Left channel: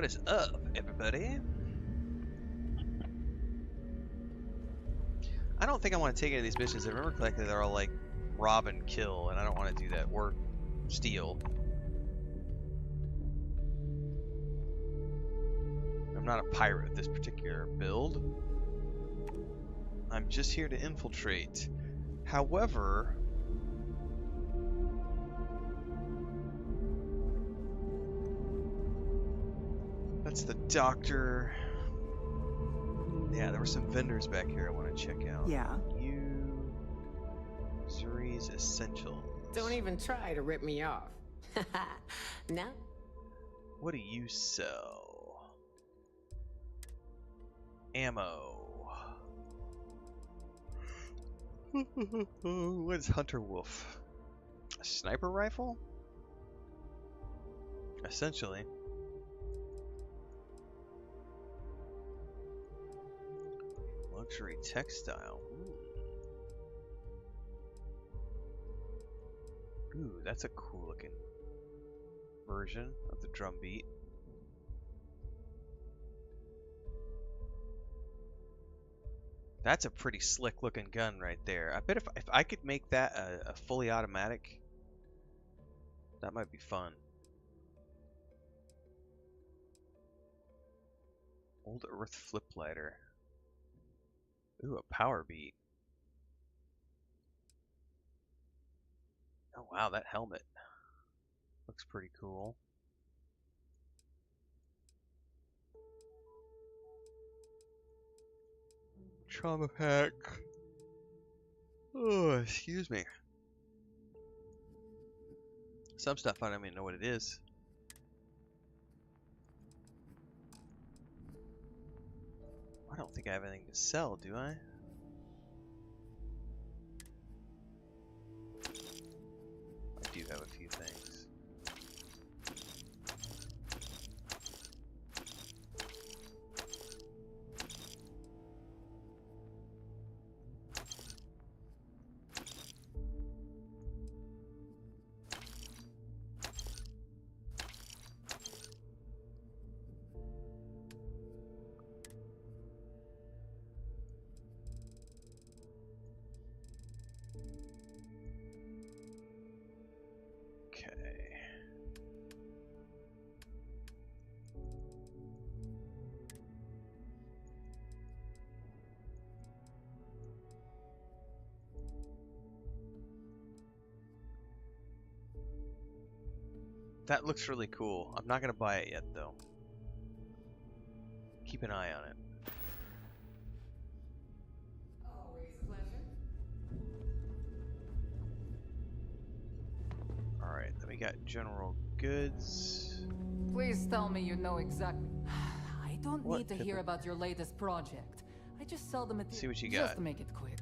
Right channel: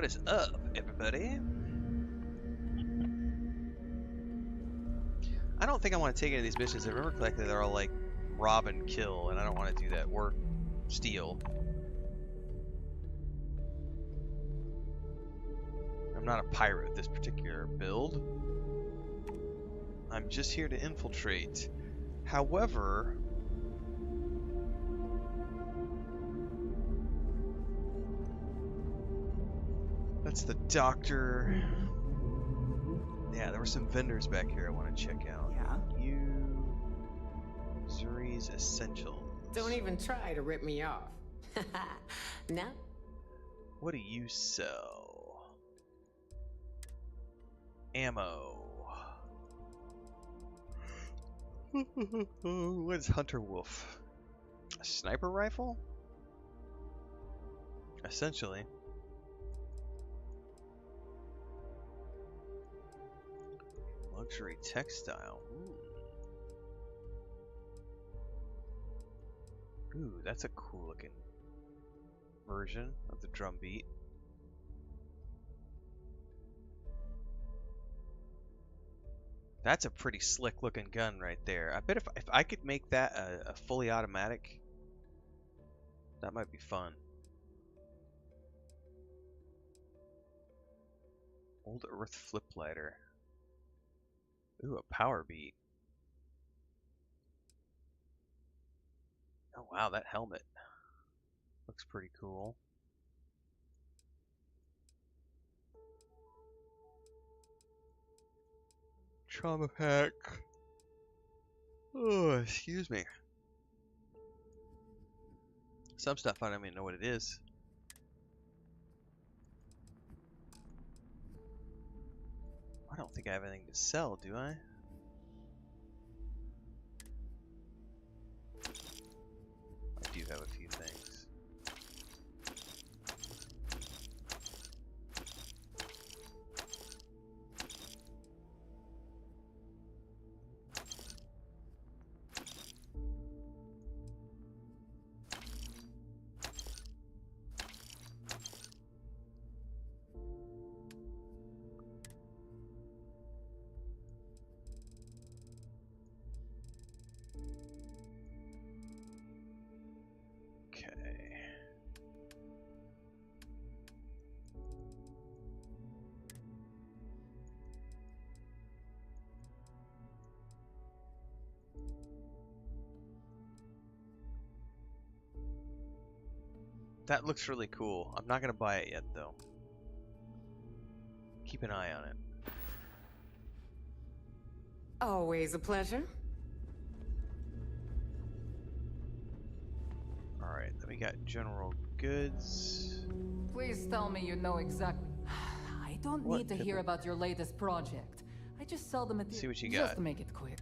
What is up, everybody? I don't think I want to take any of these missions. I remember correctly, they're all like rob and kill, and I don't want to do that. Or steal. I'm not a pirate with this particular build. I'm just here to infiltrate. However, that's the doctor. Yeah, there were some vendors back here I want to check out. Yeah. Zuri's Essentials. Don't even try to rip me off. No? What do you sell? Ammo. What is Hunter Wolf? A sniper rifle? Essentially. Luxury textile. Ooh, that's a cool looking version of the drum beat. That's a pretty slick looking gun right there. I bet if I could make that a fully automatic, that might be fun. Old Earth flip lighter. Ooh, a power beat. Oh wow, that helmet looks pretty cool. Trauma pack. Oh, excuse me. Some stuff I don't even know what it is. I don't think I have anything to sell, do I? I do have a few things. That looks really cool. I'm not gonna buy it yet though. Keep an eye on it. Always a pleasure. Alright, then we got general goods. Please tell me you know exactly. I don't What, need to hear about your latest project. I just sell the material. See what you Just got. to make it quick.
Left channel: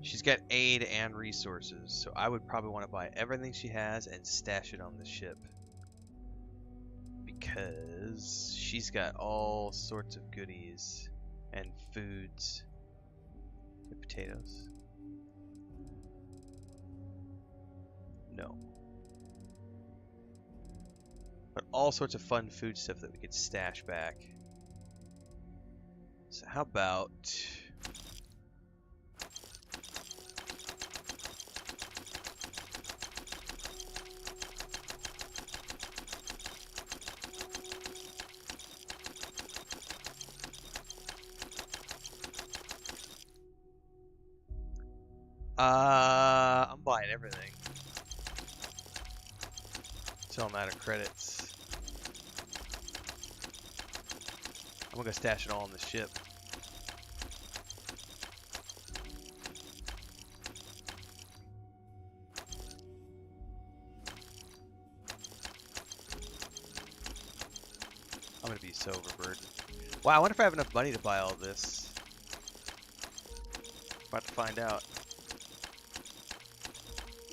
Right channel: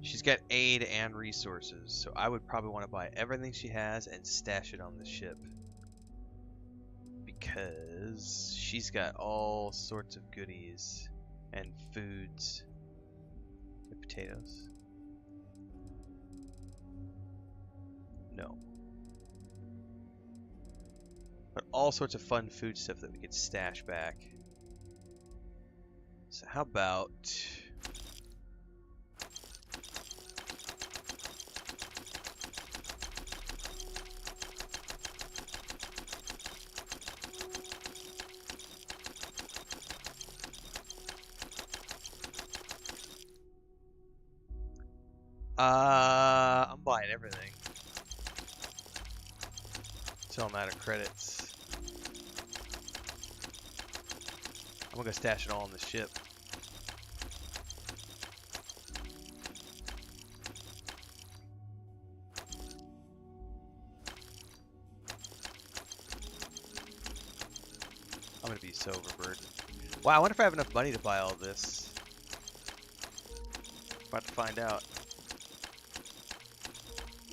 She's got aid and resources, so I would probably want to buy everything she has and stash it on the ship. Because she's got all sorts of goodies and foods. The potatoes. No. But all sorts of fun food stuff that we could stash back. So how about... I'm buying everything. Until I'm out of credits. I'm gonna stash it all on the ship. I'm gonna be so overburdened. Wow, I wonder if I have enough money to buy all this. About to find out.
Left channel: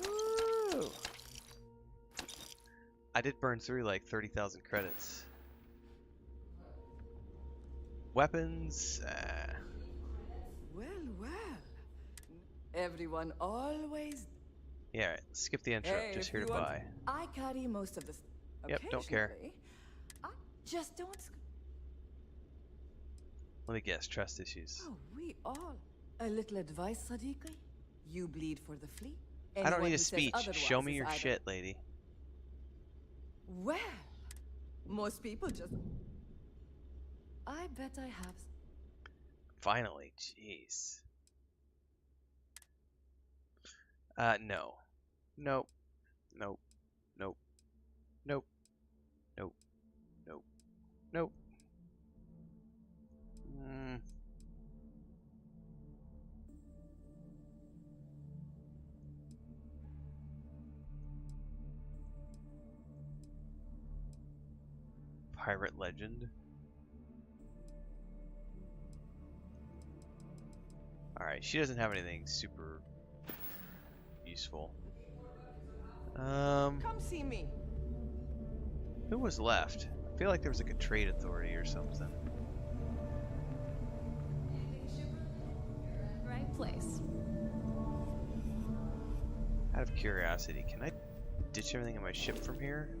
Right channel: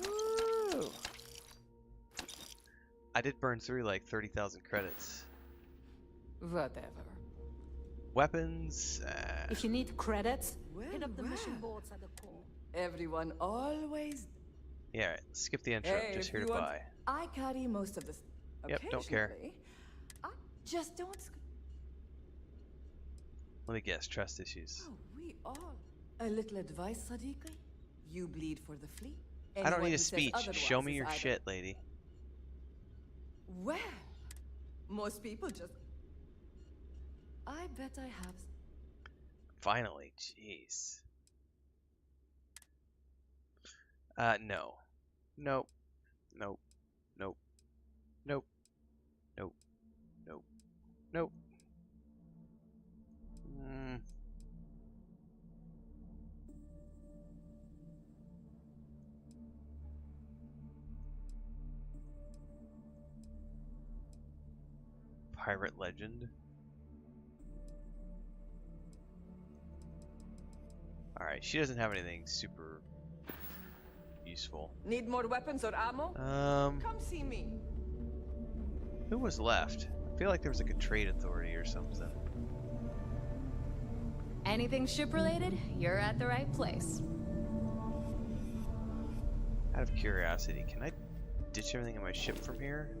Woo! I did burn through like 30,000 credits. Whatever. Weapons. If you need credits, Well, hit up the well. mission boards at the port. Everyone always Yeah, right, skip the intro. Hey, Just if here to you want, buy. I carry most of the. Yep, don't care. Occasionally, I just don't. Let me guess, trust issues. Oh, we all. A little advice, Sadiqi? You bleed for the flea. I don't Anyone need a who says speech. Show otherwise me is your either- shit, lady. Well, most people just. I bet I have. Finally, jeez. No. Nope. Nope. Nope. Nope. Nope. Nope. Nope. Mm. Pirate legend. Alright, she doesn't have anything super useful. Need more weapons or ammo? Come see me. Who was left? I feel like there was like a trade authority or something. Anything ship related, you're at the right place. Out of curiosity, can I ditch everything in my ship from here?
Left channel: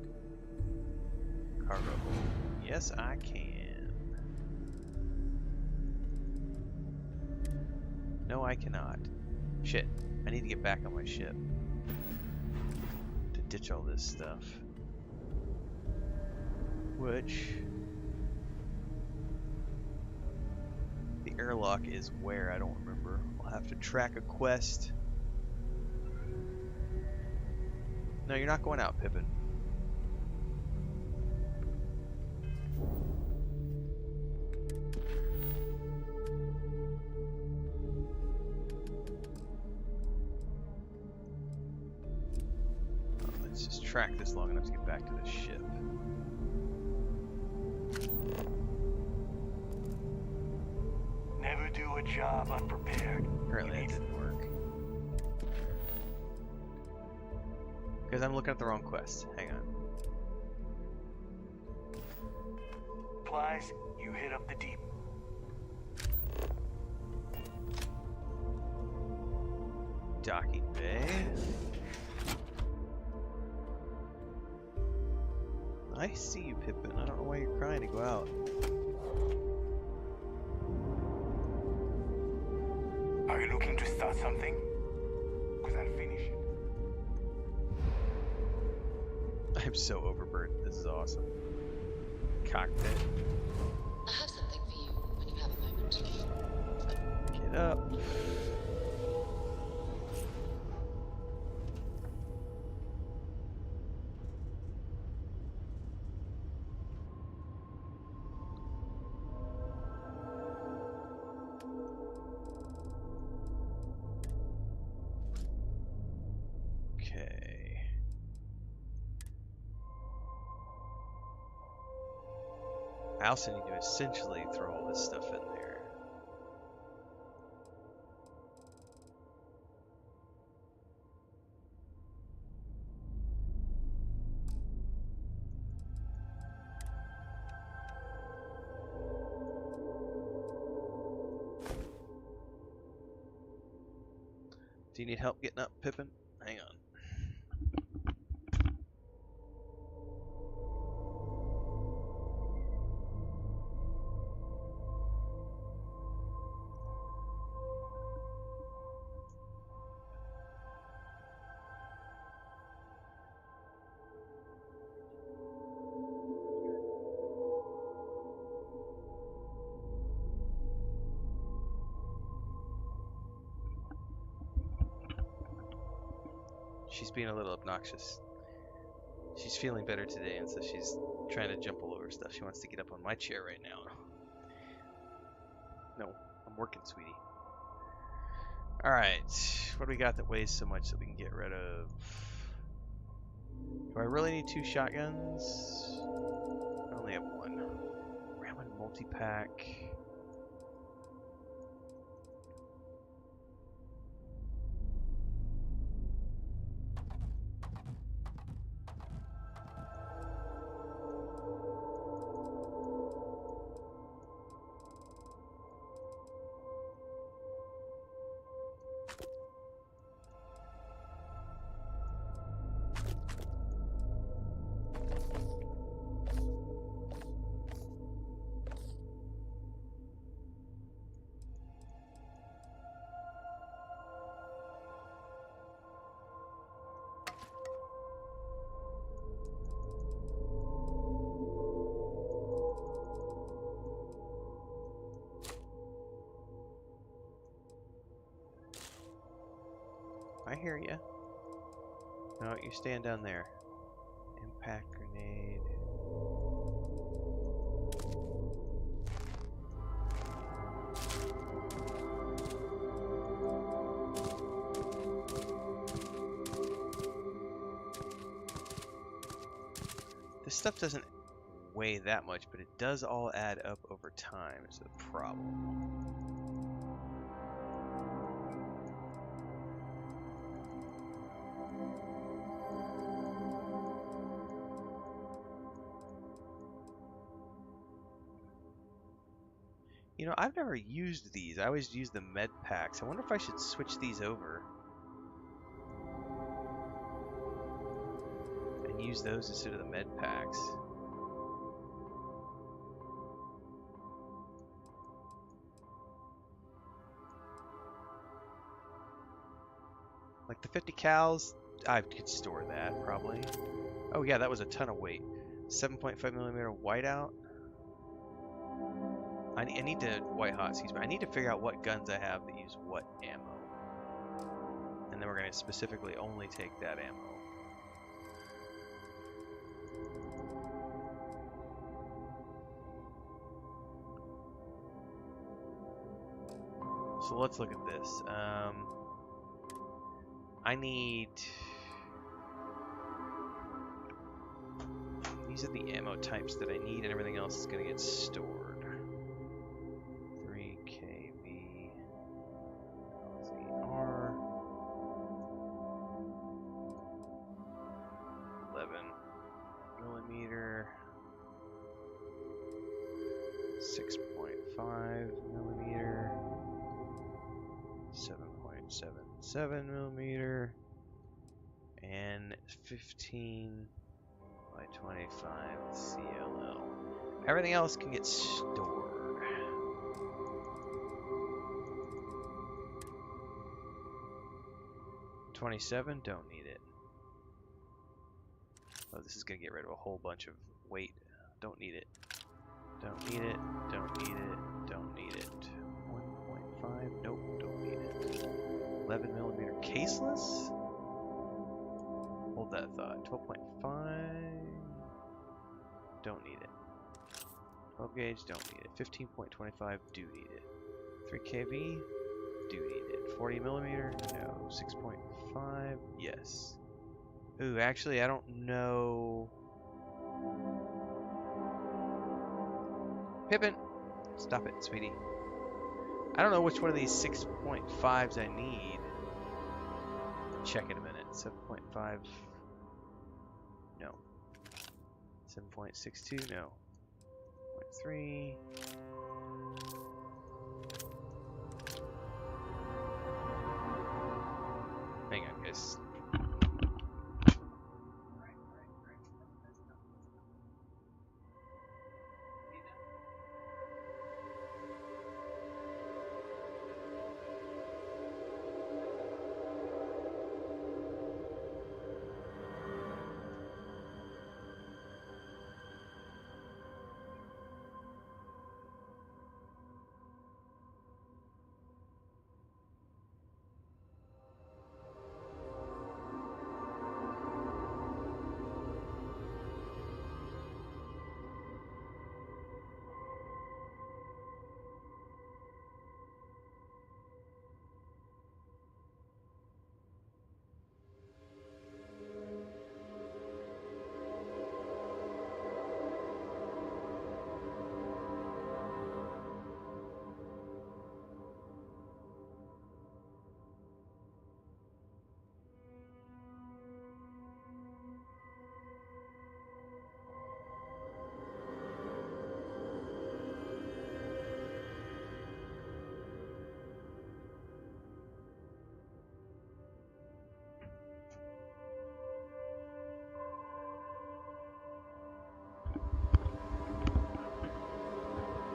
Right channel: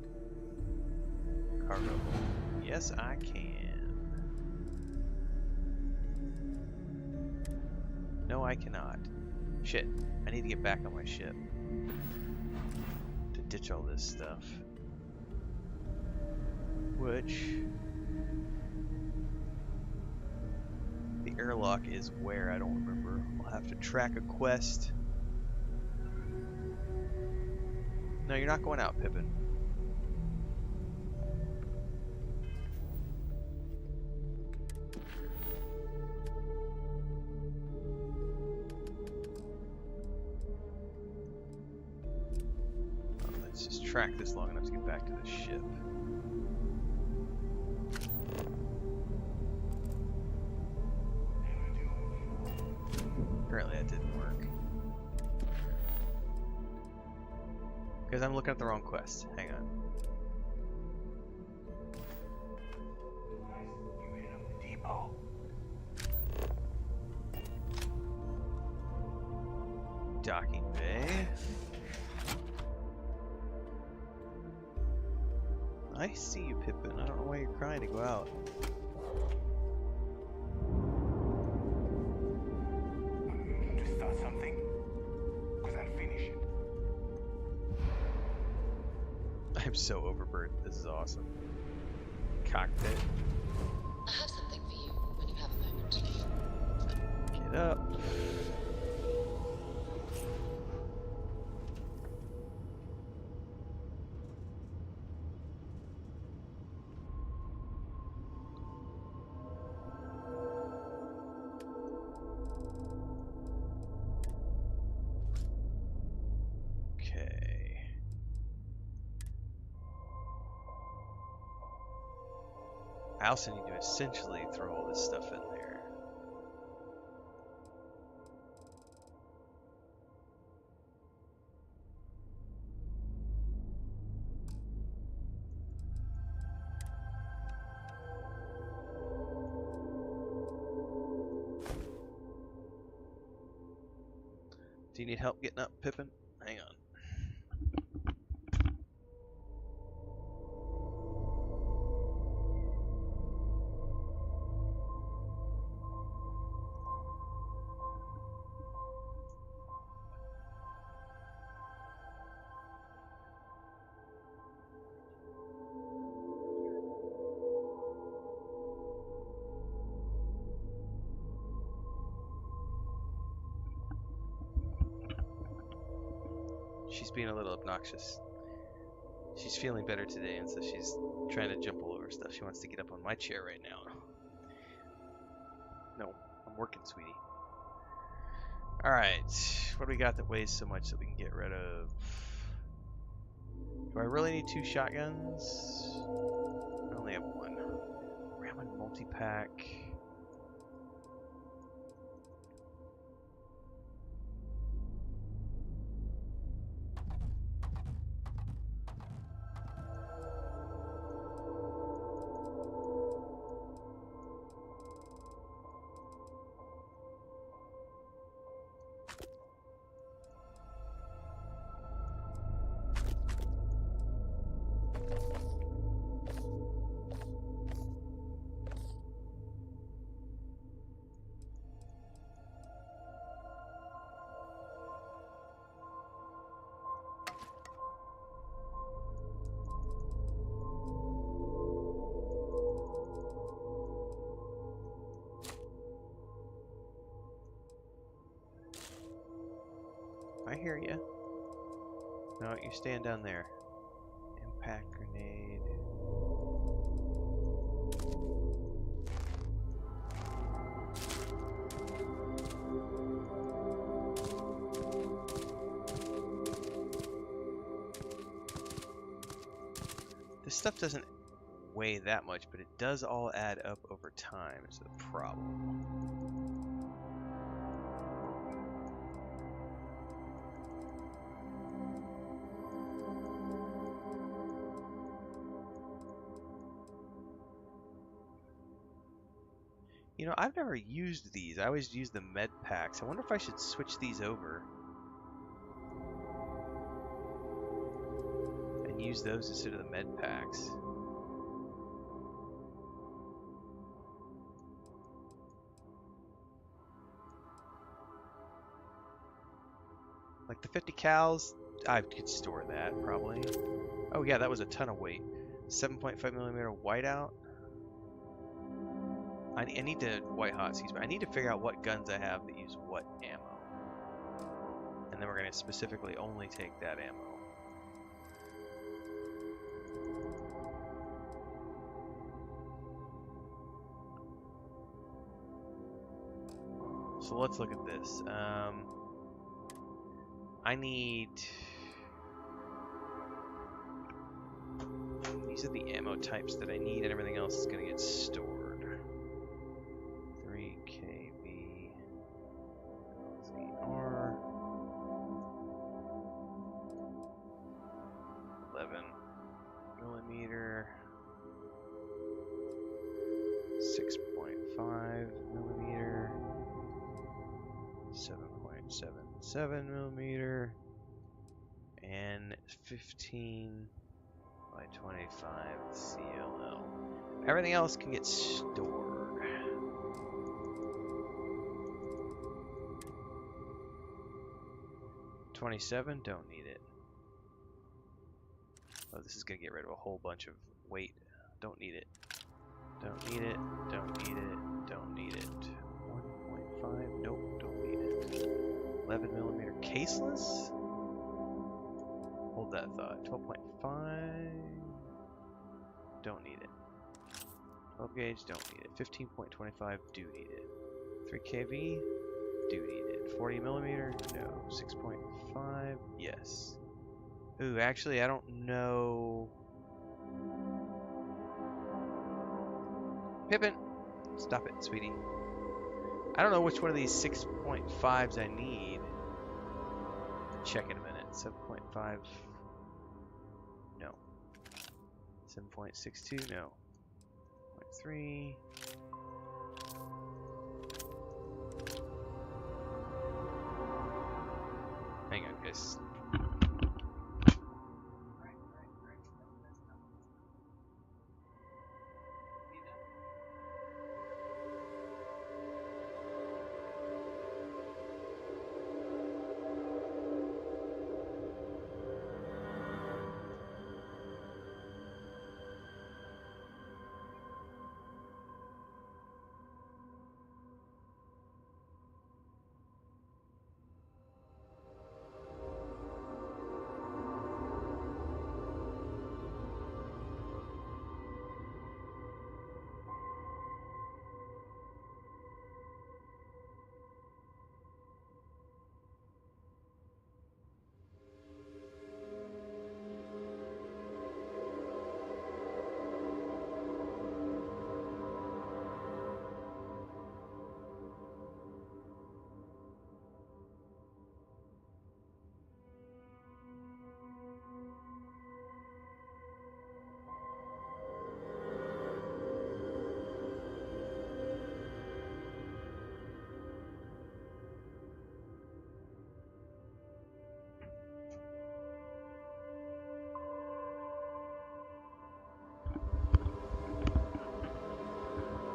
Cargo hold. Yes, I can. No, I cannot. Shit, I need to get back on my ship to ditch all this stuff. Which... the airlock is where, I don't remember. I'll have to track a quest. No, you're not going out, Pippin. Oh, let's just track this long enough to get back to the ship. Never do a job unprepared. Apparently that didn't work. Because I'm looking at the wrong quest. Hang on. Supplies, you hit up the depot. Docking bay. I see you, Pippin. I don't know why you're crying to go out. Are you looking to start something? Because I'll finish it. I'm so overburdened. This is awesome. Cockpit. I have something for you when you have a moment. Get up. Okay. I also need to essentially throw all this stuff in there. Do you need help getting up, Pippin? Hang on. She's being a little obnoxious. She's feeling better today, and so she's trying to jump all over stuff. She wants to get up on my chair right now. No, I'm working, sweetie. Alright, what do we got that weighs so much that we can get rid of? Do I really need 2 shotguns? I only have 1. Ramen multi-pack. I hear you. No, you're staying down there. Impact grenade. This stuff doesn't weigh that much, but it does all add up over time, is the problem. You know, I've never used these. I always use the med packs. I wonder if I should switch these over and use those instead of the med packs. Like the 50 cals, I could store that probably. Oh yeah, that was a ton of weight. 7.5mm whiteout. I need to white hot, excuse me. I need to figure out what guns I have that use what ammo, and then we're going to specifically only take that ammo. So let's look at this. I need. These are the ammo types that I need, and everything else is going to get stored. 3kV LZR 11mm 6.5mm 7.77mm and 15 by 25 CLL. Everything else can get stored. 27, don't need it. Oh, this is gonna get rid of a whole bunch of weight. Don't need it. Don't need it. Don't need it. Don't need it. 1.5, nope, don't need it. 11mm caseless? Hold that thought. 12.5, don't need it. 12 gauge, don't need it. 15.25, do need it. 3kV, do need it. 40mm, no. 6.5, yes. Ooh, actually, I don't know. Pippin! Stop it, sweetie. I don't know which one of these 6.5s I need. Check in a minute. 7.5. No. 7.62. No. 0.3. Hang on, guys.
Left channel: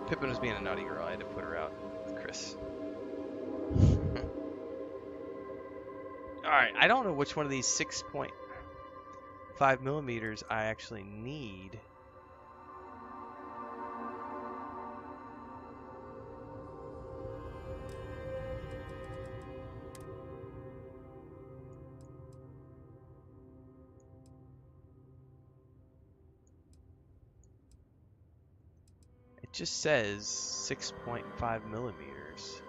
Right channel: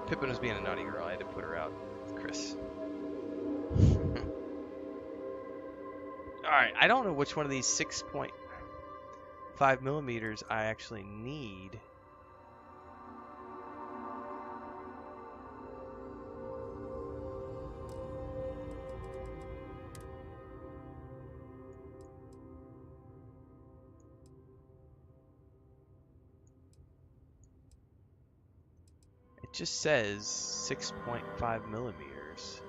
Pippin was being a naughty girl. I had to put her out with Chris. Alright, I don't know which one of these 6.5mm I actually need. It just says 6.5 millimeters.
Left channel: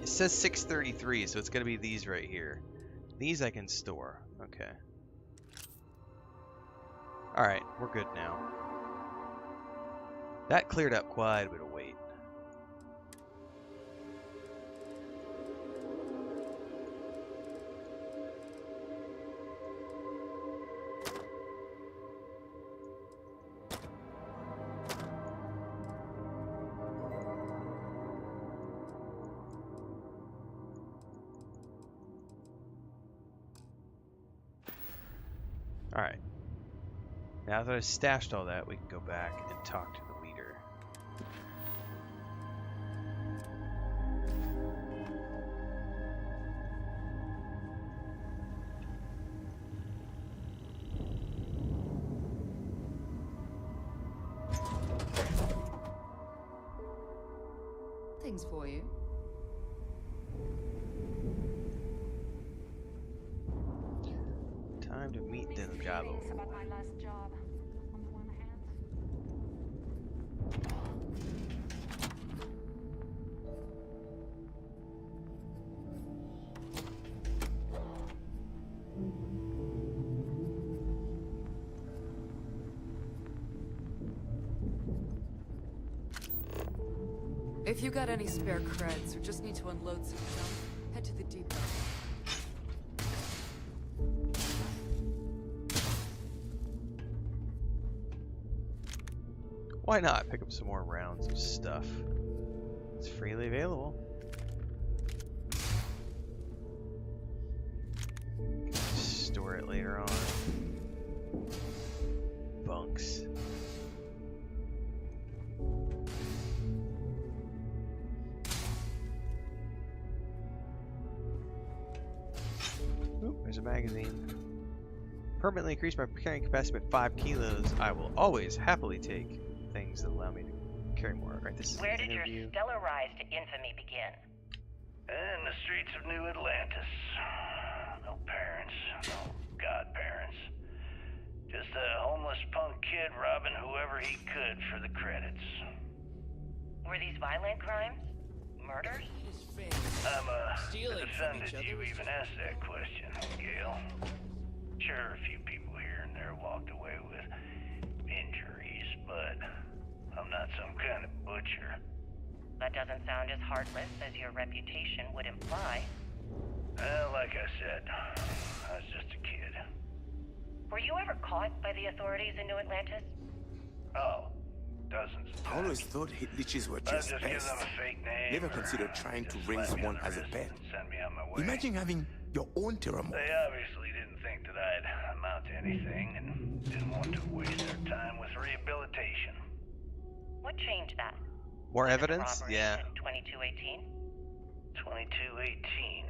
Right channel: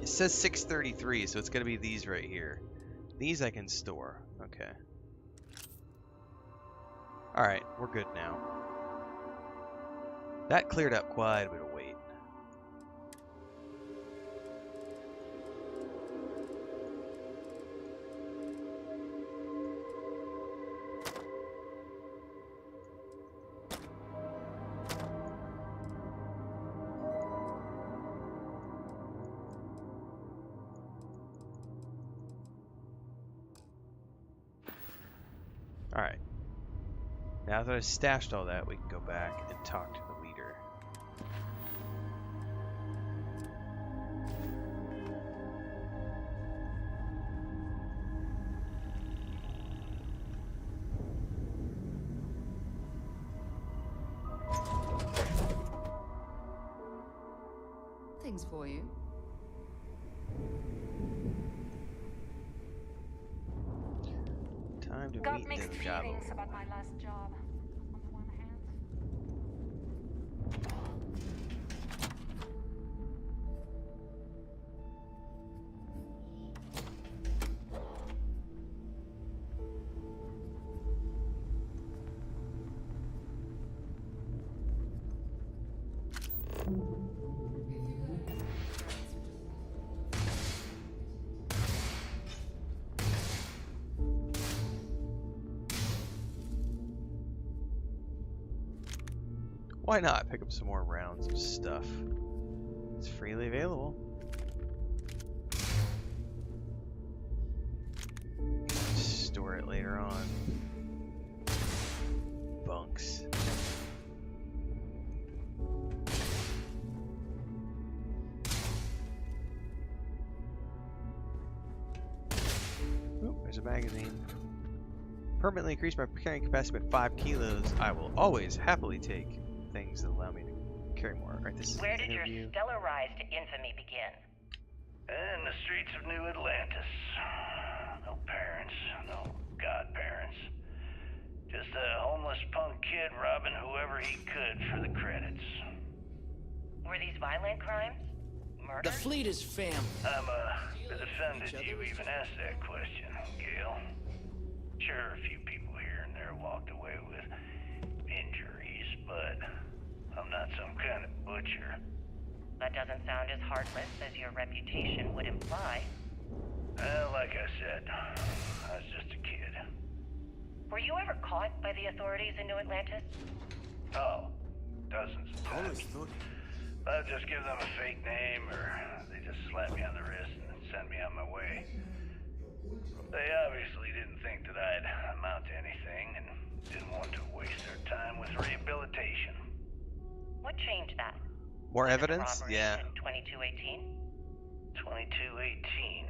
It says 633, so it's going to be these right here. These I can store. Okay. Alright, we're good now. That cleared up quite a bit of weight. Alright. Now that I've stashed all that, we can go back and talk to the leader. Things for you. Time to Got meet mixed them Jabo. feelings about my last job. On the one hand, If you got any spare creds or just need to unload some, head to the depot. Why not pick up some more rounds of stuff? It's freely available. Store it later on. Bunks. Oop, there's a magazine. Permanently increase my carrying capacity by 5 kilos. I will always happily take things that allow me to carry more. Alright, this is Where an did your interview. stellar rise to infamy begin? In the streets of New Atlantis. No parents, no godparents. Just a homeless punk kid robbing whoever he could for the credits. Were these violent crimes? The Murders? fleet is family. I'm Stealing from offended each other you is even just- asked that question, Gail. Sure, a few people here and there walked away with injuries, but I'm not some kind of butcher. That doesn't sound as heartless as your reputation would imply. Well, like I said, I was just a kid. Were you ever caught by the authorities in New Atlantis? Oh, dozens of I always times. thought hit leeches were I'd just just give best. them a fake name Never or considered trying to just ring slap me on someone the as a wrist pet. and send me on my way. Imagine having your own Terramon. They obviously didn't think that I'd amount to anything and didn't want to waste their time with rehabilitation. What changed that? More Was it the evidence? robbery Yeah. in 2218? 2218.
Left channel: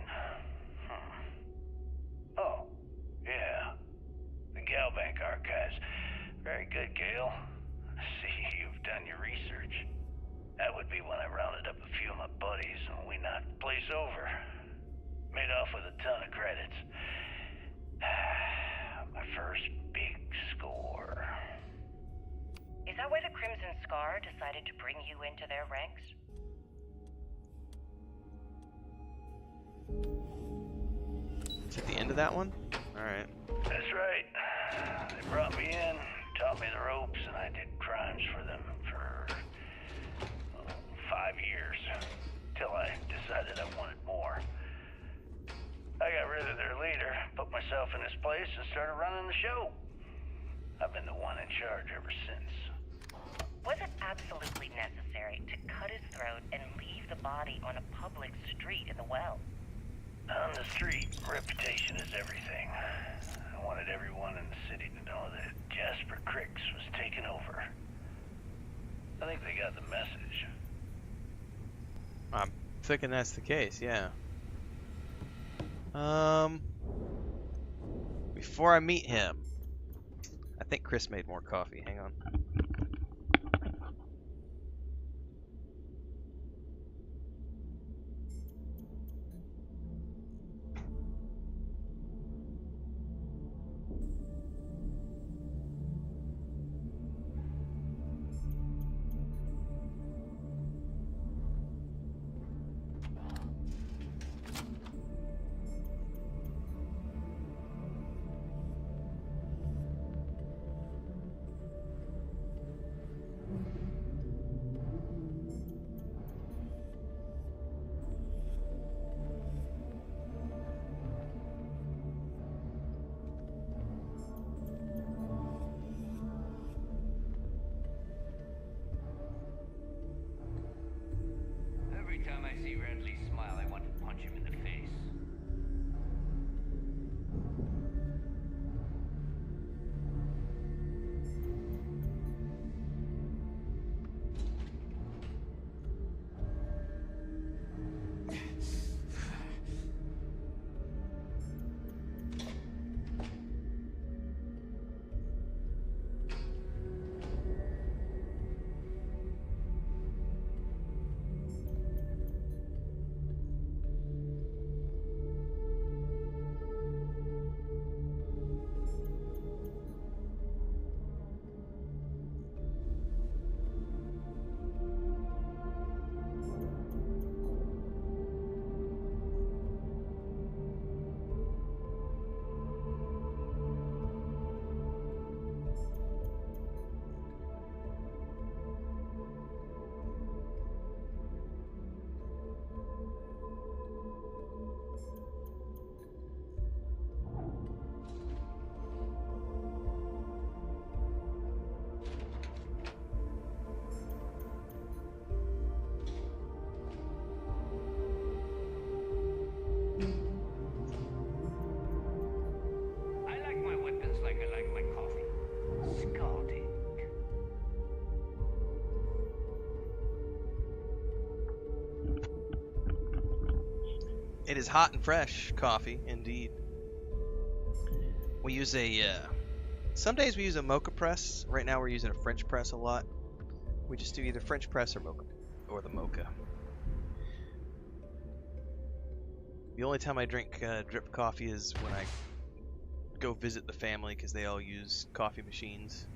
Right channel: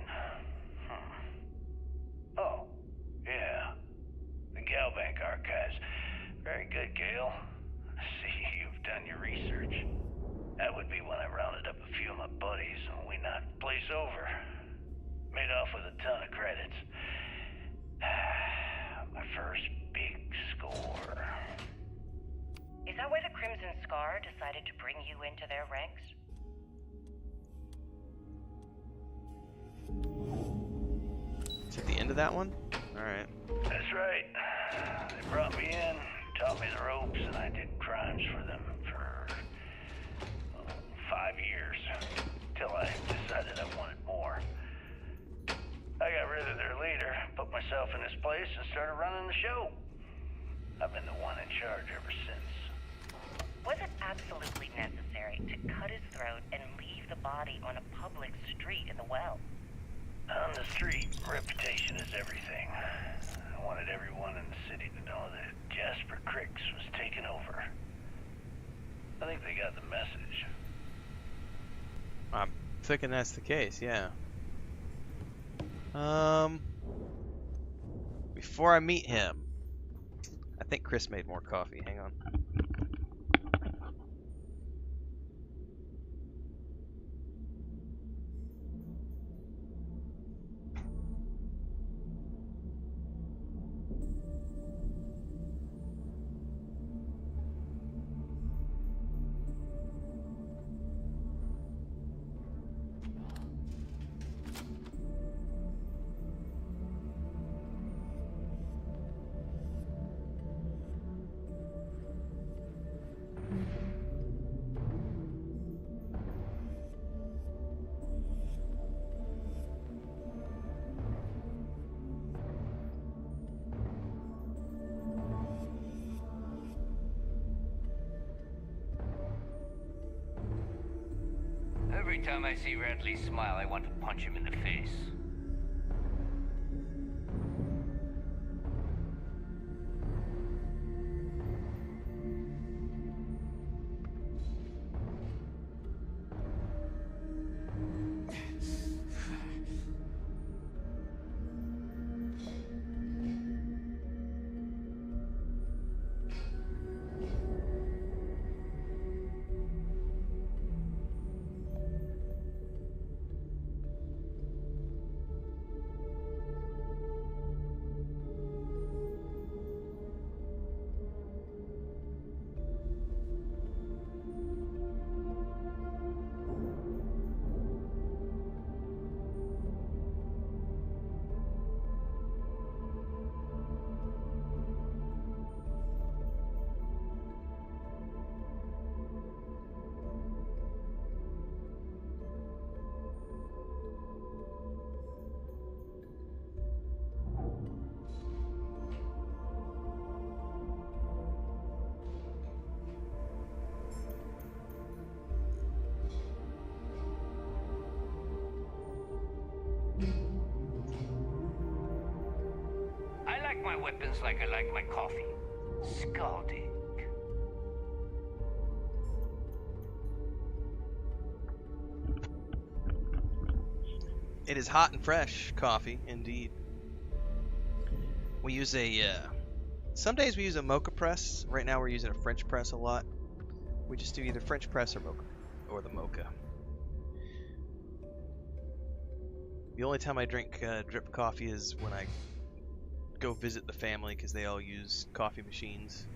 Oh, yeah. The Galbank archives. Very good, Gail. See, you've done your research. That would be when I rounded up a few of my buddies and we knocked the place over. Made off with a ton of credits. My first big score. Is that why the Crimson Scar decided to bring you into their ranks? Is it the end of that one? Alright. That's right. They brought me in, taught me the ropes, and I did crimes for them for 5 years. Till I decided I wanted more. I got rid of their leader, put myself in his place, and started running the show. I've been the one in charge ever since. Was it absolutely necessary to cut his throat and leave the body on a public street in the well? On the street, reputation is everything. I wanted everyone in the city to know that Jasper Cricks was taking over. I think they got the message. I'm thinking that's the case, yeah. Before I meet him, I think Chris made more coffee. Hang on. time I see Radley smile, I want to punch him in the face. I like my weapons like I like my coffee. Scalding. It is hot and fresh coffee, indeed. We use a, some days we use a mocha press. Right now we're using a French press a lot. We just do either French press or mocha, or the mocha. The only time I drink drip coffee is when I go visit the family because they all use coffee machines.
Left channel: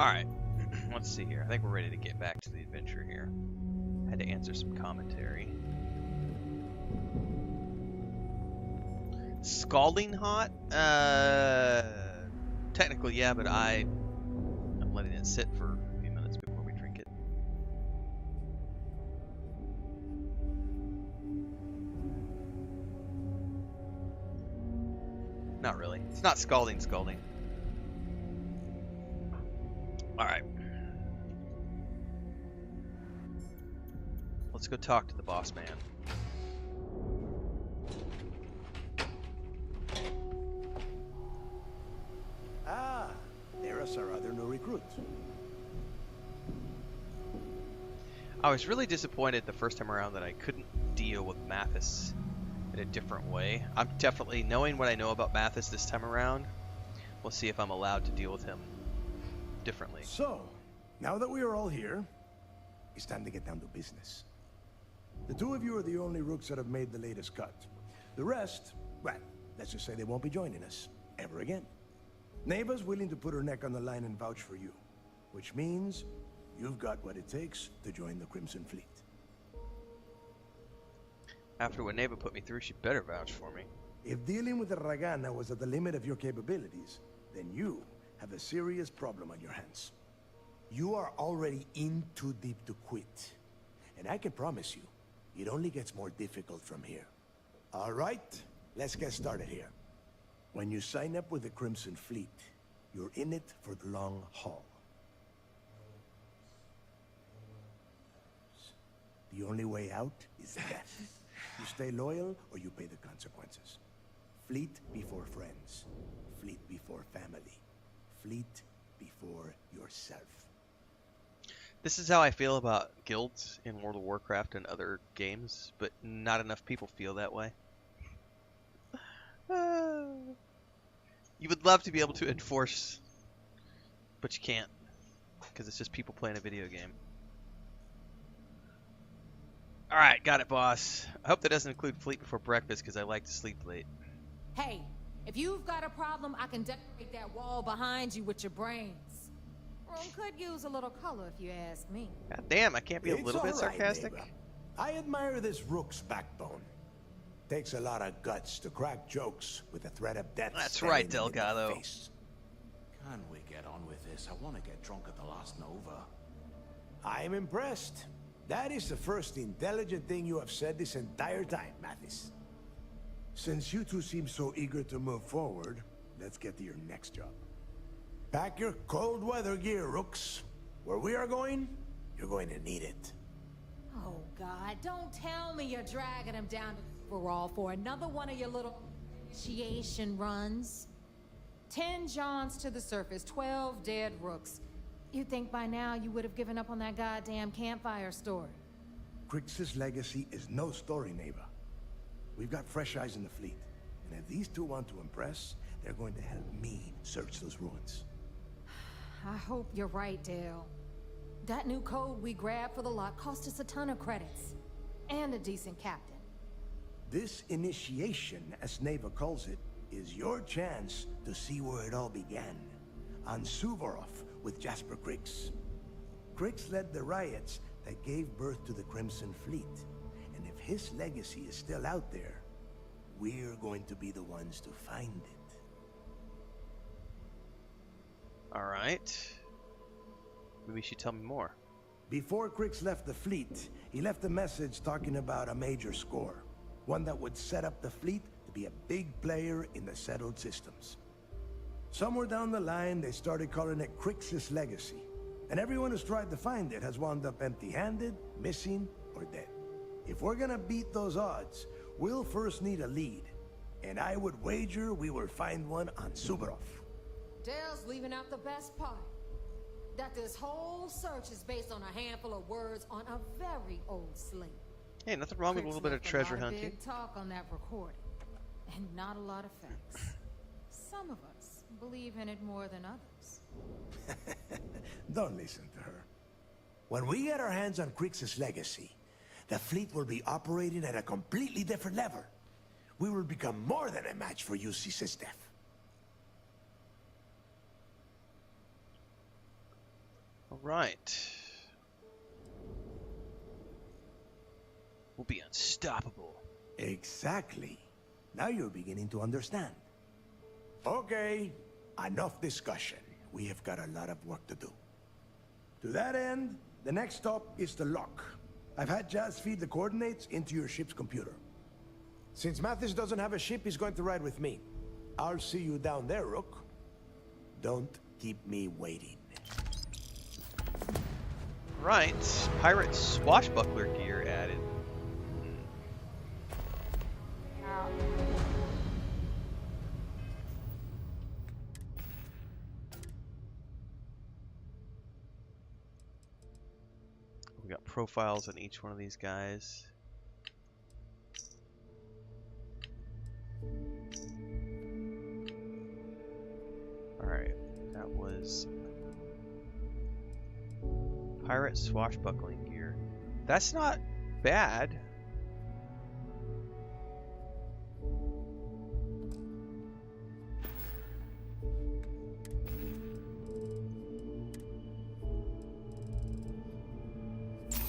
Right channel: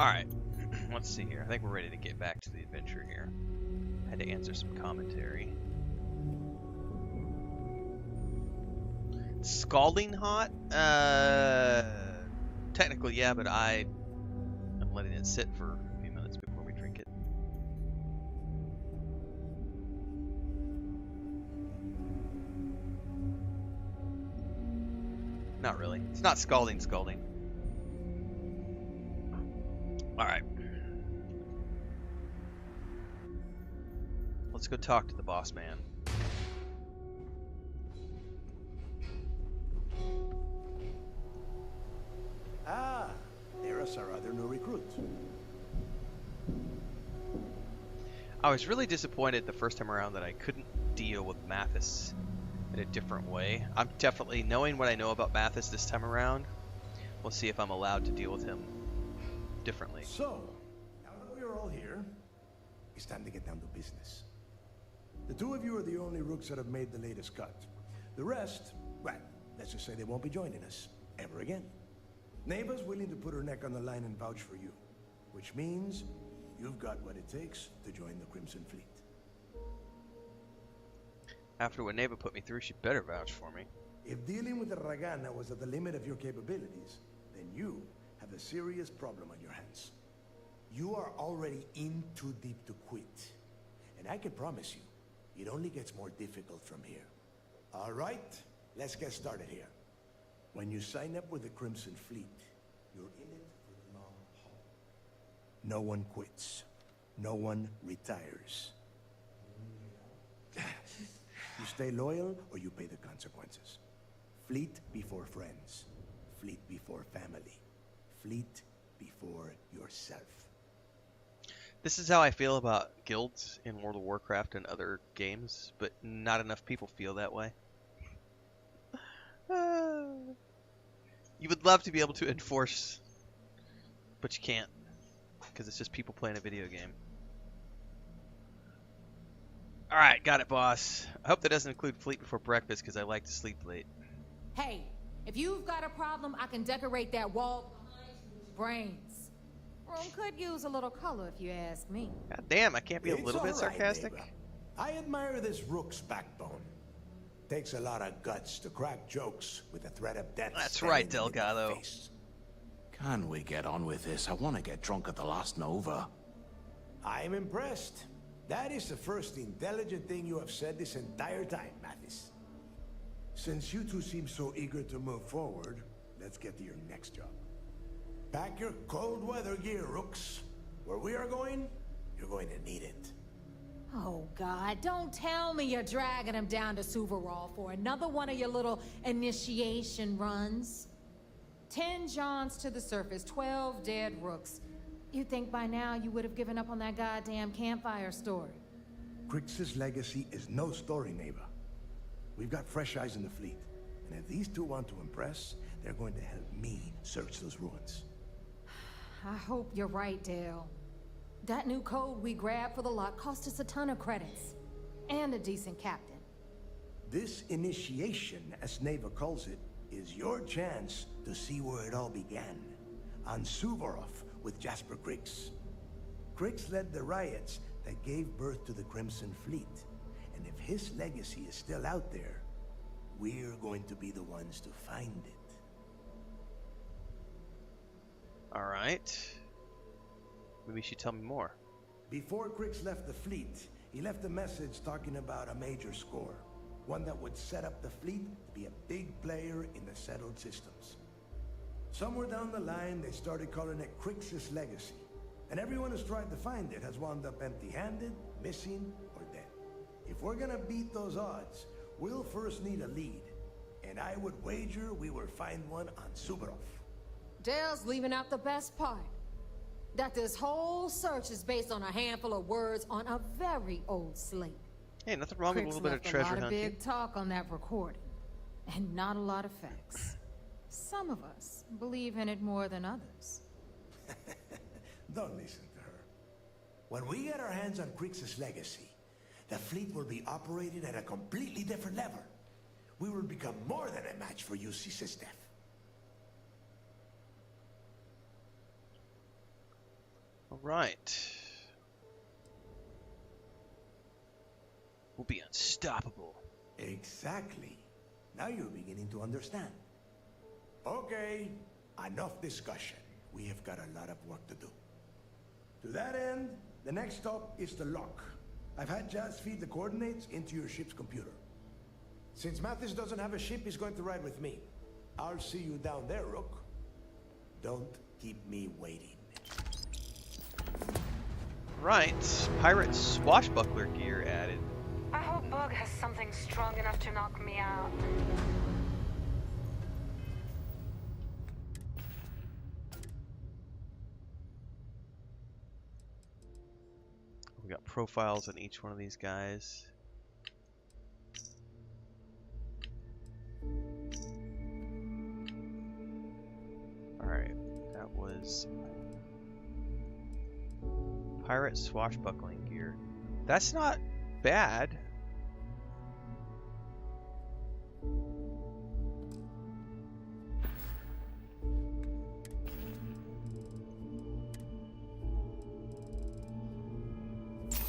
Alright, let's see here. I think we're ready to get back to the adventure here. Had to answer some commentary. Scalding hot? Technically, yeah, but I'm letting it sit for a few minutes before we drink it. Not really. It's not scalding. Alright. Let's go talk to the boss man. Ah, there are our other new recruits. I was really disappointed the first time around that I couldn't deal with Mathis in a different way. I'm definitely, knowing what I know about Mathis this time around, we'll see if I'm allowed to deal with him differently. So, now that we are all here, it's time to get down to business. The two of you are the only rooks that have made the latest cut. The rest, well, let's just say they won't be joining us ever again. Neva's willing to put her neck on the line and vouch for you, which means you've got what it takes to join the Crimson Fleet. After what Neva put me through, she better vouch for me. If dealing with the Ragana was at the limit of your capabilities, then you have a serious problem on your hands. You are already in too deep to quit. And I can promise you, it only gets more difficult from here. All right, let's get started here. When you sign up with the Crimson Fleet, you're in it for the long haul. No one quits. No one retires. The only way out is death. You stay loyal or you pay the consequences. Fleet before friends. Fleet before family. Fleet before yourself. This is how I feel about guilds in World of Warcraft and other games, but not enough people feel that way. You would love to be able to enforce, but you can't, because it's just people playing a video game. Alright, got it, boss. I hope that doesn't include Fleet before breakfast, because I like to sleep late. Hey, if you've got a problem, I can decorate that wall behind you with your brains. Room could use a little color if you ask me. God damn, I can't be a little bit sarcastic. Neighbor. I admire this Rook's backbone. Takes a lot of guts to crack jokes with the threat of death. That's right, Delgado. Can we get on with this? I want to get drunk at the last Nova. I'm impressed. That is the first intelligent thing you have said this entire time, Mathis. Since you two seem so eager to move forward, let's get to your next job. Pack your cold weather gear, Rooks. Where we are going, you're going to need it. Oh, God, don't tell me you're dragging him down to Suvarol for another one of your little initiation runs. 10 Johns to the surface, 12 dead Rooks. You'd think by now you would have given up on that goddamn campfire story. Crix's legacy is no story, Neva. We've got fresh eyes in the fleet. And if these two want to impress, they're going to help me search those ruins. I hope you're right, Dale. That new code we grabbed for the lot cost us a ton of credits. And a decent captain. This initiation, as Neva calls it, is your chance to see where it all began. On Suvorov with Jasper Crix. Crix led the riots that gave birth to the Crimson Fleet. And if his legacy is still out there, we're going to be the ones to find it. Alright. Maybe you should tell me more. Before Crix left the fleet, he left a message talking about a major score. One that would set up the fleet to be a big player in the settled systems. Somewhere down the line, they started calling it Crix's legacy. And everyone who's tried to find it has wound up empty-handed, missing, or dead. If we're gonna beat those odds, we'll first need a lead. And I would wager we will find one on Suvorov. Dale's leaving out the best part. That this whole search is based on a handful of words on a very old slate. Hey, nothing wrong with a little bit of treasure hunting. A lot of big talk on that recording. And not a lot of facts. Some of us believe in it more than others. Don't listen to her. When we get our hands on Crix's legacy, the fleet will be operating at a completely different level. We will become more than a match for UC Systef. Alright. We'll be unstoppable. Exactly. Now you're beginning to understand. Okay, enough discussion. We have got a lot of work to do. To that end, the next stop is the lock. I've had Jazz feed the coordinates into your ship's computer. Since Mathis doesn't have a ship, he's going to ride with me. I'll see you down there, Rook. Don't keep me waiting. Right. Pirate swashbuckler gear added. I hope Bug has something strong enough to knock me out. We got profiles on each one of these guys. Alright, that was pirate swashbuckling gear. That's not bad.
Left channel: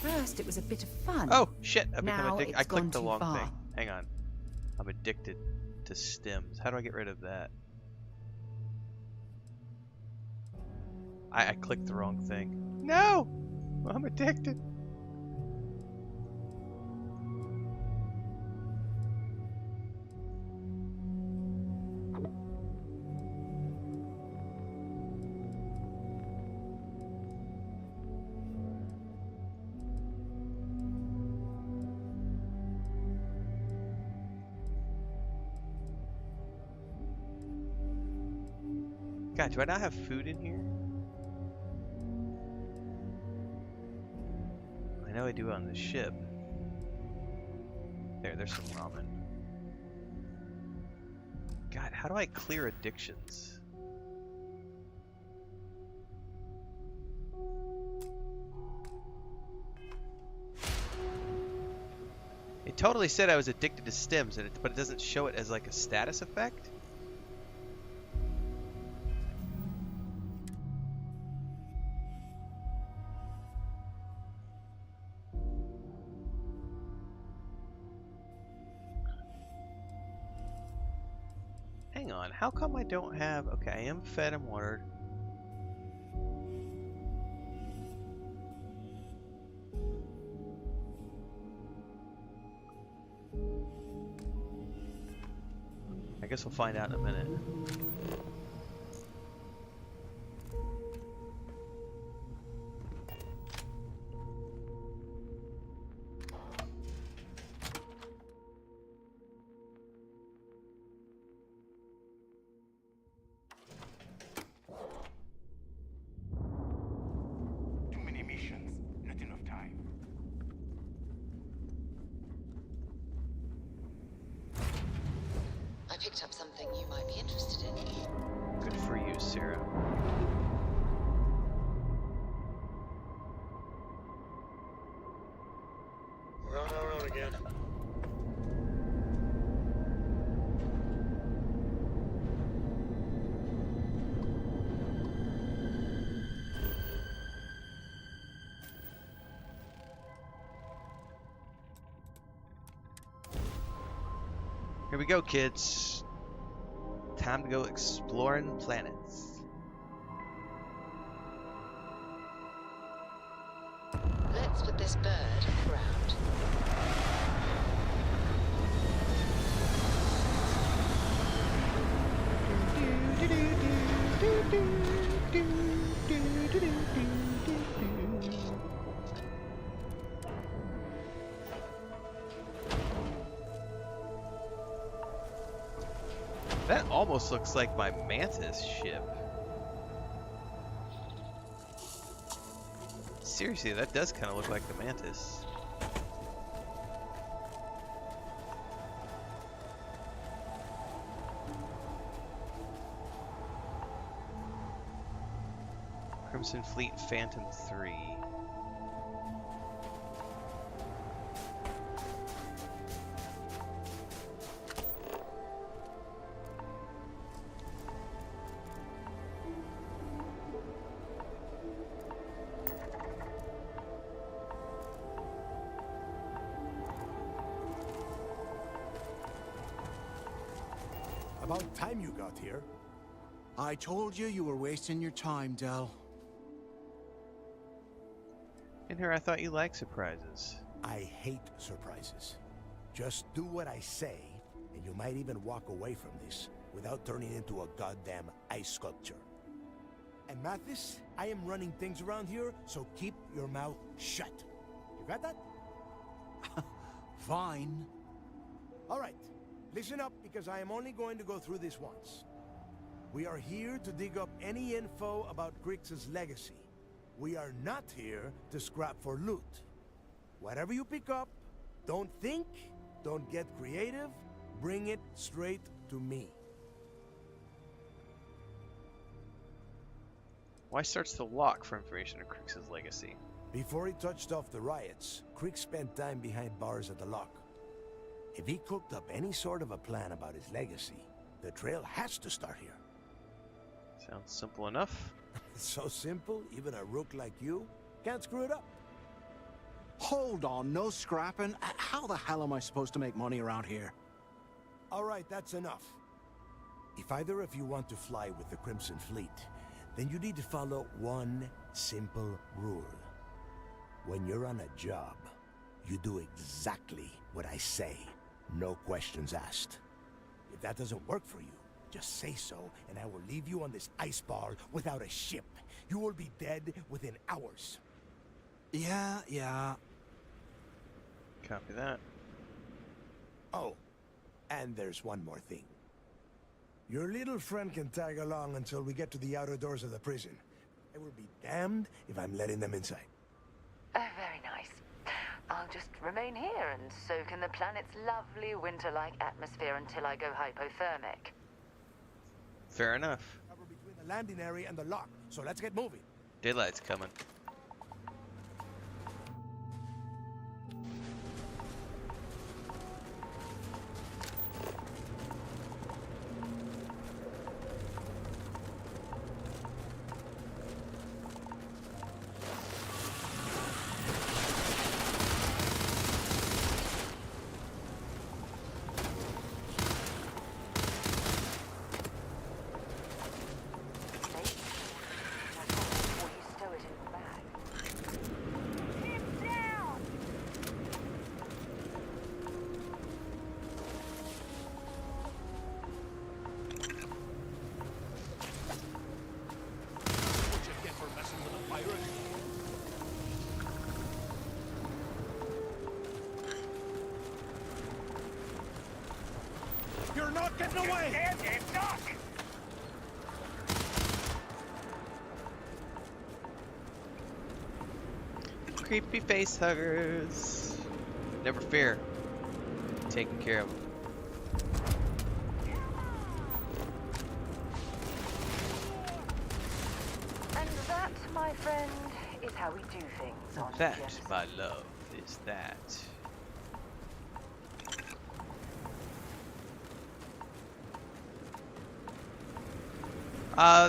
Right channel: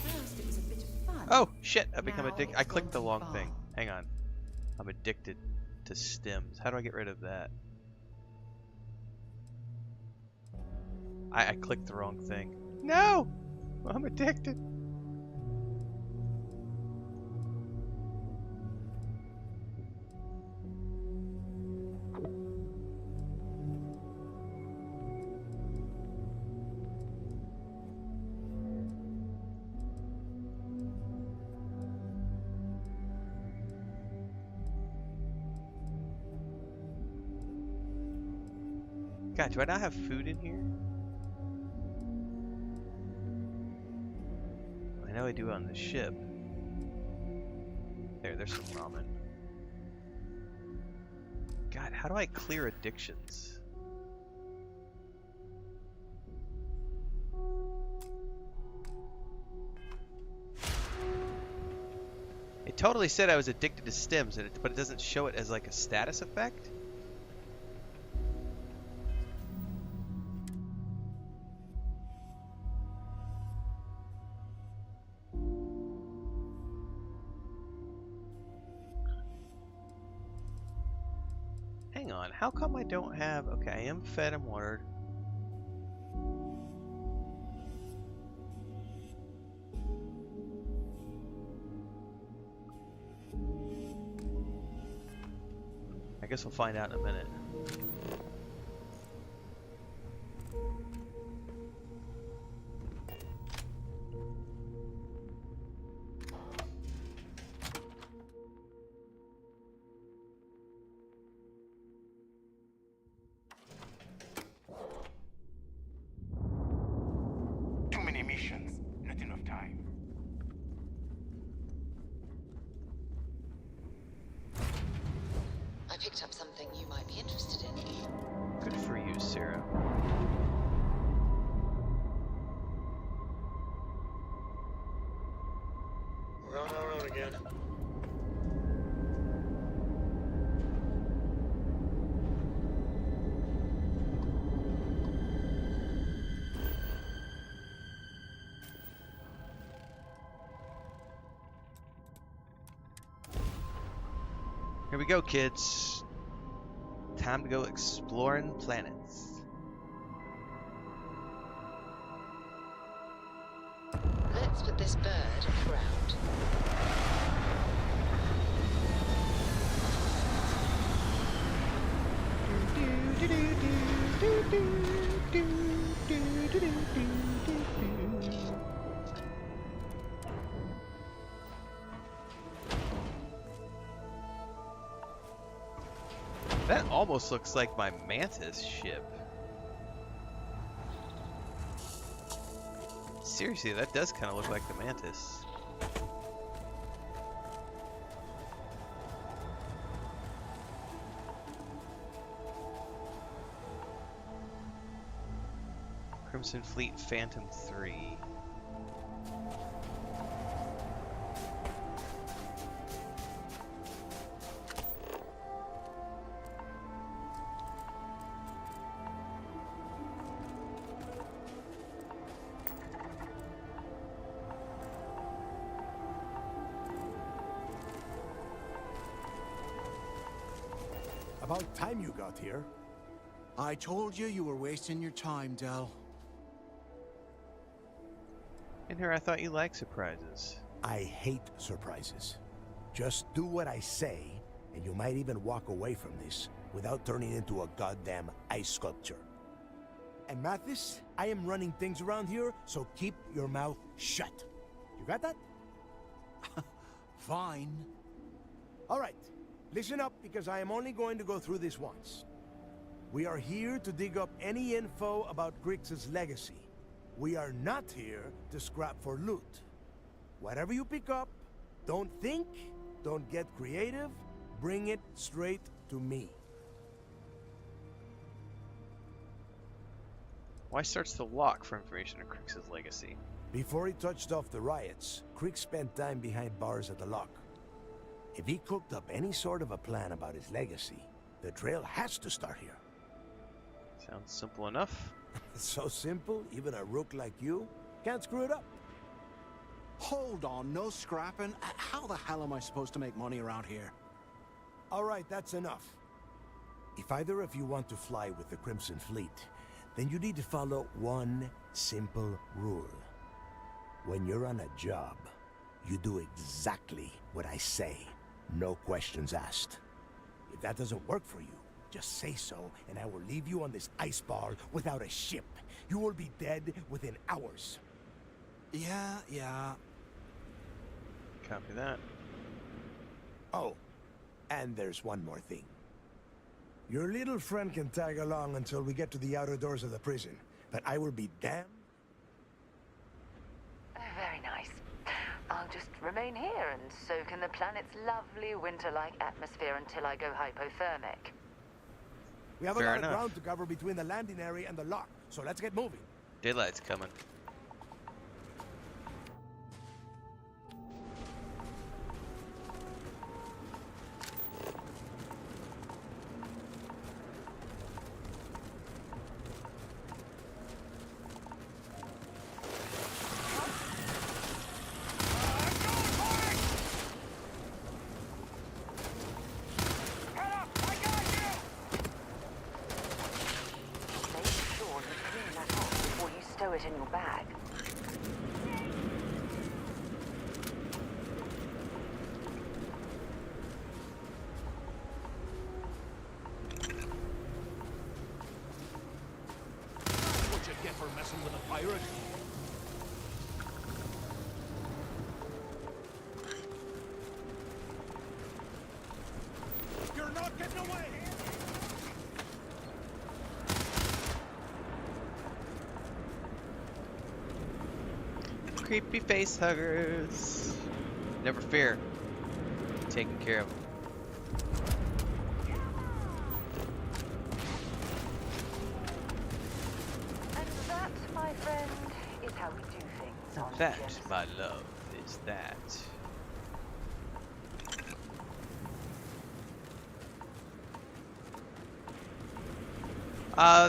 First, it was a bit of fun. Oh shit! I become Now addicted. it's I clicked gone the too long far. thing. Hang on. I'm addicted to stims. How do I get rid of that? I clicked the wrong thing. No! I'm addicted. God, do I not have food in here? I know I do on the ship. There's some ramen. God, how do I clear addictions? It totally said I was addicted to stims, but it doesn't show it as like a status effect? Hang on, how come I don't have... Okay, I am fed and watered. I guess we'll find out in a minute. Too many missions, not enough time. I picked up something you might be interested in. Good for you, Sarah. We're on our own again. Here we go, kids. Time to go exploring planets. Let's put this bird on the ground. That almost looks like my Mantis ship. Seriously, that does kind of look like the Mantis. Crimson Fleet Phantom 3. About time you got here. I told you you were wasting your time, Del. In here, I thought you liked surprises. I hate surprises. Just do what I say, and you might even walk away from this without turning into a goddamn ice sculpture. And Mathis, I am running things around here, so keep your mouth shut. You got that? Fine. All right. Listen up, because I am only going to go through this once. We are here to dig up any info about Grix's legacy. We are not here to scrap for loot. Whatever you pick up, don't think, don't get creative, bring it straight to me. Why search the lock for information on Grix's legacy? Before he touched off the riots, Crick spent time behind bars at the lock. If he cooked up any sort of a plan about his legacy, the trail has to start here. Sounds simple enough. It's so simple, even a rook like you can't screw it up. Hold on, no scrapping? How the hell am I supposed to make money around here? All right, that's enough. If either of you want to fly with the Crimson Fleet, then you need to follow one simple rule. When you're on a job, you do exactly what I say. No questions asked. If that doesn't work for you, just say so, and I will leave you on this ice ball without a ship. You will be dead within hours. Yeah. Copy that. Oh, and there's one more thing. Your little friend can tag along until we get to the outer doors of the prison, but I will be damned if I'm letting them inside. Oh, very nice. I'll just remain here and soak in the planet's lovely winter-like atmosphere until I go hypothermic. We have Fair a lot enough. of ground to cover between the landing area and the lock, so let's get moving. Daylight's coming. Make sure you clean that off before you stow it in your bag. What you get for messing with a pirate? You're not getting away! Creepy face huggers. Never fear. Taking care of them. And that, my friend, is how we do things on That, Genesis. my love, is that.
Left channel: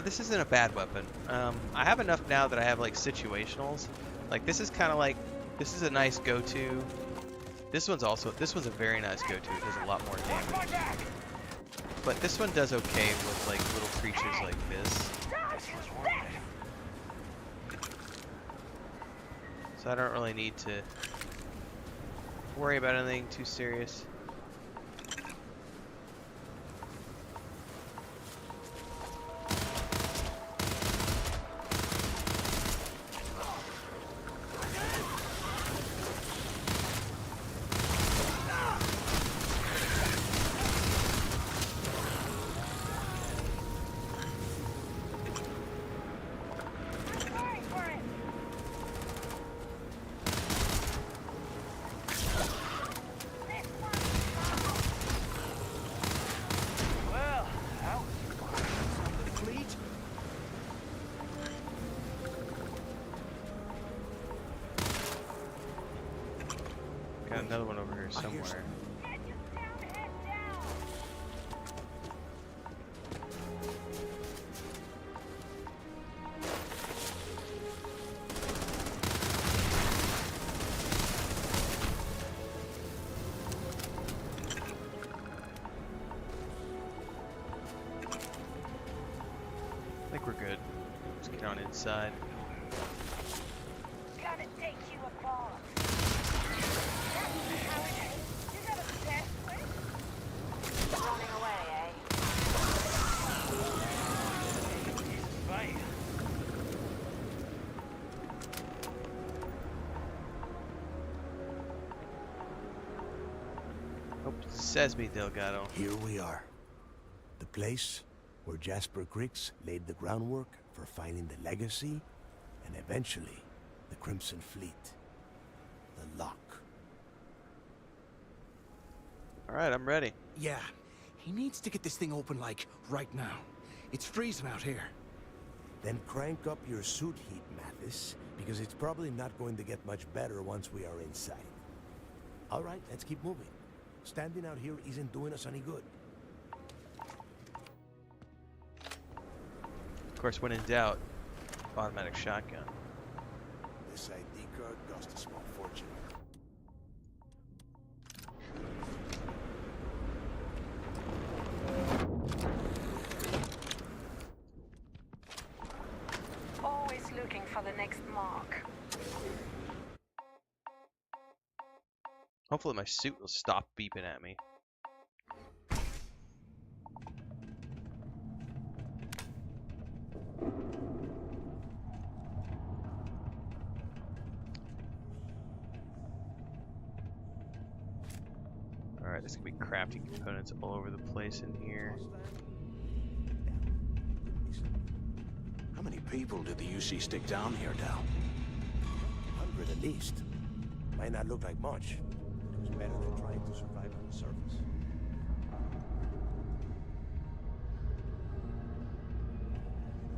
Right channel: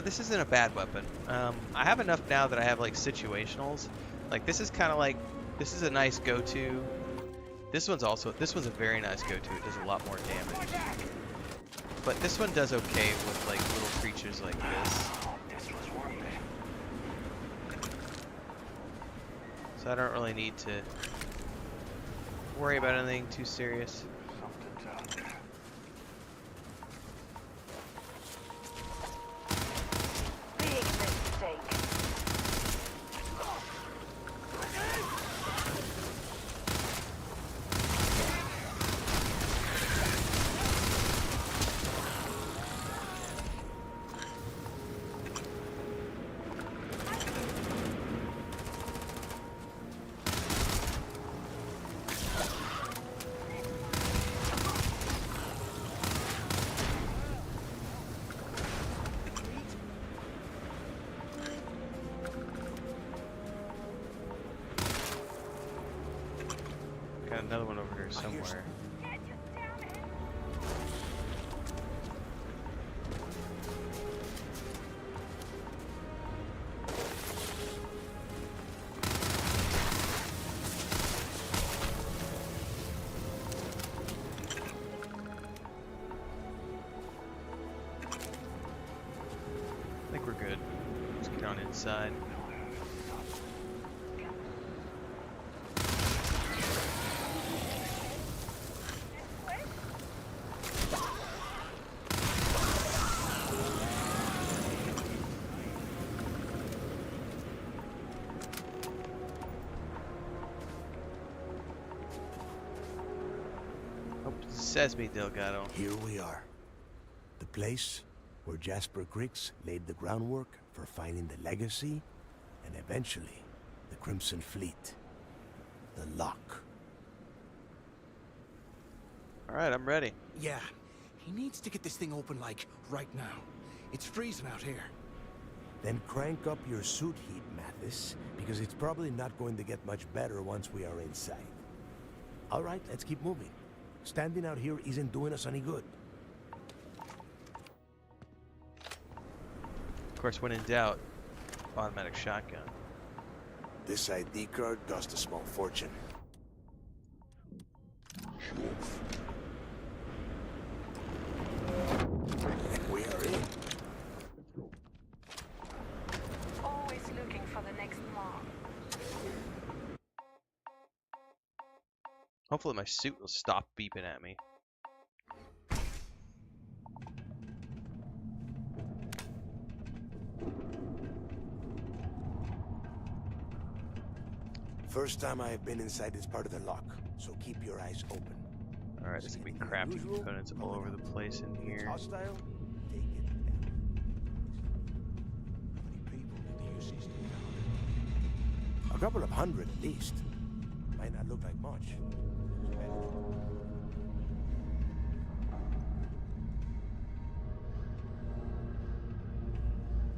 This isn't a bad weapon. I have enough now that I have like situationals. Like this is kind of like, this is a nice go-to. This one's a very nice go-to. It does a lot more damage. But this one does okay with like little creatures like this. So I don't really need to worry about anything too serious. Got another one over here somewhere. I think we're good. Let's get on inside. Oh, says me, Delgado. Here we are. The place where Jasper Griggs laid the groundwork for finding the legacy and eventually the Crimson Fleet. The lock. Alright, I'm ready. Yeah, he needs to get this thing open, like, right now. It's freezing out here. Then crank up your suit heat, Mathis, because it's probably not going to get much better once we are inside. All right, let's keep moving. Standing out here isn't doing us any good. Of course, when in doubt, automatic shotgun. This ID card cost a small fortune. We are in. Always looking for the next mark. Hopefully my suit will stop beeping at me. First time I've been inside this part of the lock, so keep your eyes open. Alright, there's gonna be crafting components all over the place in here. Hostile? Take it down. How many people did the UC stick down here, Dal? A couple of hundred at least. Might not look like much. It was better than trying to survive on the surface.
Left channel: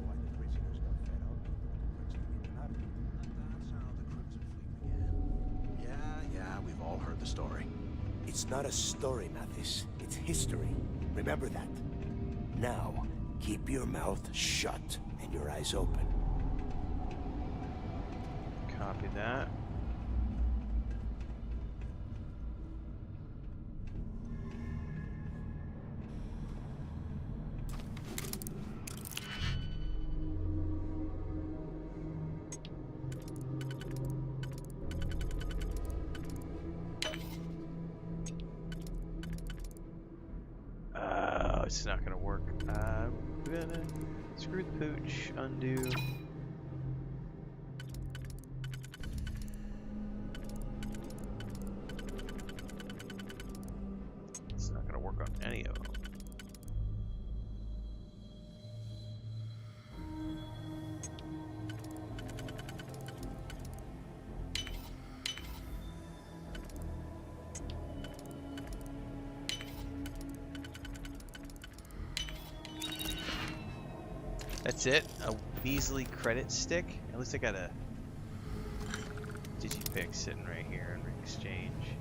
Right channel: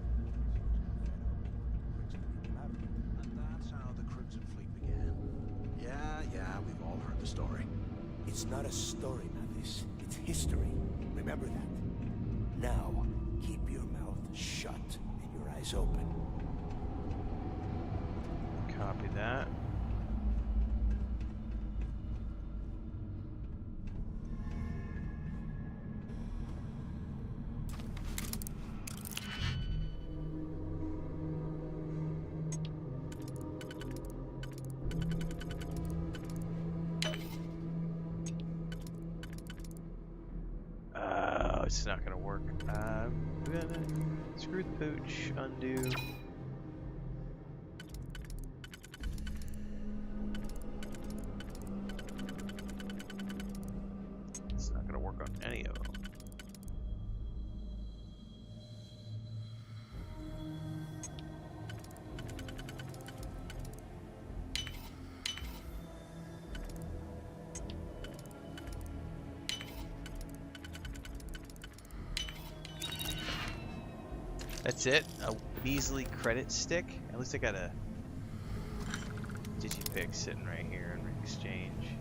Why the prisoners got fed up, the crooks didn't even matter. And that's how the Crimson Fleet began. Yeah, we've all heard the story. It's not a story, Mathis. It's history. Remember that. Now, keep your mouth shut and your eyes open. Copy that. It's not gonna work. I'm gonna screw the pooch, undo. It's not gonna work on any of them. That's it? A measly credit stick? At least I got a digipick sitting right here in exchange.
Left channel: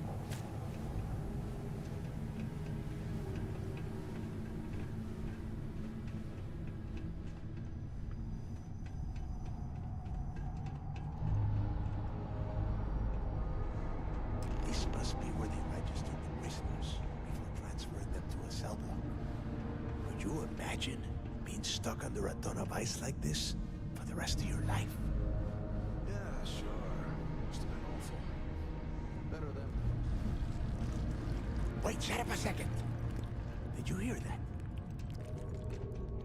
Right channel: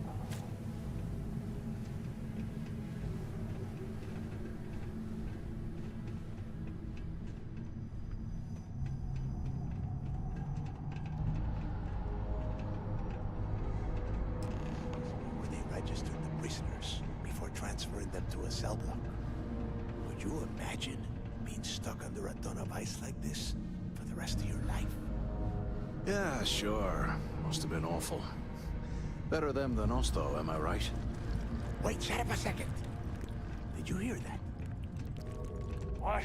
This must be where they registered the prisoners before transferring them to a cell block. Could you imagine being stuck under a ton of ice like this for the rest of your life? Yeah, sure. Must have been awful. Better them than us, though, am I right? Wait, shut up a second. Did you hear that? What?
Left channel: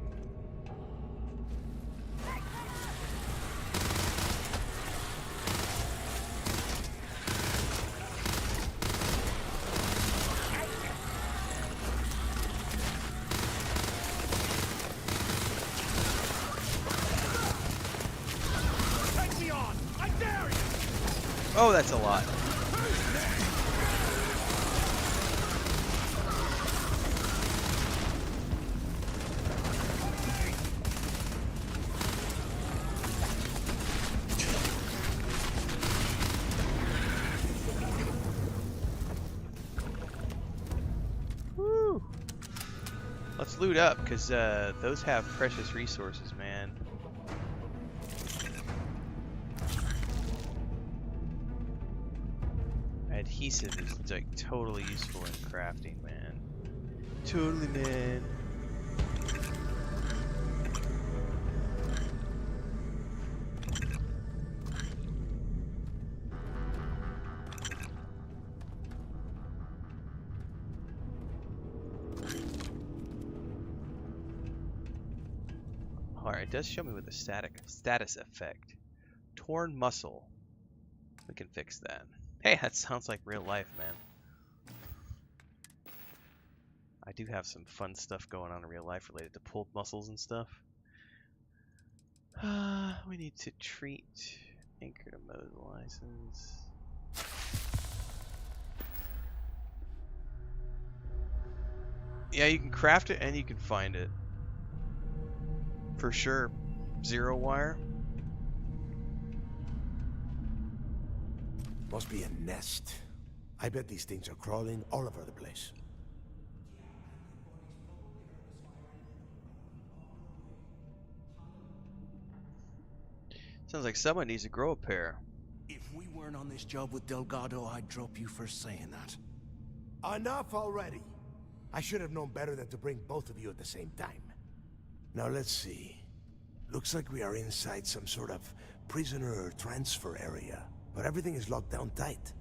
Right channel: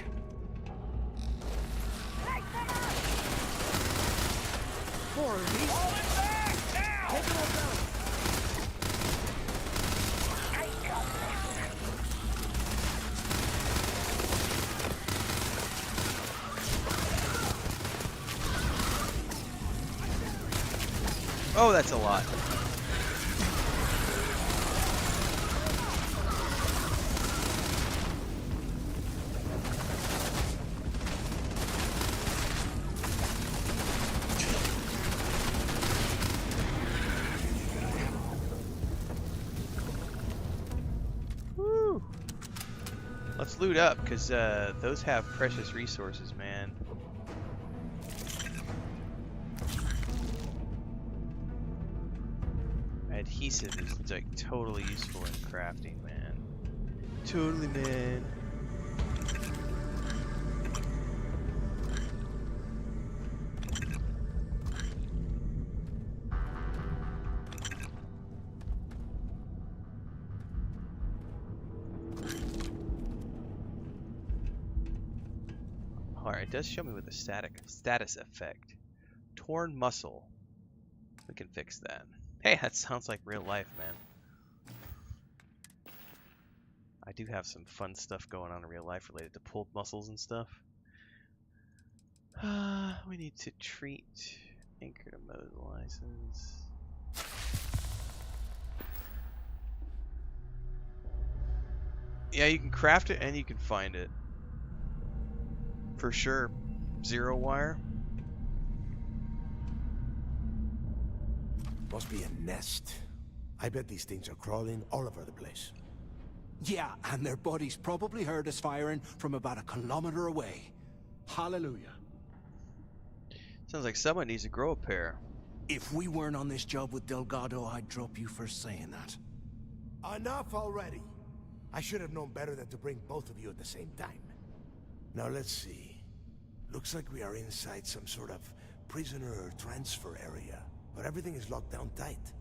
Oh, that's a lot. Woo. Let's loot up, because those have precious resources, man. Adhesive is like totally useful in crafting, man. Totally, man. Alright, it does show me with a status effect. Torn muscle. We can fix that. Hey, that sounds like real life, man. I do have some fun stuff going on in real life related to pulled muscles and stuff. We need to treat anchor to mode license. Yeah, you can craft it and you can find it. For sure. Zero wire. Must be a nest. I bet these things are crawling all over the place. Yeah, and their buddies probably heard us firing from about 1 kilometer away. Hallelujah. Sounds like someone needs to grow a pair. If we weren't on this job with Delgado, I'd drop you for saying that. Enough already. I should have known better than to bring both of you at the same time. Now let's see. Looks like we are inside some sort of prisoner transfer area, but everything is locked down tight.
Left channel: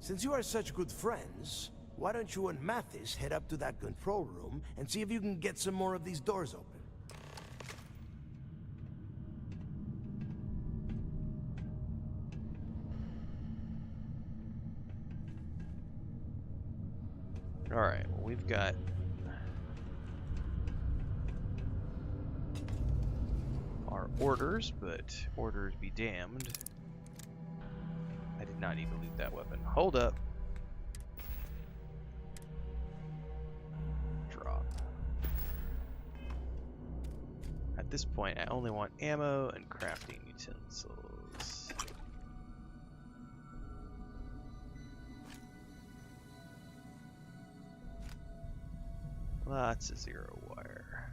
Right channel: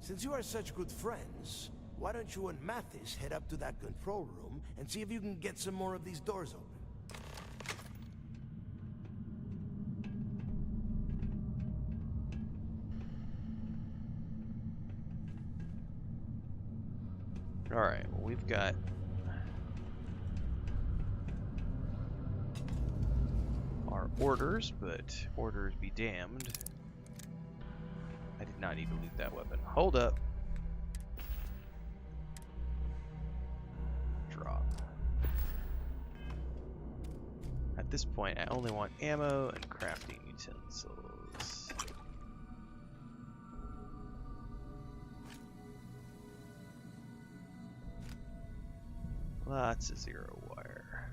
Since you are such good friends, why don't you and Mathis head up to that control room and see if you can get some more of these doors open? Alright, well, we've got our orders, but orders be damned. I did not need to loot that weapon. Hold up. Drop. At this point, I only want ammo and crafting utensils. Lots of zero wire.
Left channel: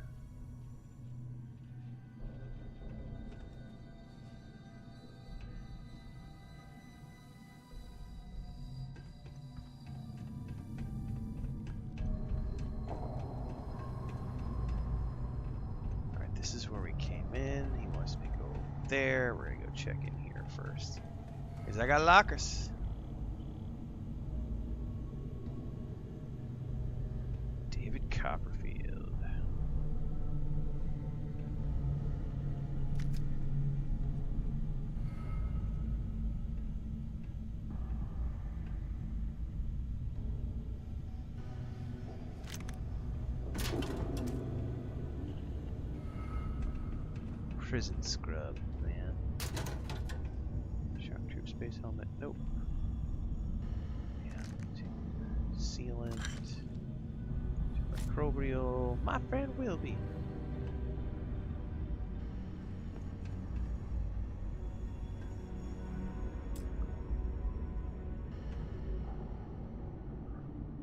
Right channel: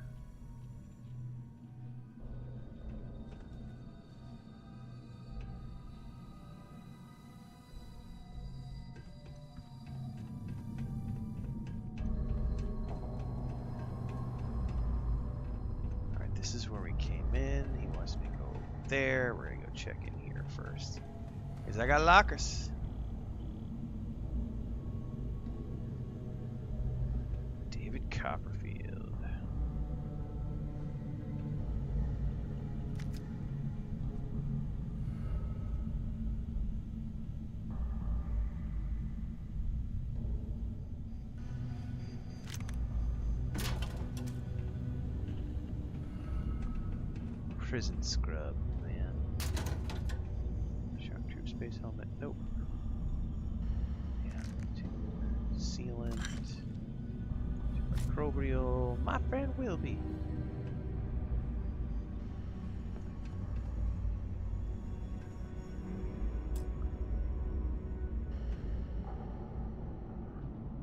Alright, this is where we came in. He wants me to go there. We're gonna go check in here first. Because I got lockers. Copperfield. Prison scrub, man. Shock troop space helmet, nope. Yeah, sealant. Microbial, my friend will be.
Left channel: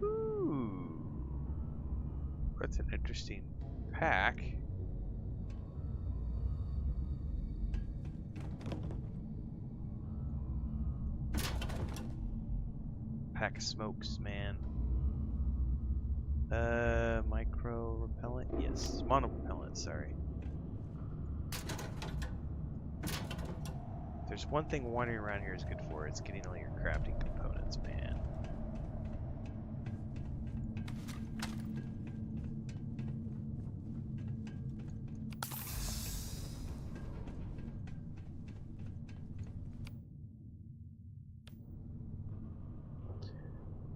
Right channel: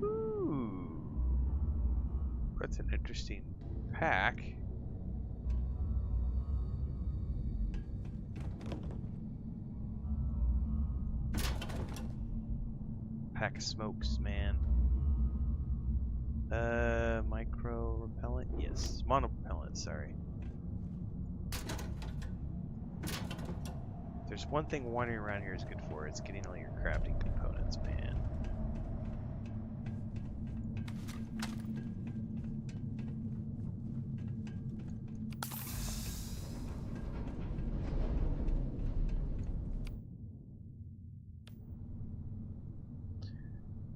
Ooh, that's an interesting pack. Pack of smokes, man. Micro repellent? Yes. Mono repellent, sorry. There's one thing wandering around here is good for, it's getting all your crafting components, man.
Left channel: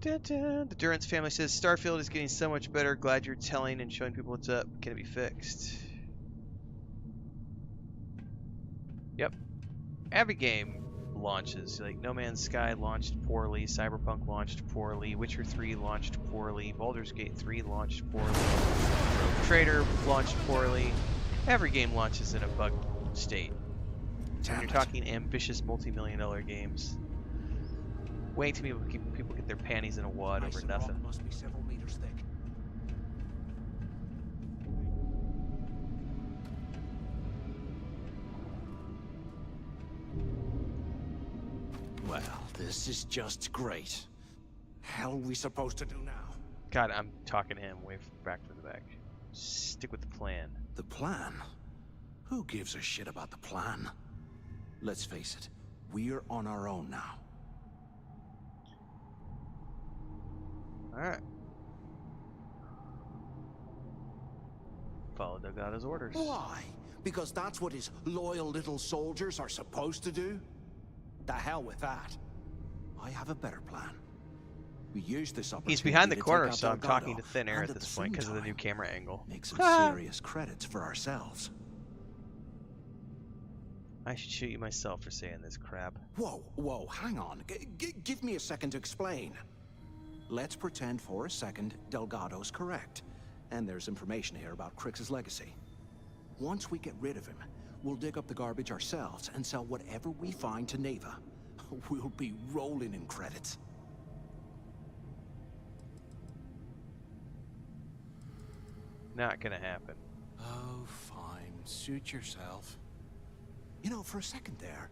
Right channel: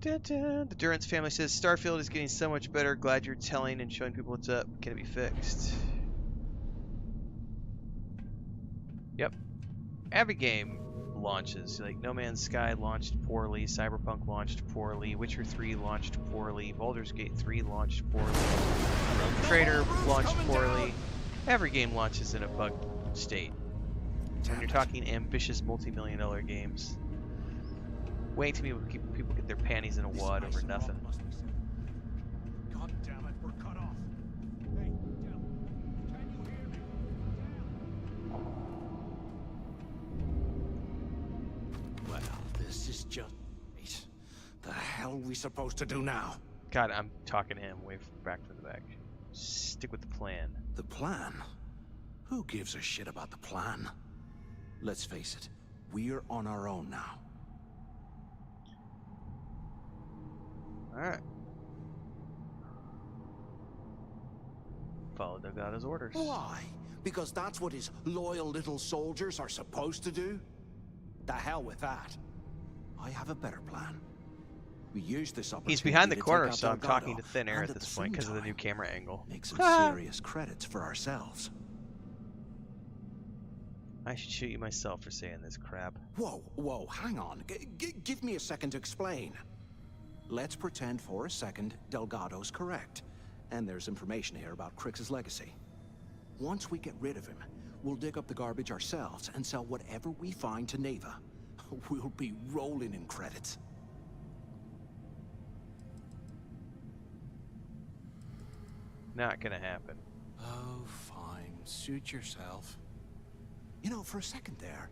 The Durance family says, Starfield is getting so much better. Glad you're telling and showing people what's up. Can it be fixed? Yep. Every game launches. Like, No Man's Sky launched poorly. Cyberpunk launched poorly. Witcher 3 launched poorly. Baldur's Gate 3 launched poorly. Rogue Trader launched poorly. Every game launches in a bug state. When you're talking ambitious multi-million-dollar games. Way too many people get their panties in a wad over nothing. Well, this is just great. The hell are we supposed to do now? God, I'm talking to him way back from the back. Stick with the plan. The plan? Who gives a shit about the plan? Let's face it, we're on our own now. Alright. Follow Delgado's orders. Why? Because that's what his loyal little soldiers are supposed to do? The hell with that. I have a better plan. We use this opportunity. He's behind the to corner, take out so I'm Delgado, talking to thin air and at this point because of the new camera angle. Make some serious credits for ourselves. I should shoot you myself for saying this crap. Whoa, hang on. Give me a second to explain. Let's pretend for a second Delgado's correct, and there's information here about Crix's legacy. Once we get rid of him, we'll dig up the garbage ourselves and sell whatever we find to Neva. We'll be rolling in credits. Not gonna happen. Oh, fine. Suit yourself. You know, for a second there,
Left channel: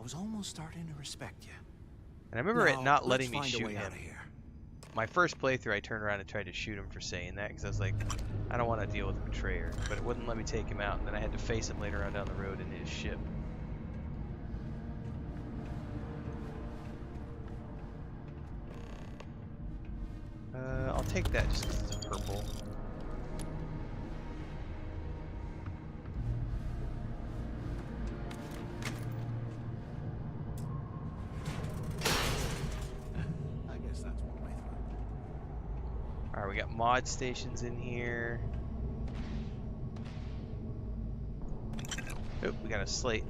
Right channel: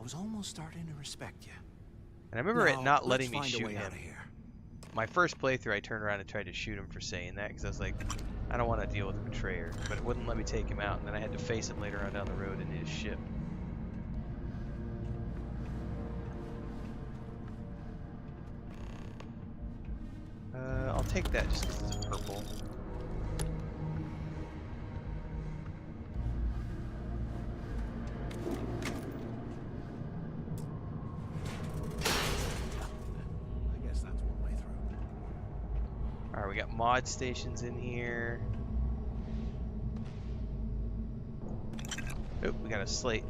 I was almost starting to respect you. And I remember it Now, not let's letting me find a shoot way him. out of here. My first playthrough, I turned around and tried to shoot him for saying that because I was like, I don't want to deal with a betrayer. But it wouldn't let me take him out, and then I had to face him later on down the road in his ship. I'll take that just because it's a purple. I guess that's one way through. Alright, we got mod stations in here. Oop, we got a slate.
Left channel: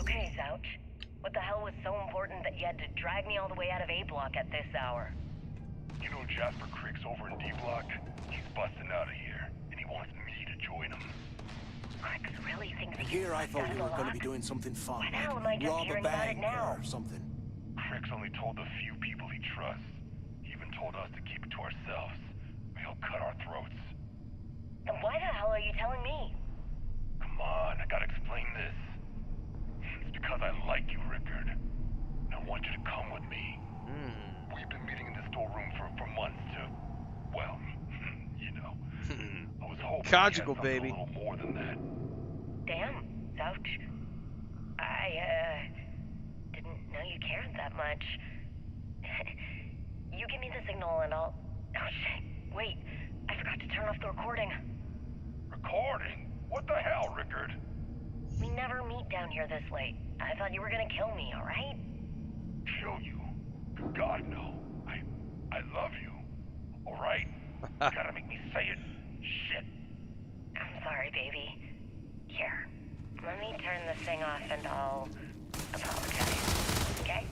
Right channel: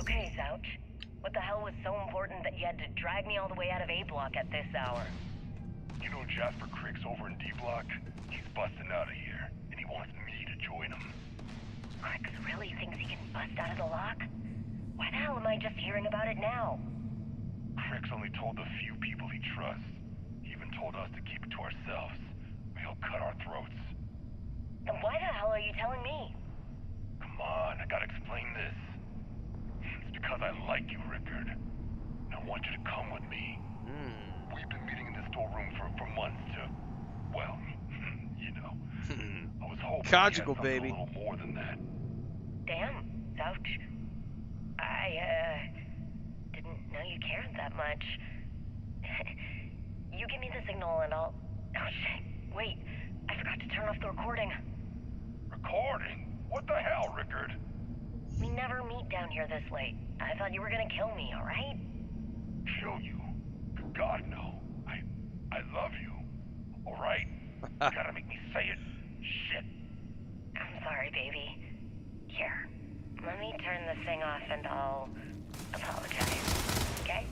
Okay, Zouch. What the hell was so important that you had to drag me all the way out of A block at this hour? You know Jasper Crick's over in D block? He's busting out of here, and he wants me to join him. Crix really thinks he can Here I bust thought out of we the were going lock? to be doing something fun. Why the hell am I just Rob a hearing about it bank now? or something. Crick's only told a few people he trusts. He even told us to keep it to ourselves, or he'll cut our throats. Then why the hell are you telling me? Come on, I gotta explain this. It's because I like you, Rickard. And I want you to come with me. We've been meeting in this storeroom for months to, well, you know. I was hoping Conjugal, you had something baby. a little more than that. Damn, Zouch. I, didn't know you cared that much. You give me the signal and I'll... Oh, shit. Wait, I forgot to turn off the recording. Recording? What the hell, Rickard? We never meet down here this late. I thought you were gonna kill me, alright? Kill you? God, no. I love you. Alright? You gotta make me say it. Shit. I'm sorry, baby. Here, let me turn this thing off and I'll apologize, okay?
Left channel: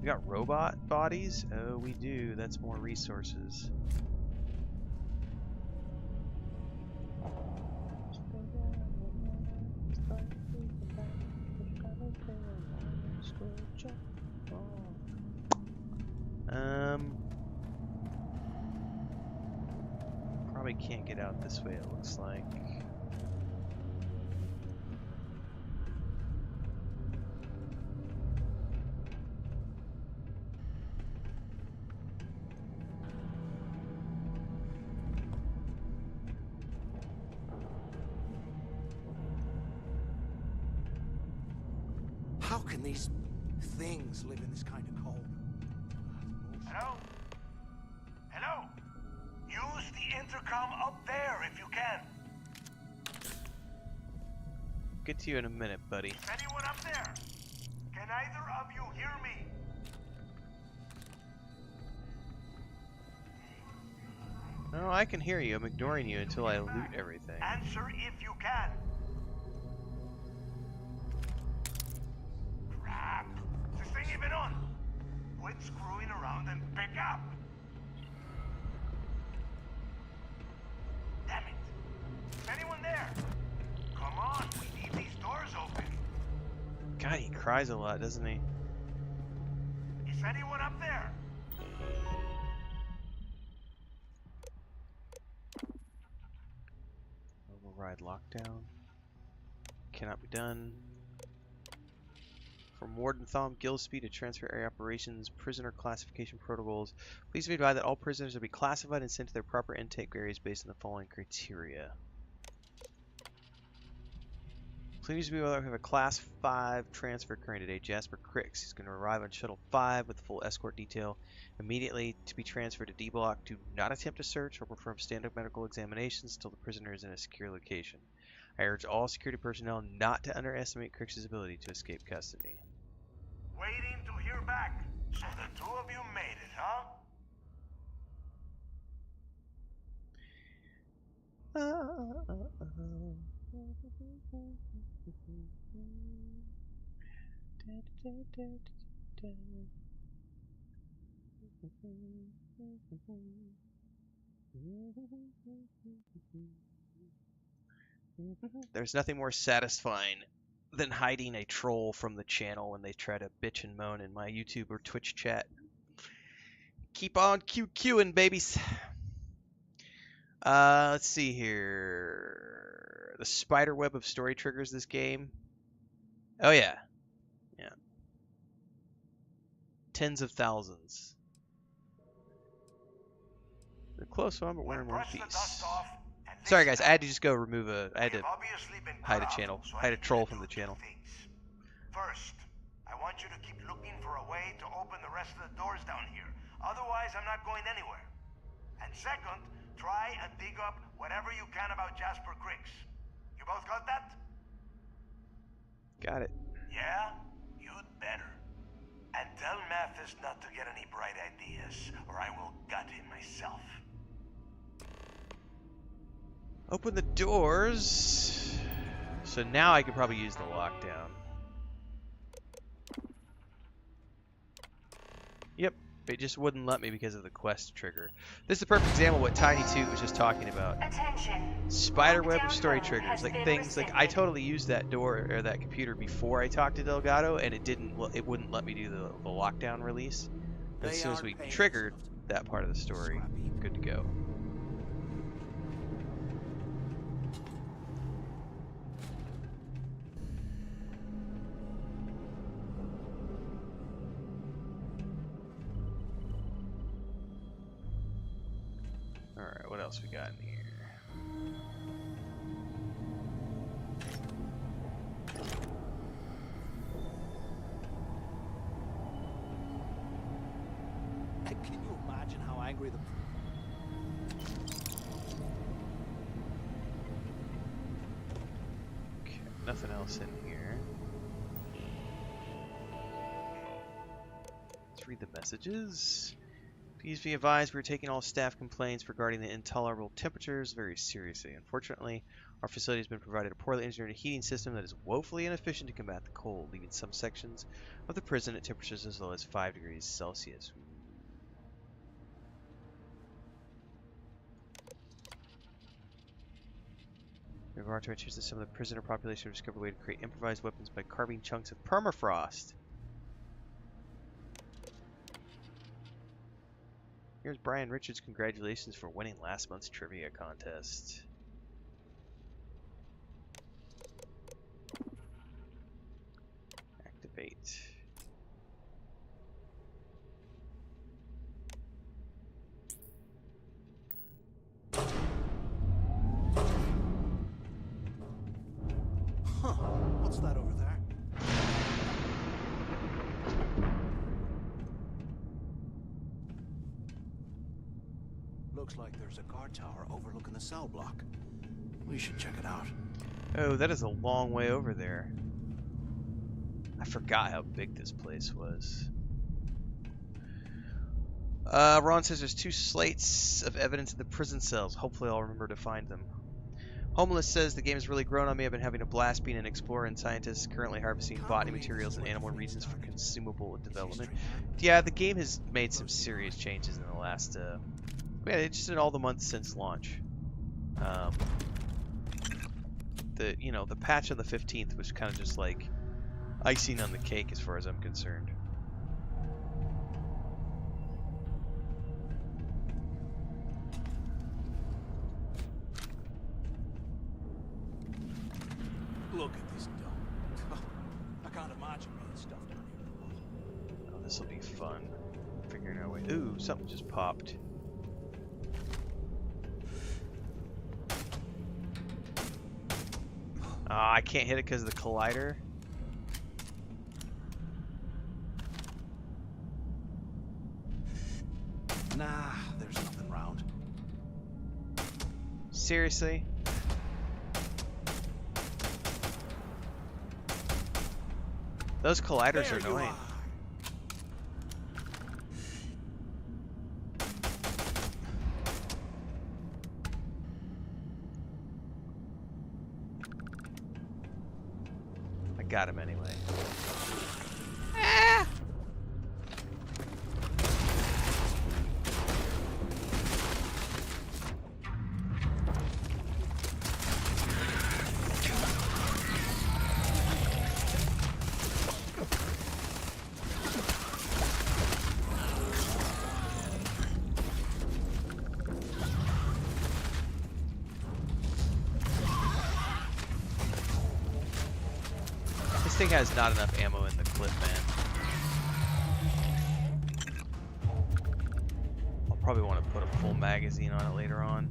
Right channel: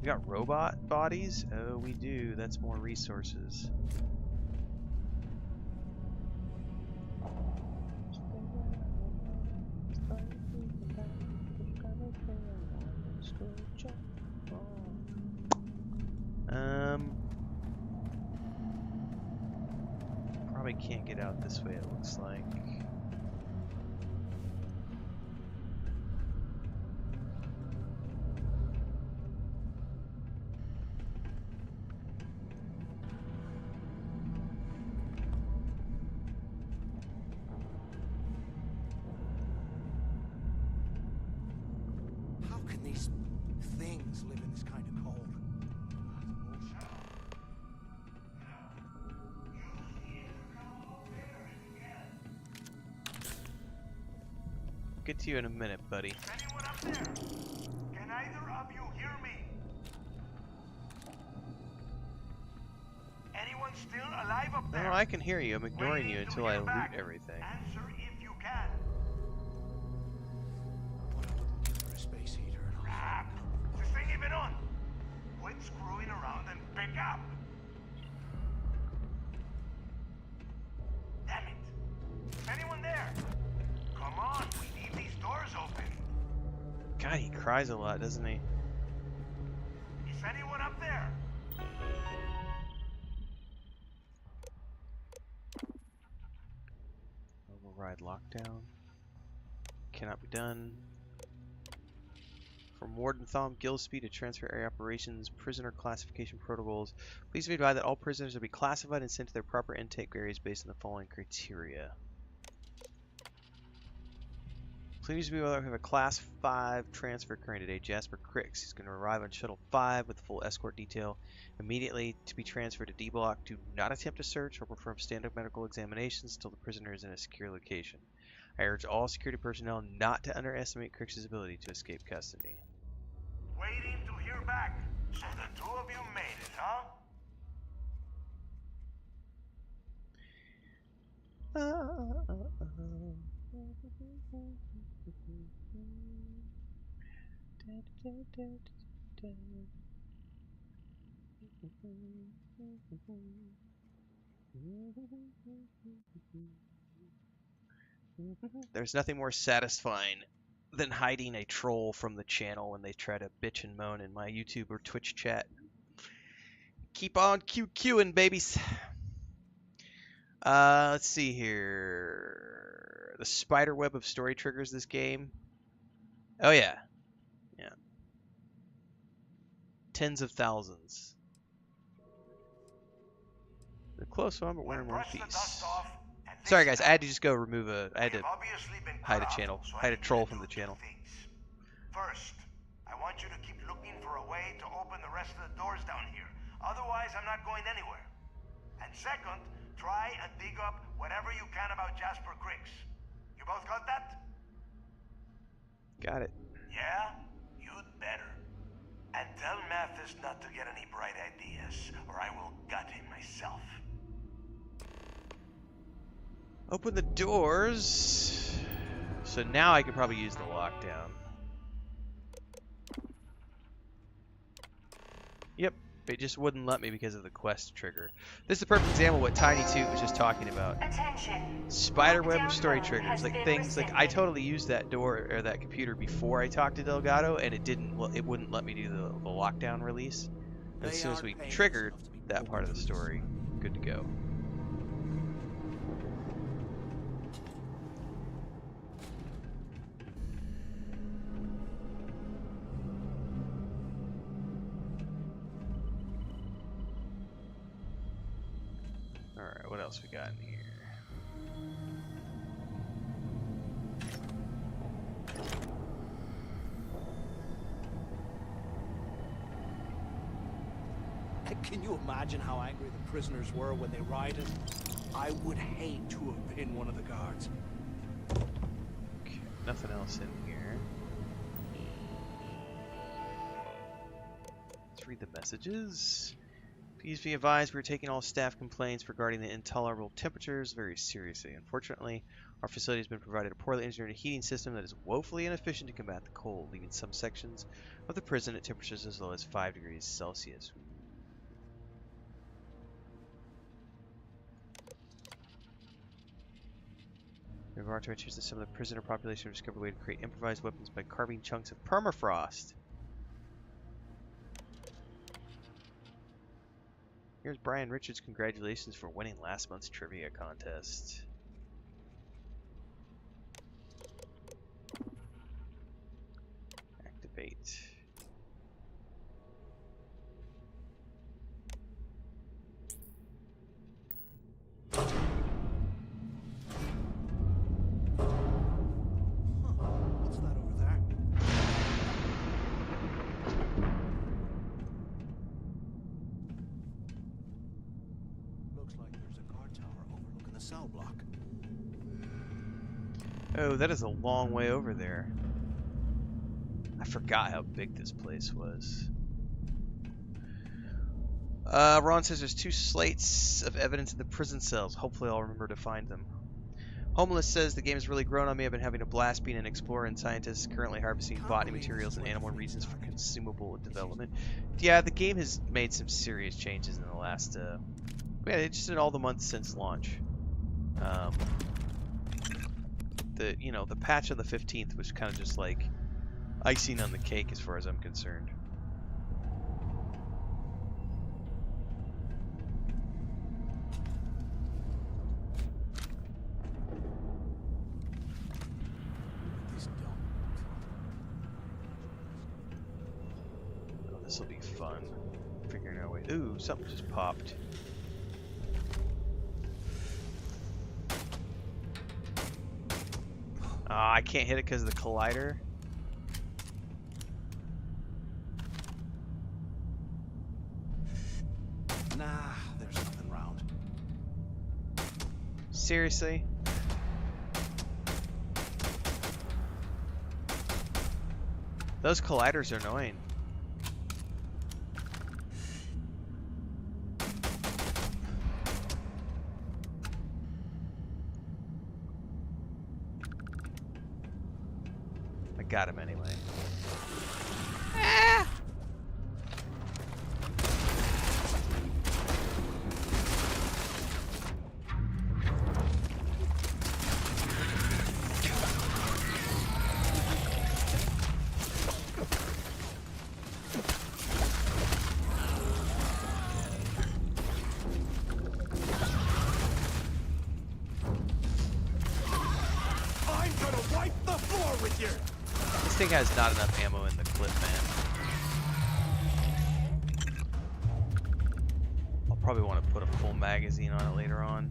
We got robot bodies? Oh, we do. That's more resources. Probably can't get out this way, it looks like. How can these things live in this kind of cold? Hello? Hello? Use the intercom up there if you can. Get to you in a minute, buddy. Is anyone up there? Can either of you hear me? Anyone still alive up there? No, I can hear you. I'm ignoring you until I loot everything. Answer if you can. Space heater. Crap! Is this thing even on? Quit screwing around and pick up! Damn it! Is anyone there? Come on, we need these doors open. God, he cries a lot, doesn't he? Is anyone up there? Override lockdown. Cannot be done. From Warden Thom Gillespie to Transfer Area Operations, Prisoner Classification Protocols. Please be advised that all prisoners will be classified and sent to their proper intake areas based on the following criteria. Please be aware we have a Class 5 transfer occurring today. Jasper Cricks. He's going to arrive on Shuttle 5 with full escort detail immediately to be transferred to D Block. Do not attempt to search or perform standard medical examinations until the prisoner is in a secure location. I urge all security personnel not to underestimate Cricks' ability to escape custody. Waiting to hear back. So the two of you made it, huh? There's nothing more satisfying than hiding a troll from the channel when they try to bitch and moan in my YouTube or Twitch chat. Keep on QQing, babies. Let's see here. The spider web of story triggers this game. Oh yeah. Yeah. Tens of thousands. They're close one, but we're in one piece. Sorry guys, I had to just go remove I had to hide a channel. Hide a troll from the channel. First, I want you to keep looking for a way to open the rest of the doors down here. Otherwise, I'm not going anywhere. And second, try and dig up whatever you can about Jasper Cricks. You both got that? Got it. Yeah? You'd better. And tell Mathis not to get any bright ideas, or I will gut him myself. Open the doors. So now I can probably use the lockdown. Yep, it just wouldn't let me because of the quest trigger. This is a perfect example of what Tiny Toot was just talking about. Attention. Spiderweb of story triggers, like things like I totally used that door or that computer before I talked to Delgado, and it wouldn't let me do the lockdown release. But as soon as we triggered that part of the story, good to go. Alright, what else we got in here? Can you imagine how angry the prisoners were when they rioted? I would hate to have been one of the guards. Okay, nothing else in here. Let's read the messages. Please be advised, we're taking all staff complaints regarding the intolerable temperatures very seriously. Unfortunately, our facility has been provided a poorly engineered heating system that is woefully inefficient to combat the cold, leaving some sections of the prison at temperatures as low as 5 degrees Celsius. We've already mentioned that some of the prisoner population have discovered a way to create improvised weapons by carving chunks of permafrost. Here's Brian Richards. Congratulations for winning last month's trivia contest. Activate. Huh. What's that over there? Looks like there's a guard tower overlooking the cell block. We should check it out. Oh, that is a long way over there. I forgot how big this place was. Ron says there's 2 slates of evidence in the prison cells. Hopefully I'll remember to find them. Homeless says the game has really grown on me. I've been having a blast being an explorer and scientist, currently harvesting botany materials and animal reasons for consumable development. Yeah, the game has made some serious changes in the last... yeah, they just did all the months since launch. The patch on the 15th was kind of just like icing on the cake as far as I'm concerned. Look at this dump. I can't imagine being stuffed down here. Oh, this will be fun. Figuring our way. Ooh, something just popped. I can't hit it because of the collider. Nah, there's nothing round. Seriously? Those colliders are annoying. I got him anyway. Ah! thing has not enough ammo in the clip, man. I'll probably want to put a full magazine on it later on.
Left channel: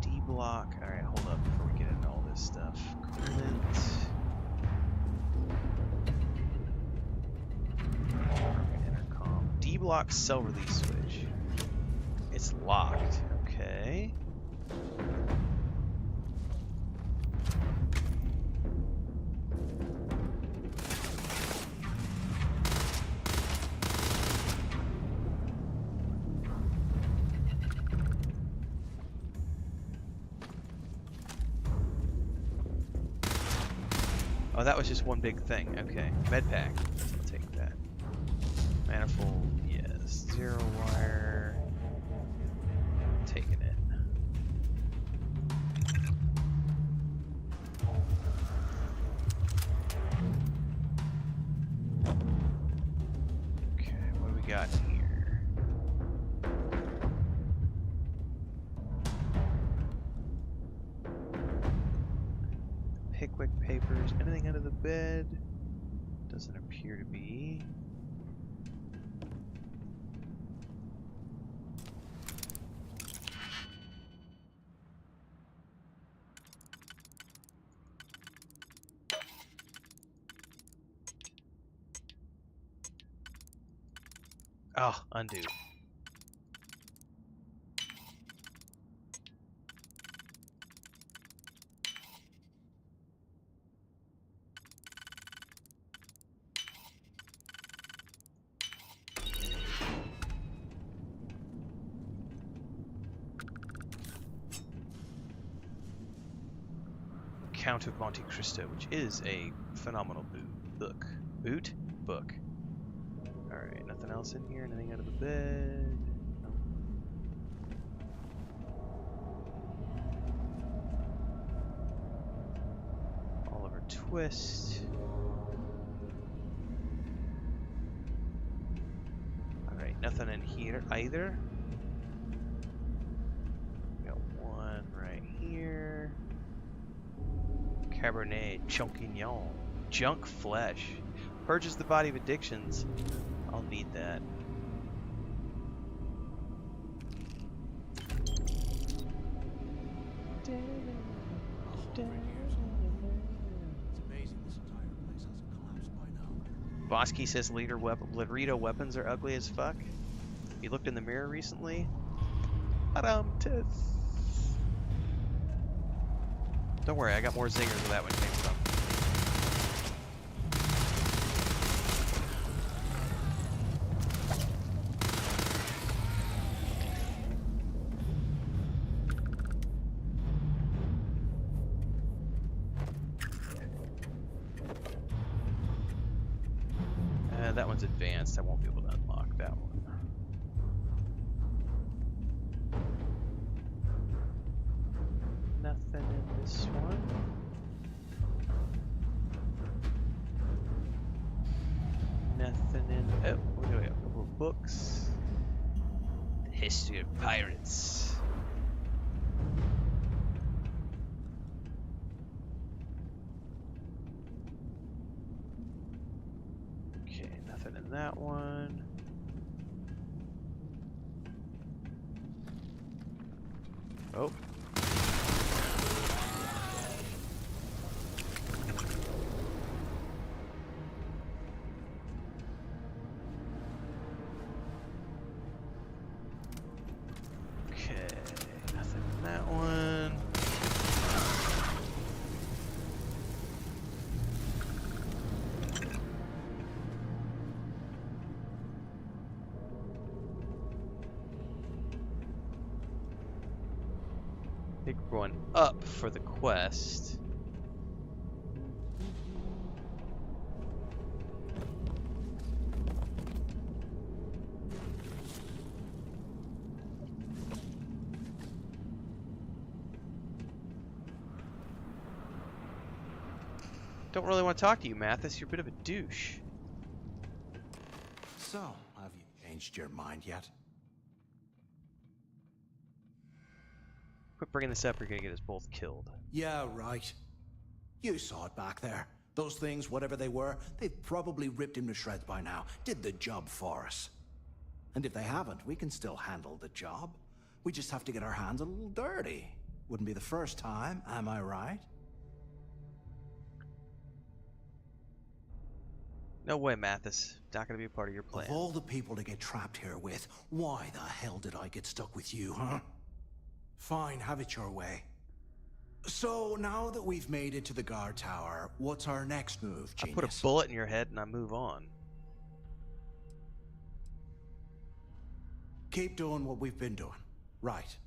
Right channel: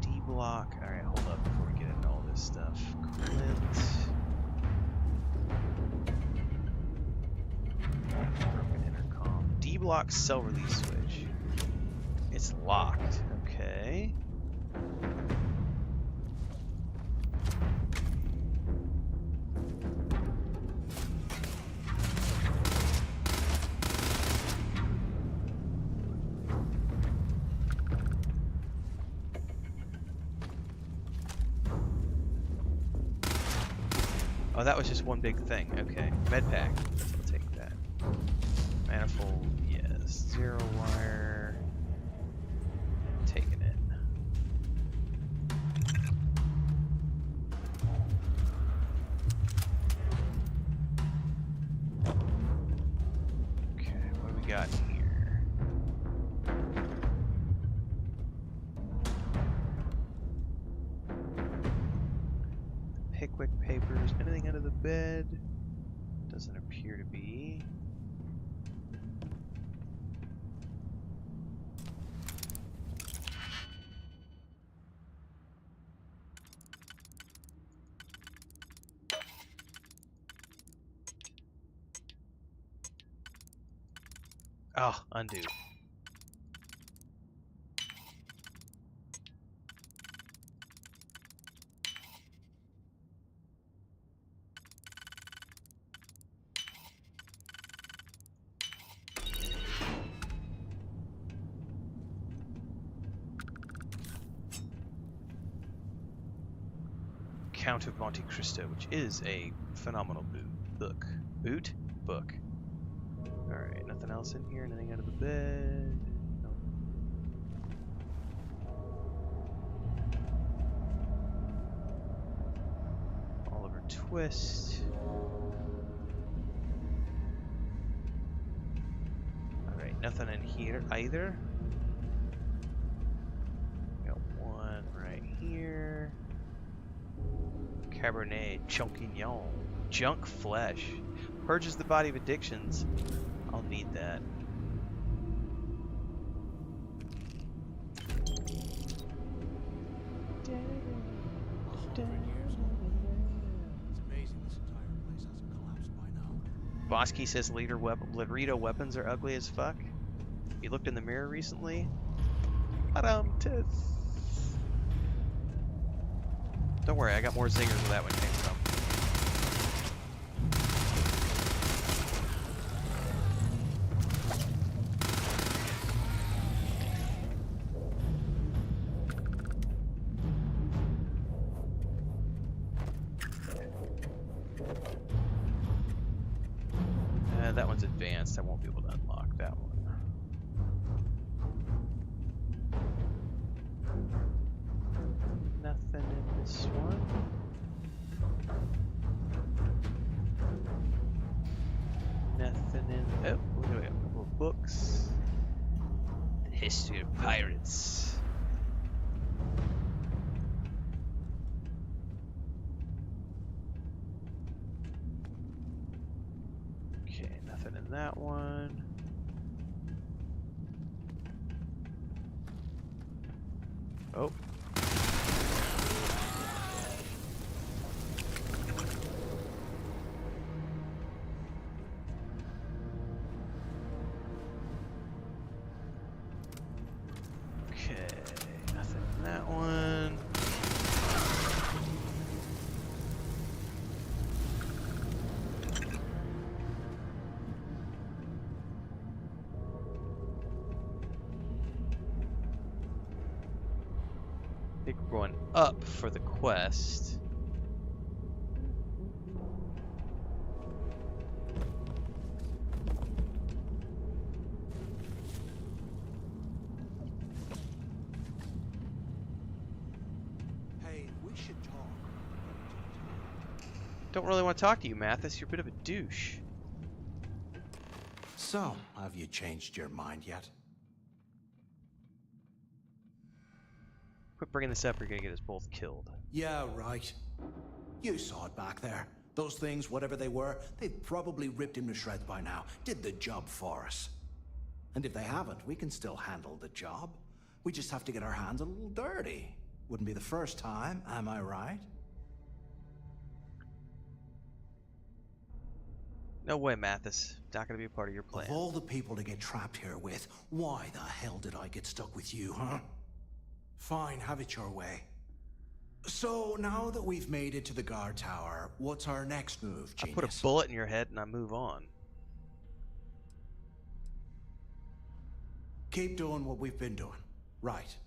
D block. Alright, hold up before we get into all this stuff. Coolant. Broken intercom. D block cell release switch. It's locked. Okay. Oh, that was just one big thing. Okay. Med pack. I'll take that. Manifold, yes. Zero wire. Taking it. Okay, what do we got here? Pickwick papers. Anything under the bed? Doesn't appear to be. Oh, undo. Count of Monte Cristo, which is a phenomenal book. Book. Alright, nothing else in here? Anything under the bed? Nope. Oliver Twist. Alright, nothing in here either. Got one right here. Cabernet Champignon. Junk flesh. Purges the body of addictions. I'll need that. It's amazing this entire place hasn't collapsed by now. Bosky says Laredo weapons are ugly as fuck. You looked in the mirror recently? Don't worry, I got more zingers where that one came from. That one's advanced. I won't be able to unlock that one. Nothing in this one. Nothing in. Oh, what do we have? A couple of books. The History of Pirates. Okay, nothing in that one. Oh. Okay, nothing in that one. I think we're going up for the quest. Hey, we should talk. Don't really want to talk to you, Mathis. You're a bit of a douche. So, have you changed your mind yet? Quit bringing this up, you're gonna get us both killed. Yeah, right. You saw it back there. Those things, whatever they were, they've probably ripped him to shreds by now. Did the job for us. And if they haven't, we can still handle the job. We just have to get our hands a little dirty. Wouldn't be the first time, am I right? No way, Mathis. Not gonna be a part of your plan. Of all the people to get trapped here with, why the hell did I get stuck with you, huh? Fine, have it your way. So, now that we've made it to the guard tower, what's our next move, genius? I put a bullet in your head and I move on. Keep doing what we've been doing. Right.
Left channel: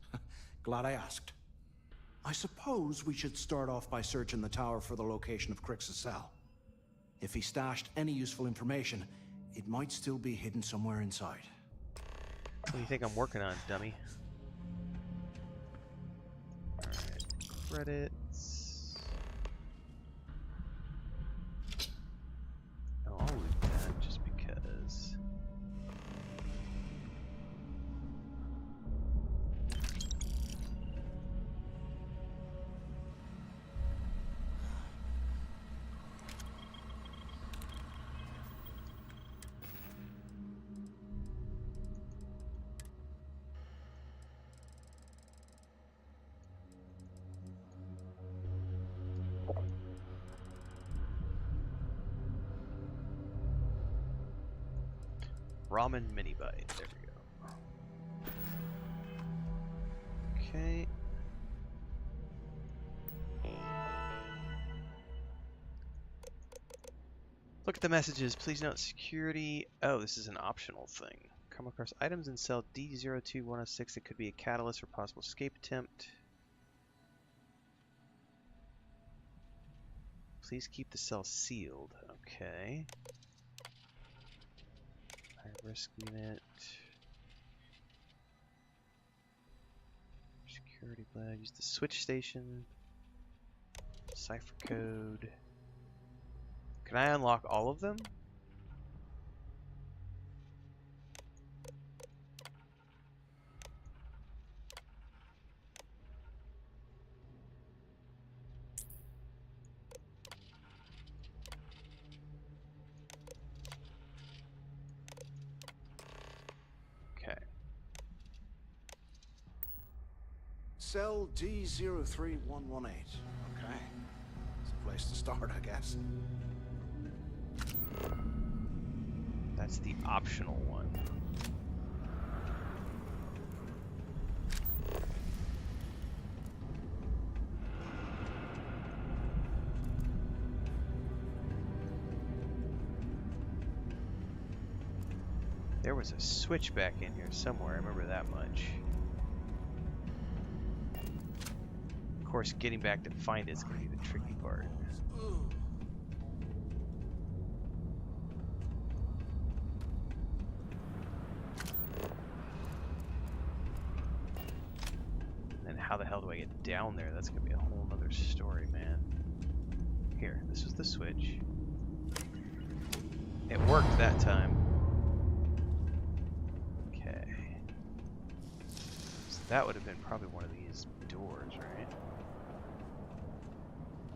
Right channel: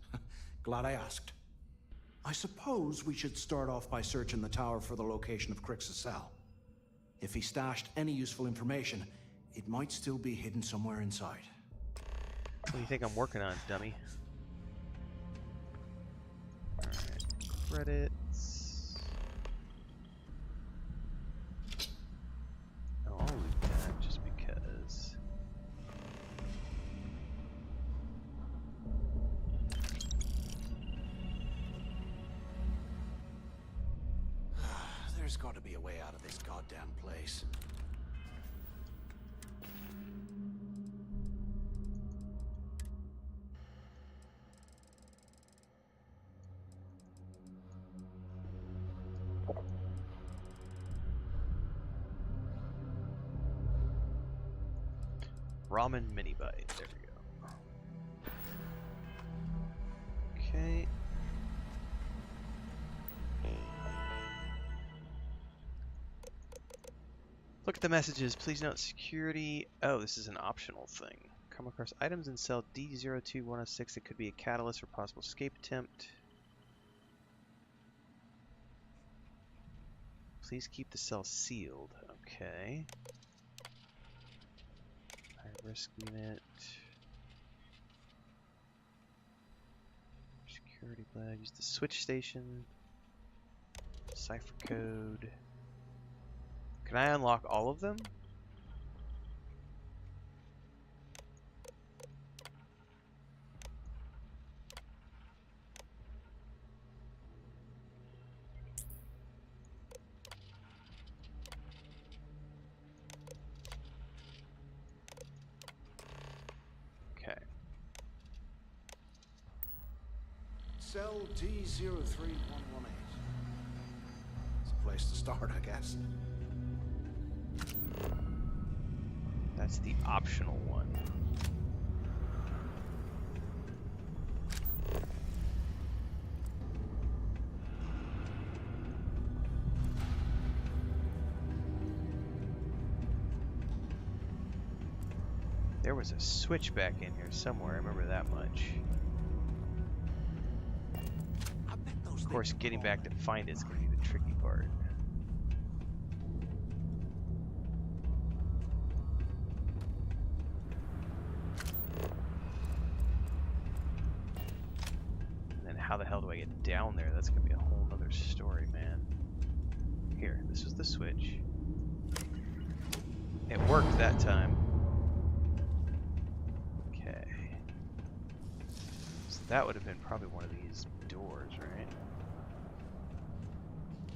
Glad I asked. I suppose we should start off by searching the tower for the location of Crix's cell. If he stashed any useful information, it might still be hidden somewhere inside. What do you think I'm working on, dummy? Alright, credits. No, I'll loot that just because. There's got to be a way out of this goddamn place. Ramen mini bite. There we go. Okay. Look at the messages. Please note security. Oh, this is an optional thing. Come across items in cell D02106 that could be a catalyst or possible escape attempt. Please keep the cell sealed. Okay. High risk unit. Security flag. Use the switch station. Cipher code. Can I unlock all of them? Okay. Cell D03118. Okay. It's a place to start, I guess. That's the optional one. There was a switch back in here somewhere, I remember that much. Of course, getting back to find it's going to be the tricky part. How the hell do I get down there? That's gonna be a whole nother story, man. Here, this was the switch. It worked that time. Okay. So that would have been probably one of these doors, right?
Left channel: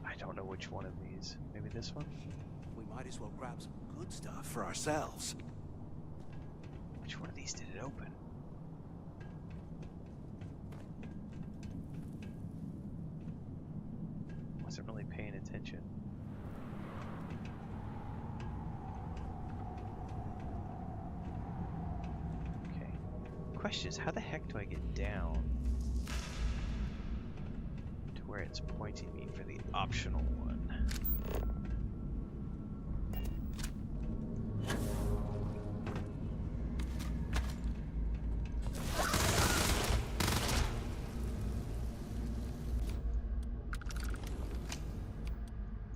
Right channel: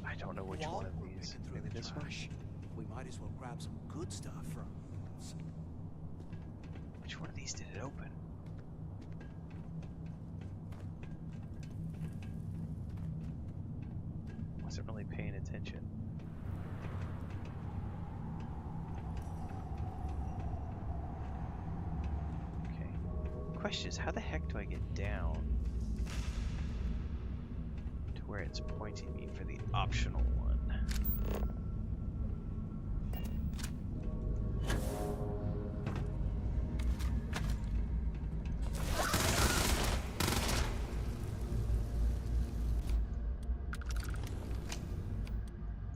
I don't know which one of these. Maybe this one? We might as well grab some good stuff for ourselves. Which one of these did it open? Wasn't really paying attention. Okay. Question is, how the heck do I get down to where it's pointing me for the optional one?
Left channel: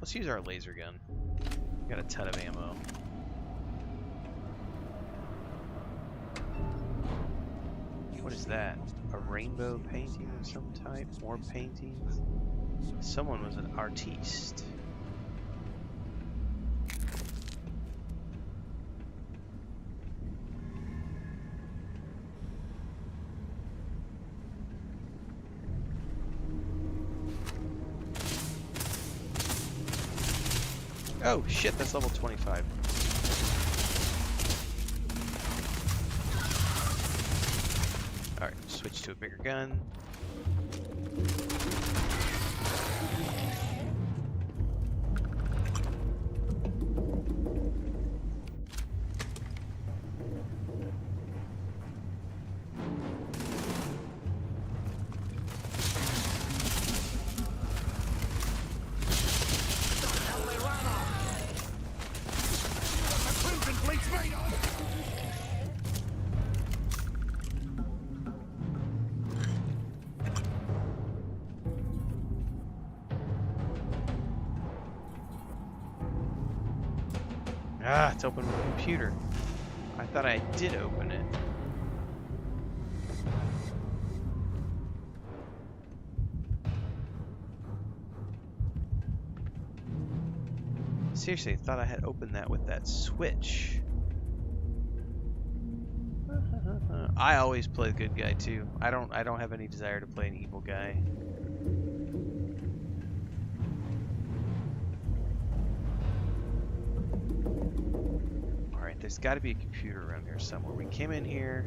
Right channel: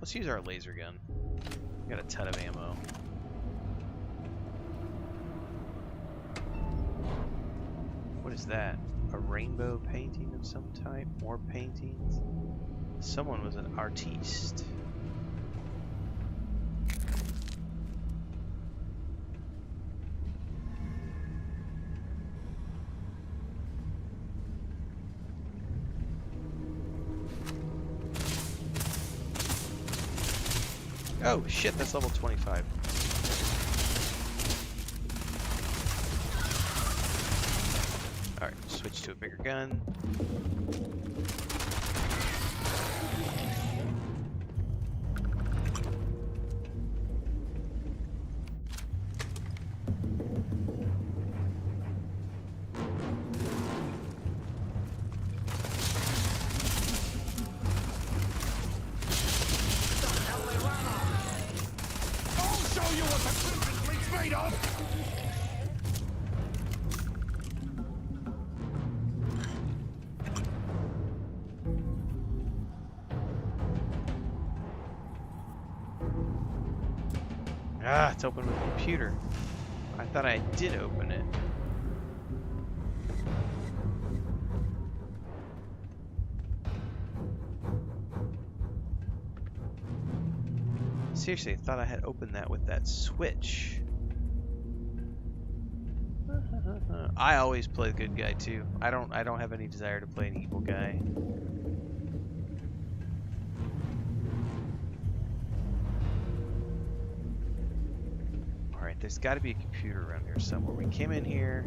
Let's use our laser gun. We got a ton of ammo. What is that? A rainbow painting of some type? More paintings? Someone was an artiste. Oh shit, that's level 25. Alright, switch to a bigger gun. Ah, it's open with a computer. I thought I did open it. Seriously, I thought I had opened that with that switch. I always play the good guy too. I don't have any desire to play an evil guy. Alright, there's got to be a computer around here somewhere. We came in here.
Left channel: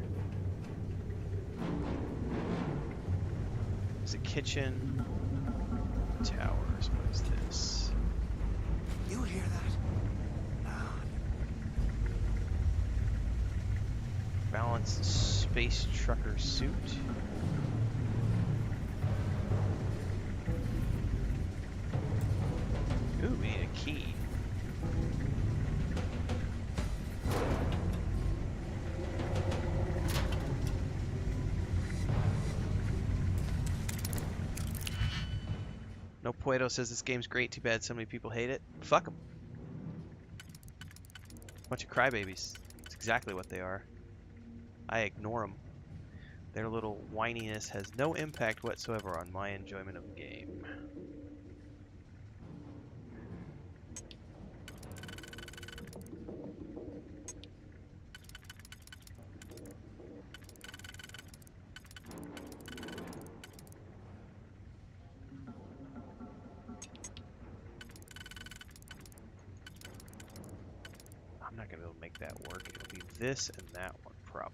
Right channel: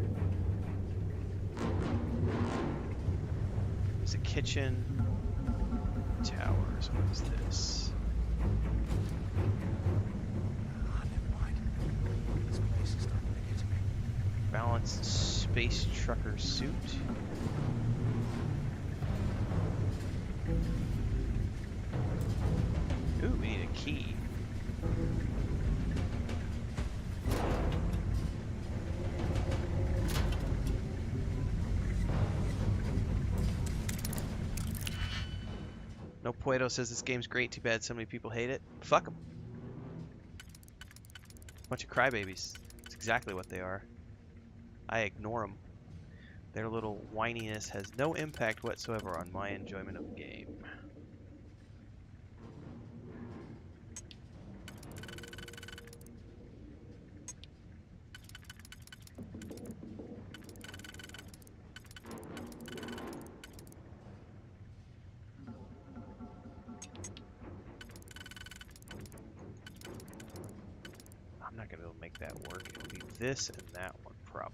There's a kitchen. Towers. What is this? You hear that? Ah, never mind. Balanced space trucker suit. Ooh, we need a key. No Puedo says this game's great. Too bad so many people hate it. Fuck them. Bunch of crybabies. That's exactly what they are. I ignore them. Their little whininess has no impact whatsoever on my enjoyment of the game. I'm not gonna be able to make that work. It'll be this and that one probably.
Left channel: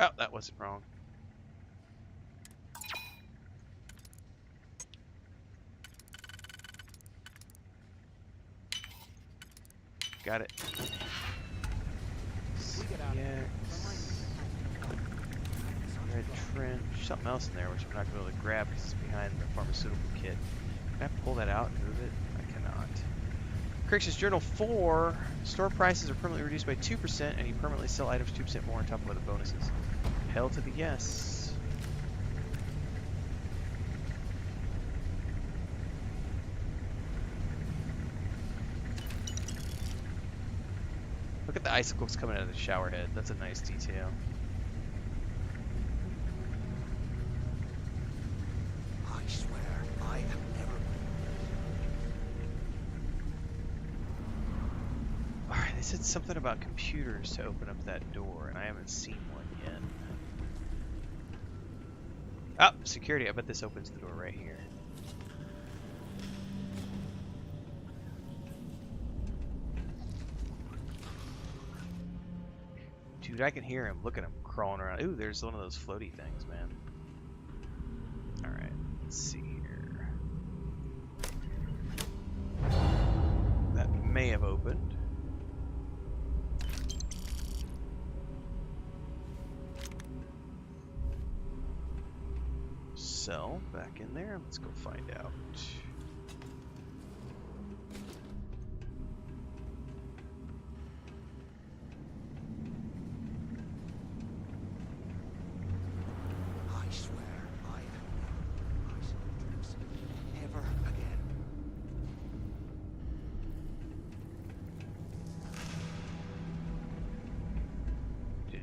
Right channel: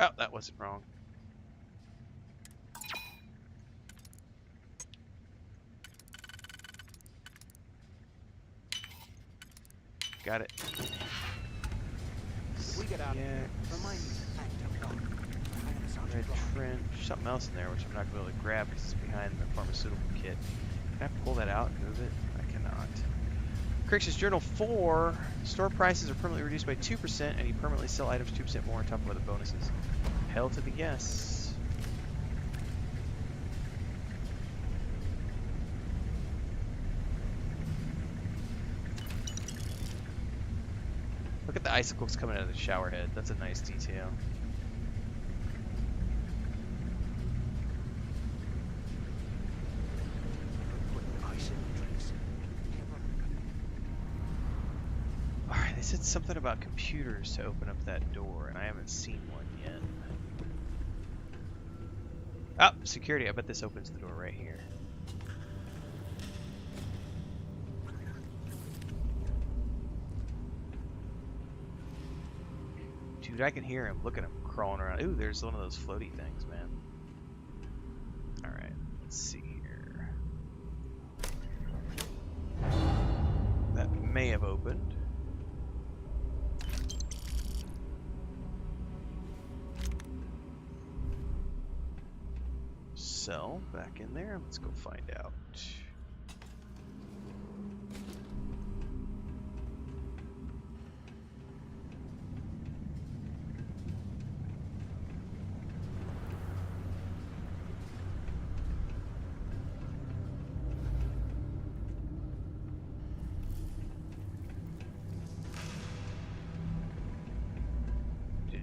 Oh, that wasn't wrong. Got it. We get out of here. Remind me to thank Red trench. Something else in there which I'm not going to be able to grab because it's behind the pharmaceutical kit. Can I pull that out and move it? I cannot. Crix's Journal 4. Store prices are permanently reduced by 2% and you permanently sell items 2% more on top of other bonuses. Hell to the yes. Look at the icicles coming out of the shower head. That's a nice detail. I swear, I have never put ice in drinks. Alright, they said something about computers to open up that door, and I haven't seen one yet. Oh, security. I bet this opens the door right here. Dude, I can hear him. Look at him crawling around. Ooh, there's one of those floaty things, man. Alright, let's see here. That may have opened. Cell back in there. Let's go find out.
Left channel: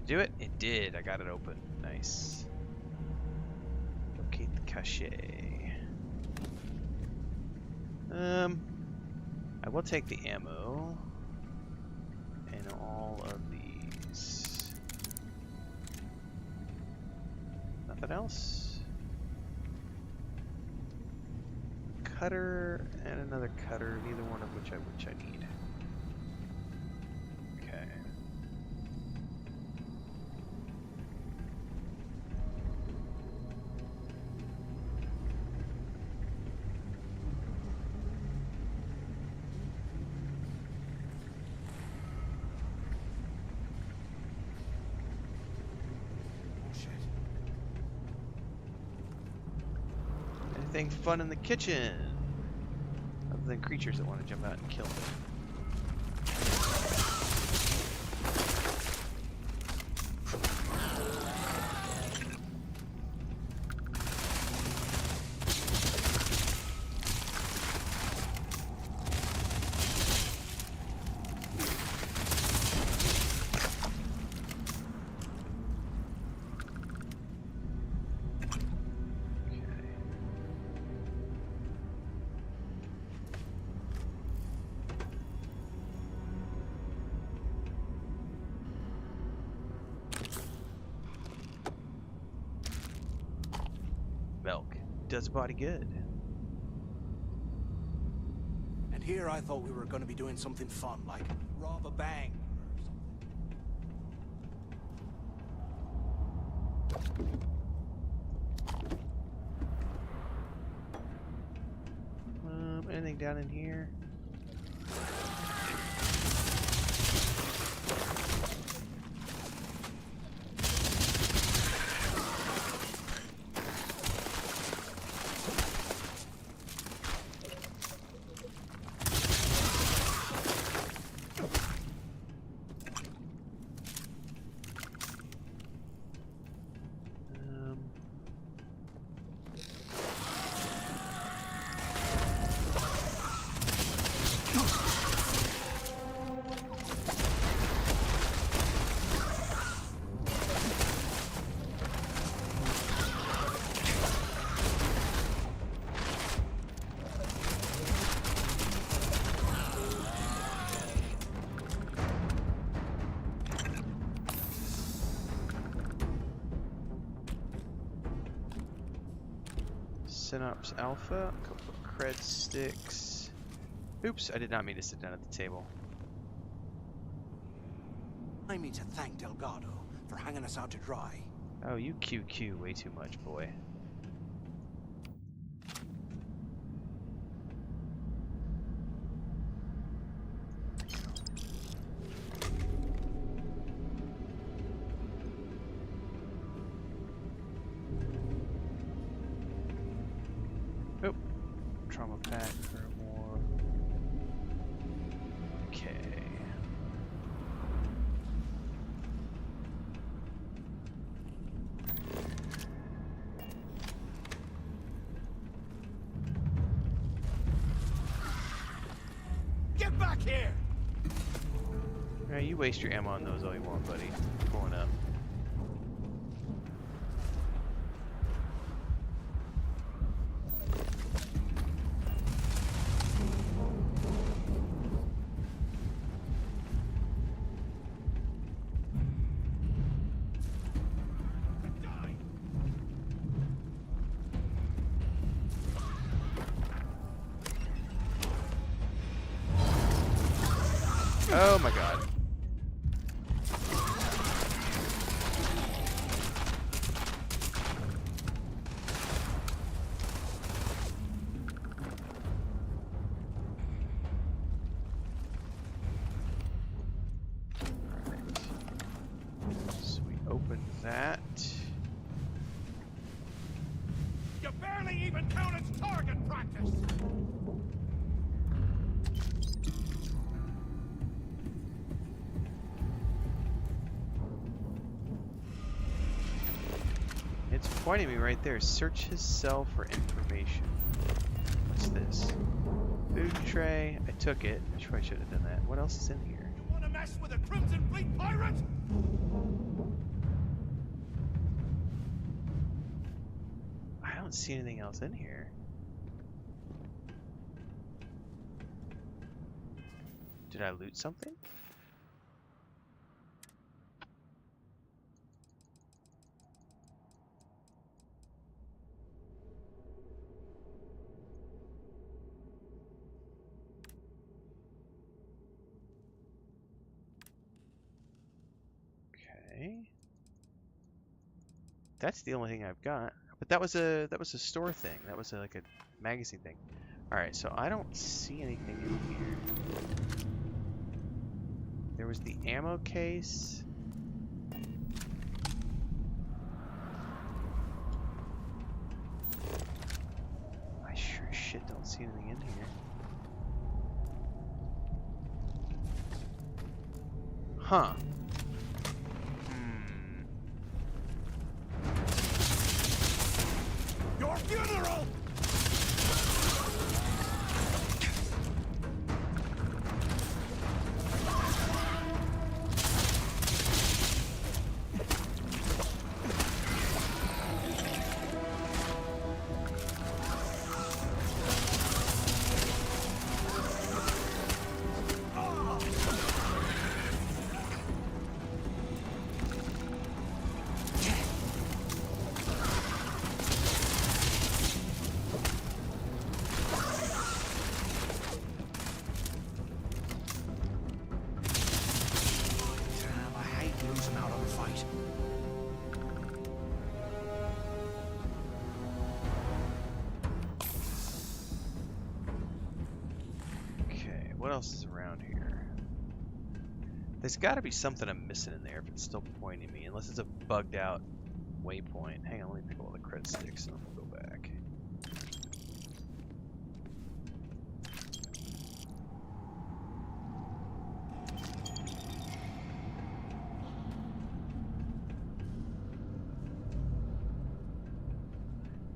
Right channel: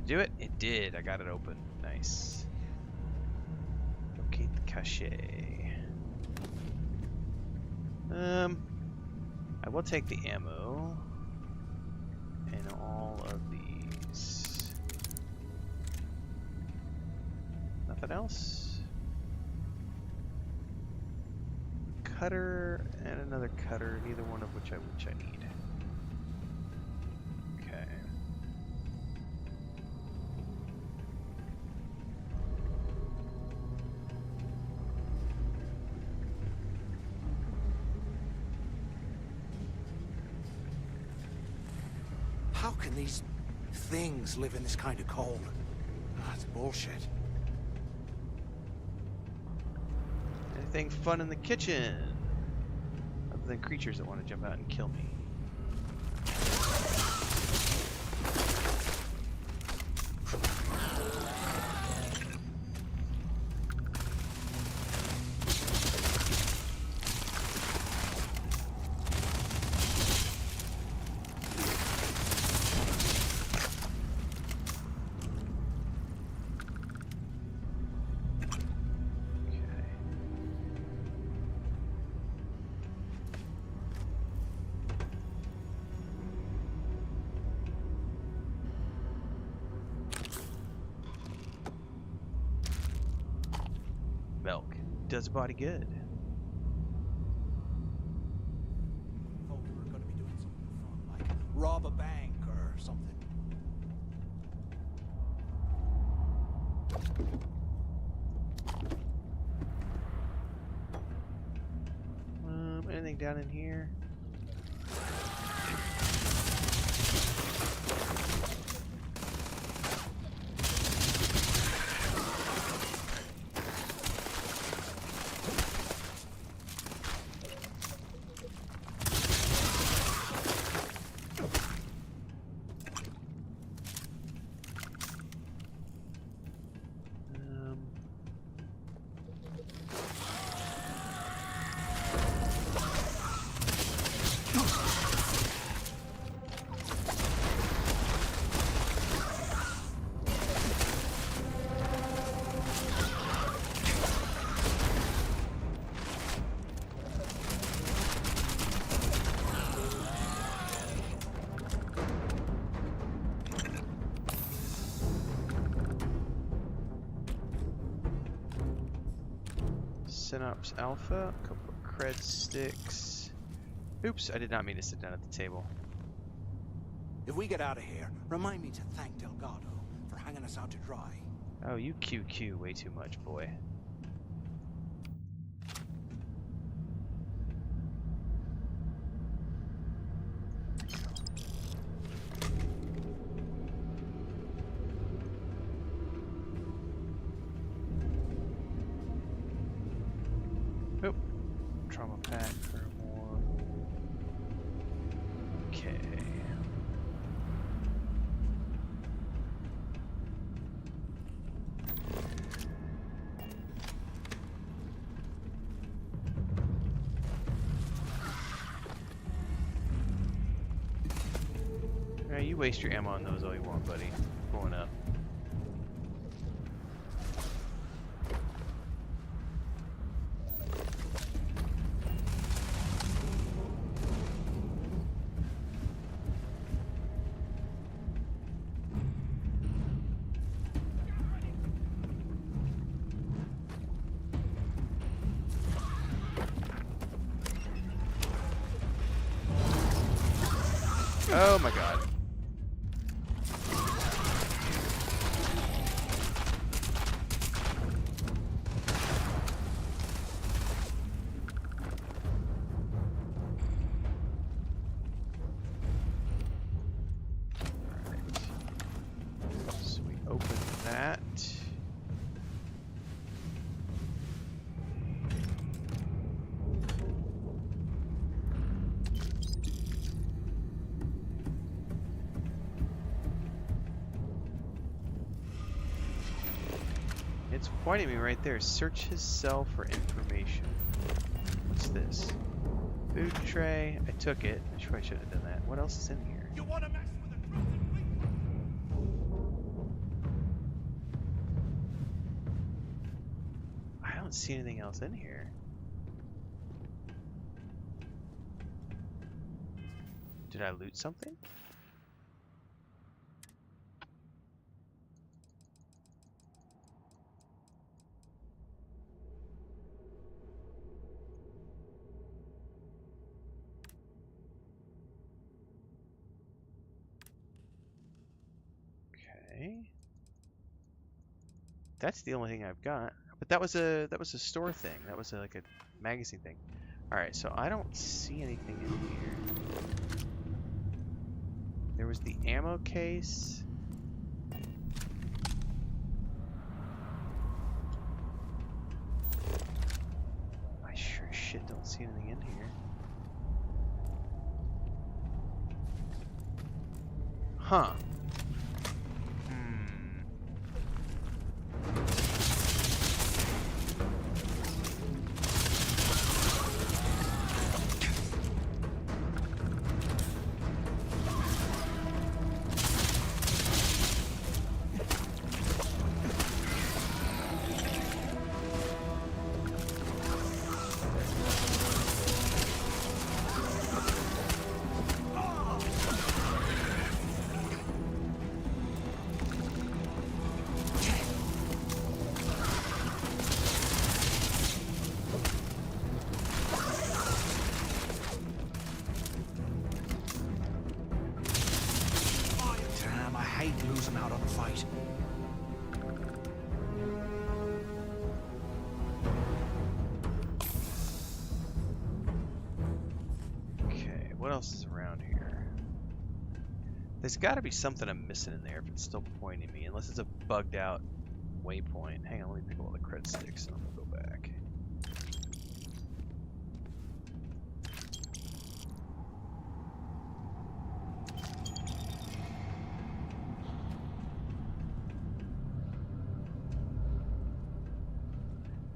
it do it? It did. I got it open. Nice. Locate the cache. I will take the ammo and all of these. Nothing else? Cutter and another cutter, neither one of which I need. Okay. How can these things live in this kind of cold? That's bullshit. Anything fun in the kitchen? Other than creatures that want to jump out and kill me. Milk does a body good. And here I thought we were going to be doing something fun, like rob a bank or something. Anything down in here? Synops Alpha, a couple of cred sticks. Oops, I did not mean to sit down at the table. If we get out of here, remind me to thank Delgado for hanging us out to dry. Oh, you QQ way too much, boy. Oop. Trauma pack for more. Okay. Get back here! Alright, you waste your ammo on those all you want, buddy. Going up. Oh my god. Alright. So we open that. You barely even count as target practice! It's pointing me right there. Search his cell for information. What's this? Food tray. I took it. I probably shouldn't have done that. What else is in here? You want to mess with a Crimson Fleet pirate? I don't see anything else in here. Did I loot something? Okay. That's the only thing I've got. But that was a store thing. That was like a magazine thing. All right, so I don't see anything in here. There was the ammo case. I sure as shit don't see anything in here. Huh. Losing out on the fight. Okay, what else is around here? There's got to be something I'm missing in there if it's still pointing me, unless it's a bugged out waypoint. Hang on, let me pick up all the cred sticks and then we'll go back.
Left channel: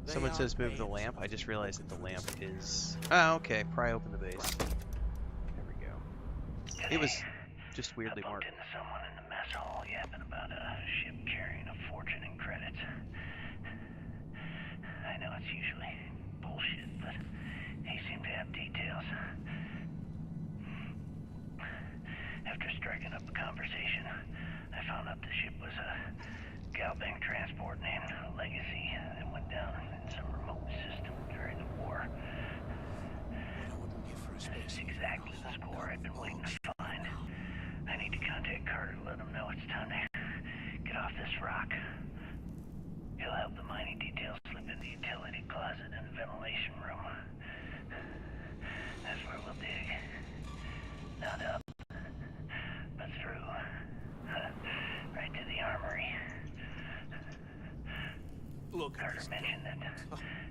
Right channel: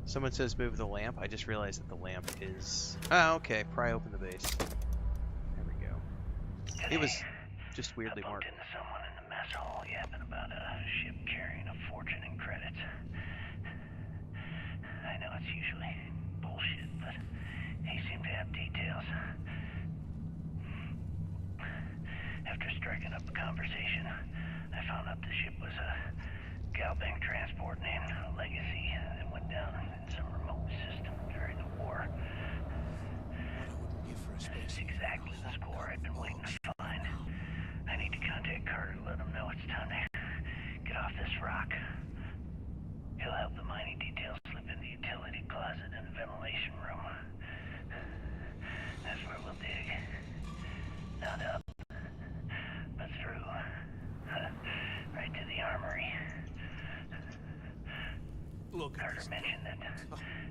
Someone says move the lamp. I just realized that the lamp is... Oh, okay. Pry open the base. There we go. It was just weirdly marked. I bumped into someone in the mess hall yapping about a ship carrying a fortune in credits. I know it's usually bullshit, but he seemed to have details. After striking up a conversation, I found out the ship was a Galbank transport named Legacy that went down in some remote system during the war. That's exactly the score I've been waiting to find. I need to contact Carter to let him know it's time to get off this rock. He'll help the mining details slip in the utility closet in the ventilation room. That's where we'll dig. Not up, but through. Right to the armory. Look, Carter mentioned that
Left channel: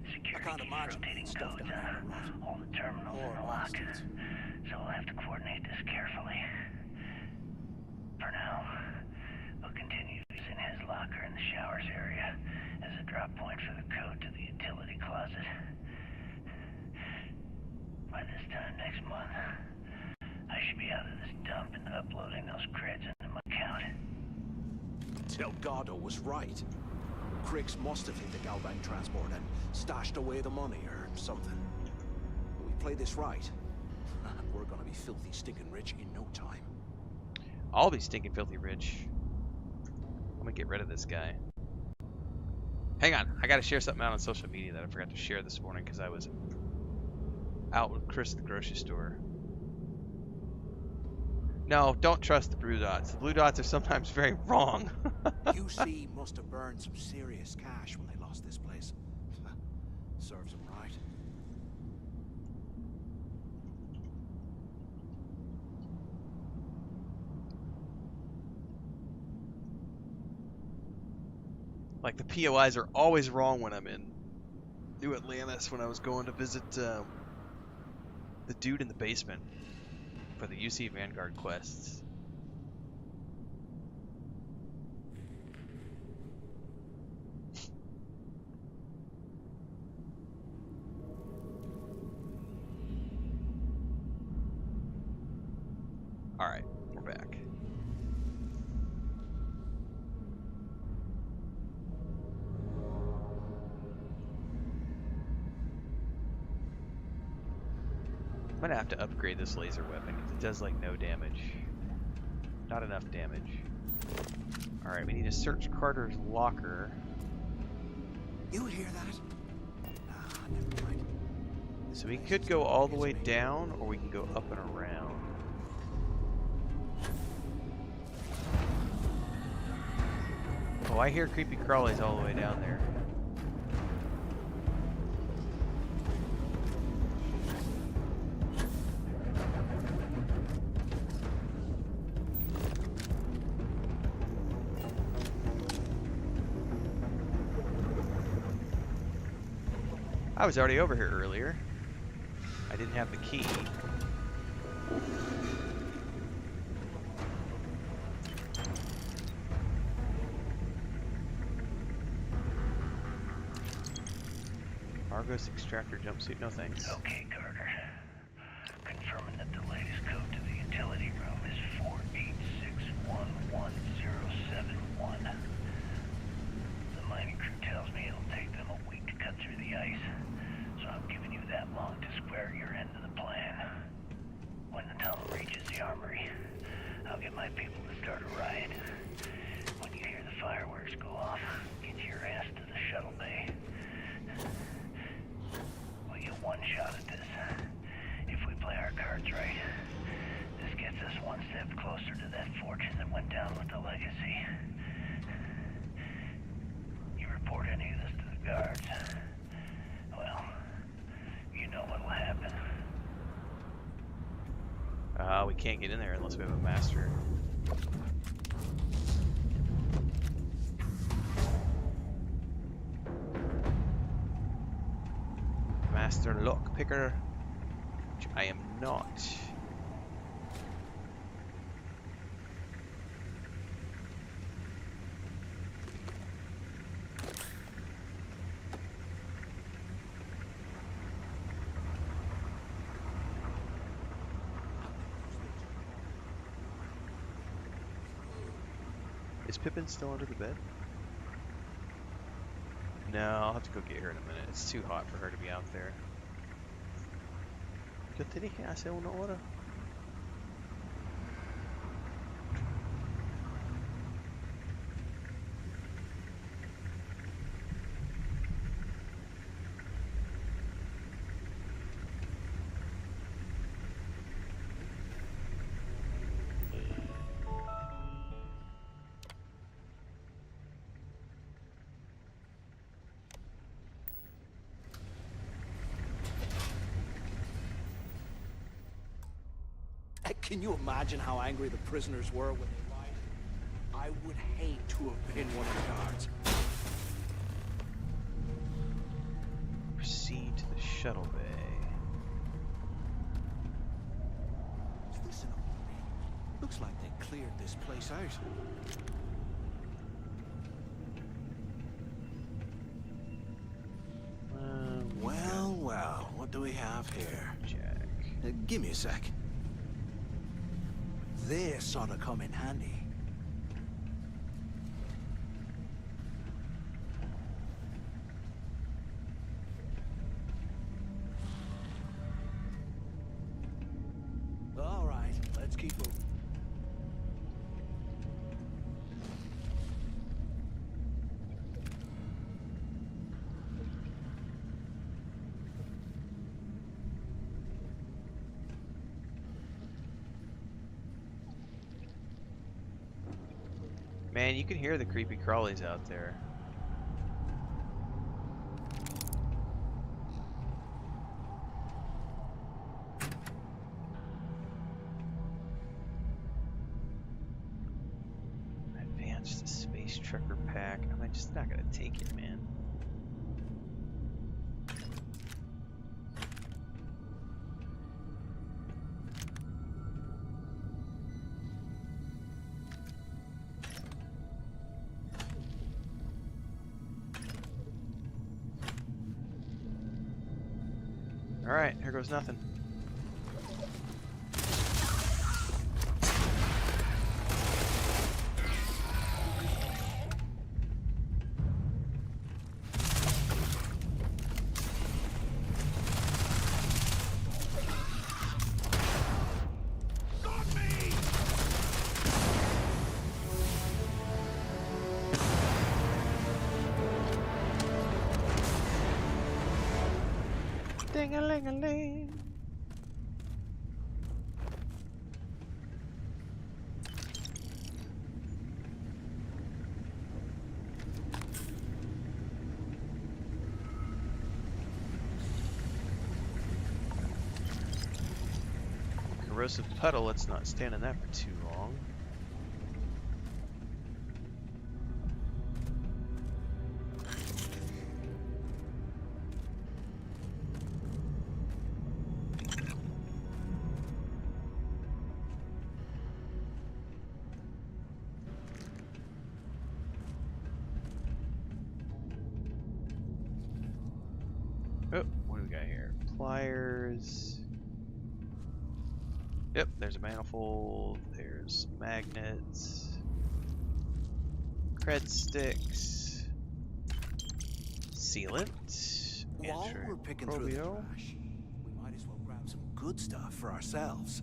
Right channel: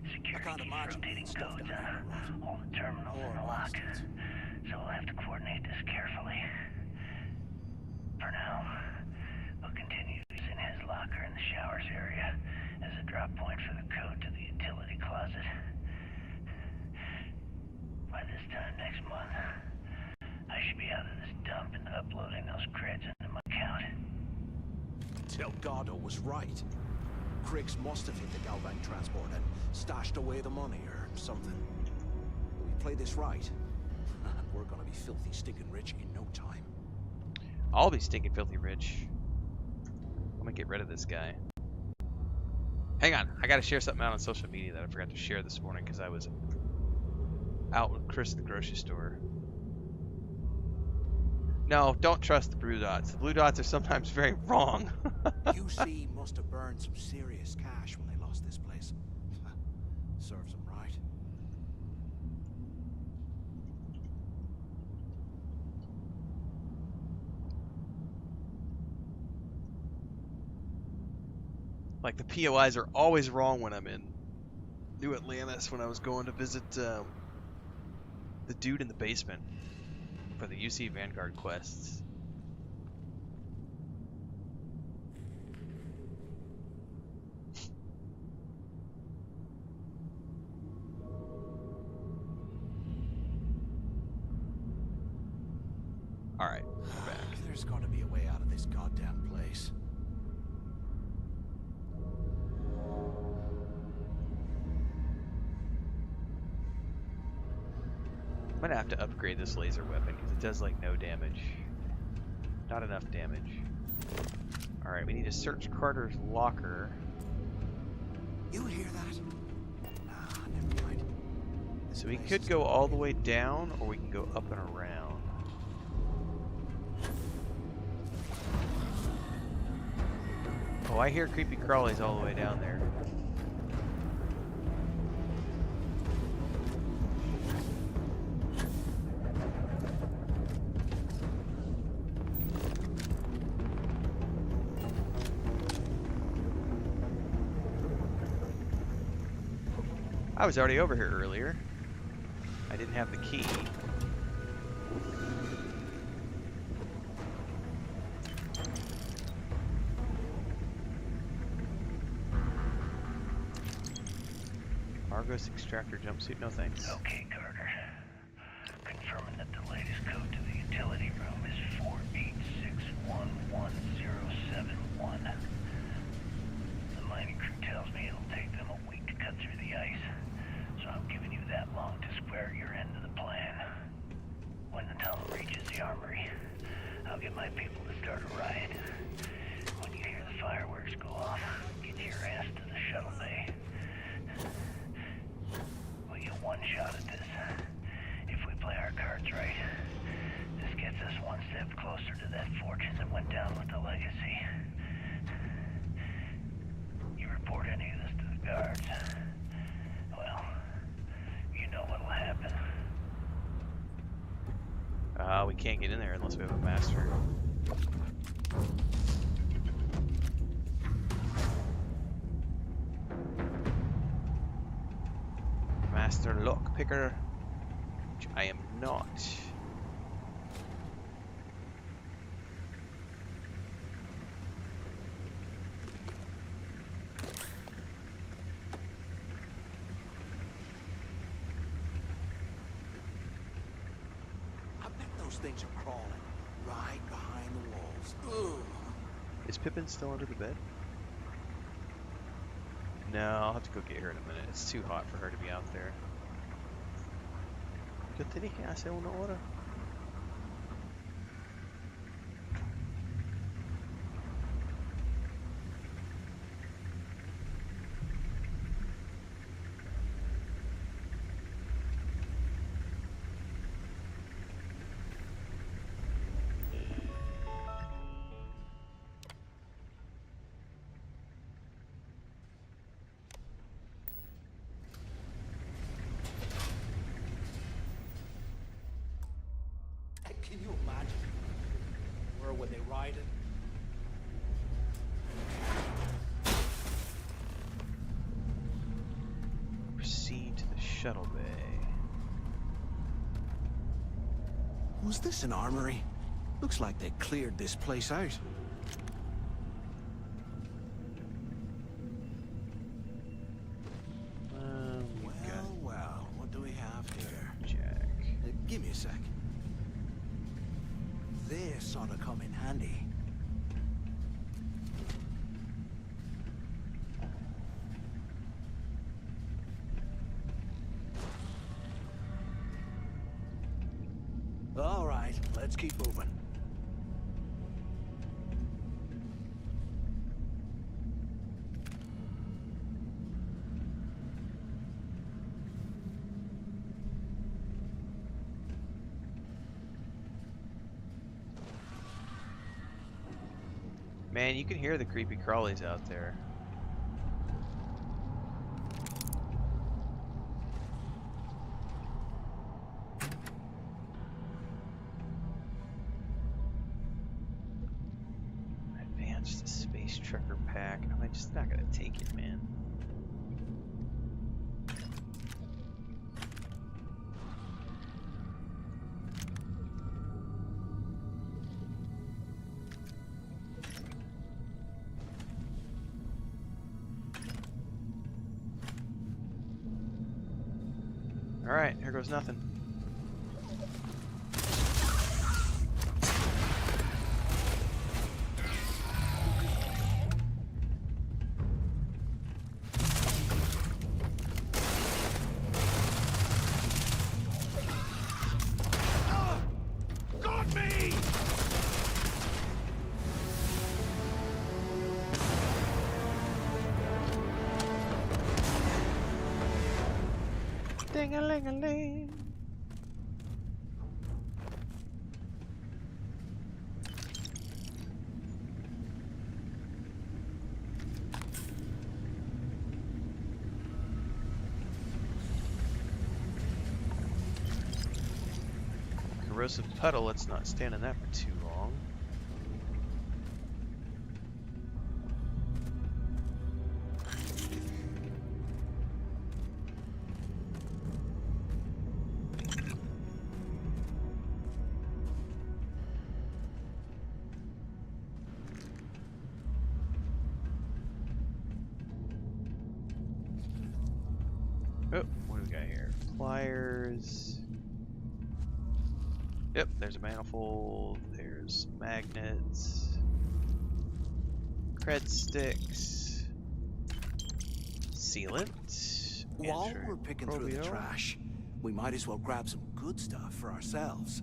security keeps rotating codes on all the terminals in the lock, so we'll have to coordinate this carefully. For now, we'll continue using his locker in the showers area as a drop point for the code to the utility closet. By this time next month, I should be out of this dump and uploading those creds into my account. Delgado was right. Crix must have hit the Galbank transport and stashed away the money or something. But we play this right, and we're gonna be filthy stinking rich in no time. I'll be stinking filthy rich. I'm gonna get rid of this guy. Hang on, I gotta share something out on social media that I forgot to share this morning because I was out with Chris at the grocery store. No, don't trust the blue dots. The blue dots are sometimes very wrong. UC must have burned some serious cash when they lost this place. Serves them right. Like the POIs are always wrong when I'm in New Atlantis when I was going to visit the dude in the basement for the UC Vanguard quests. Alright, we're back. There's gotta be a way out of this goddamn place. I'm gonna have to upgrade this laser weapon because it does like no damage. Not enough damage. Alright, we need to search Carter's locker. You hear that? Nah, never mind. So we could go all the way down, or we can go up and around. Oh, I hear creepy crawlies all the way down there. I was already over here earlier. I didn't have the key. Argos extractor jumpsuit, no thanks. Okay, Carter. Confirming that the latest code to the utility room is 486111071. The mining crew tells me it'll take them a week to cut through the ice, so I'm giving you that long to square your end of the plan. When the tunnel reaches the armory, I'll get my people to start a riot. When you hear the fireworks go off, get your ass to the shuttle bay. We get one shot at this. If we play our cards right, this gets us one step closer to that fortune that went down with the legacy. You report any of this to the guards, well, you know what'll happen. We can't get in there unless we have a master. Master lockpicker, which I am not. I bet those things are crawling right behind the walls. Ugh. Is Pippin still under the bed? No, I'll have to go get her in a minute. It's too hot for her to be out there. ¿Qué te dije hace una hora? Can you imagine how angry the prisoners were when they rioted? I would hate to have been one of the guards. Proceed to the shuttle bay. Was this an armory? Looks like they cleared this place out. Well, what do we have here? Jack. Give me a sec. This ought to come in handy. All right, let's keep moving. Man, you can hear the creepy crawlies out there. Advanced space trucker pack. I'm just not gonna take it, man. Alright, here goes nothing. Ding-a-ling-a-ling. Corrosive puddle, let's not stand in that for too long. Oh, what do we got here? Pliers. Yep, there's a manifold, there's magnets, cred sticks, sealant. While we're picking through the trash, we might as well grab some good stuff for ourselves.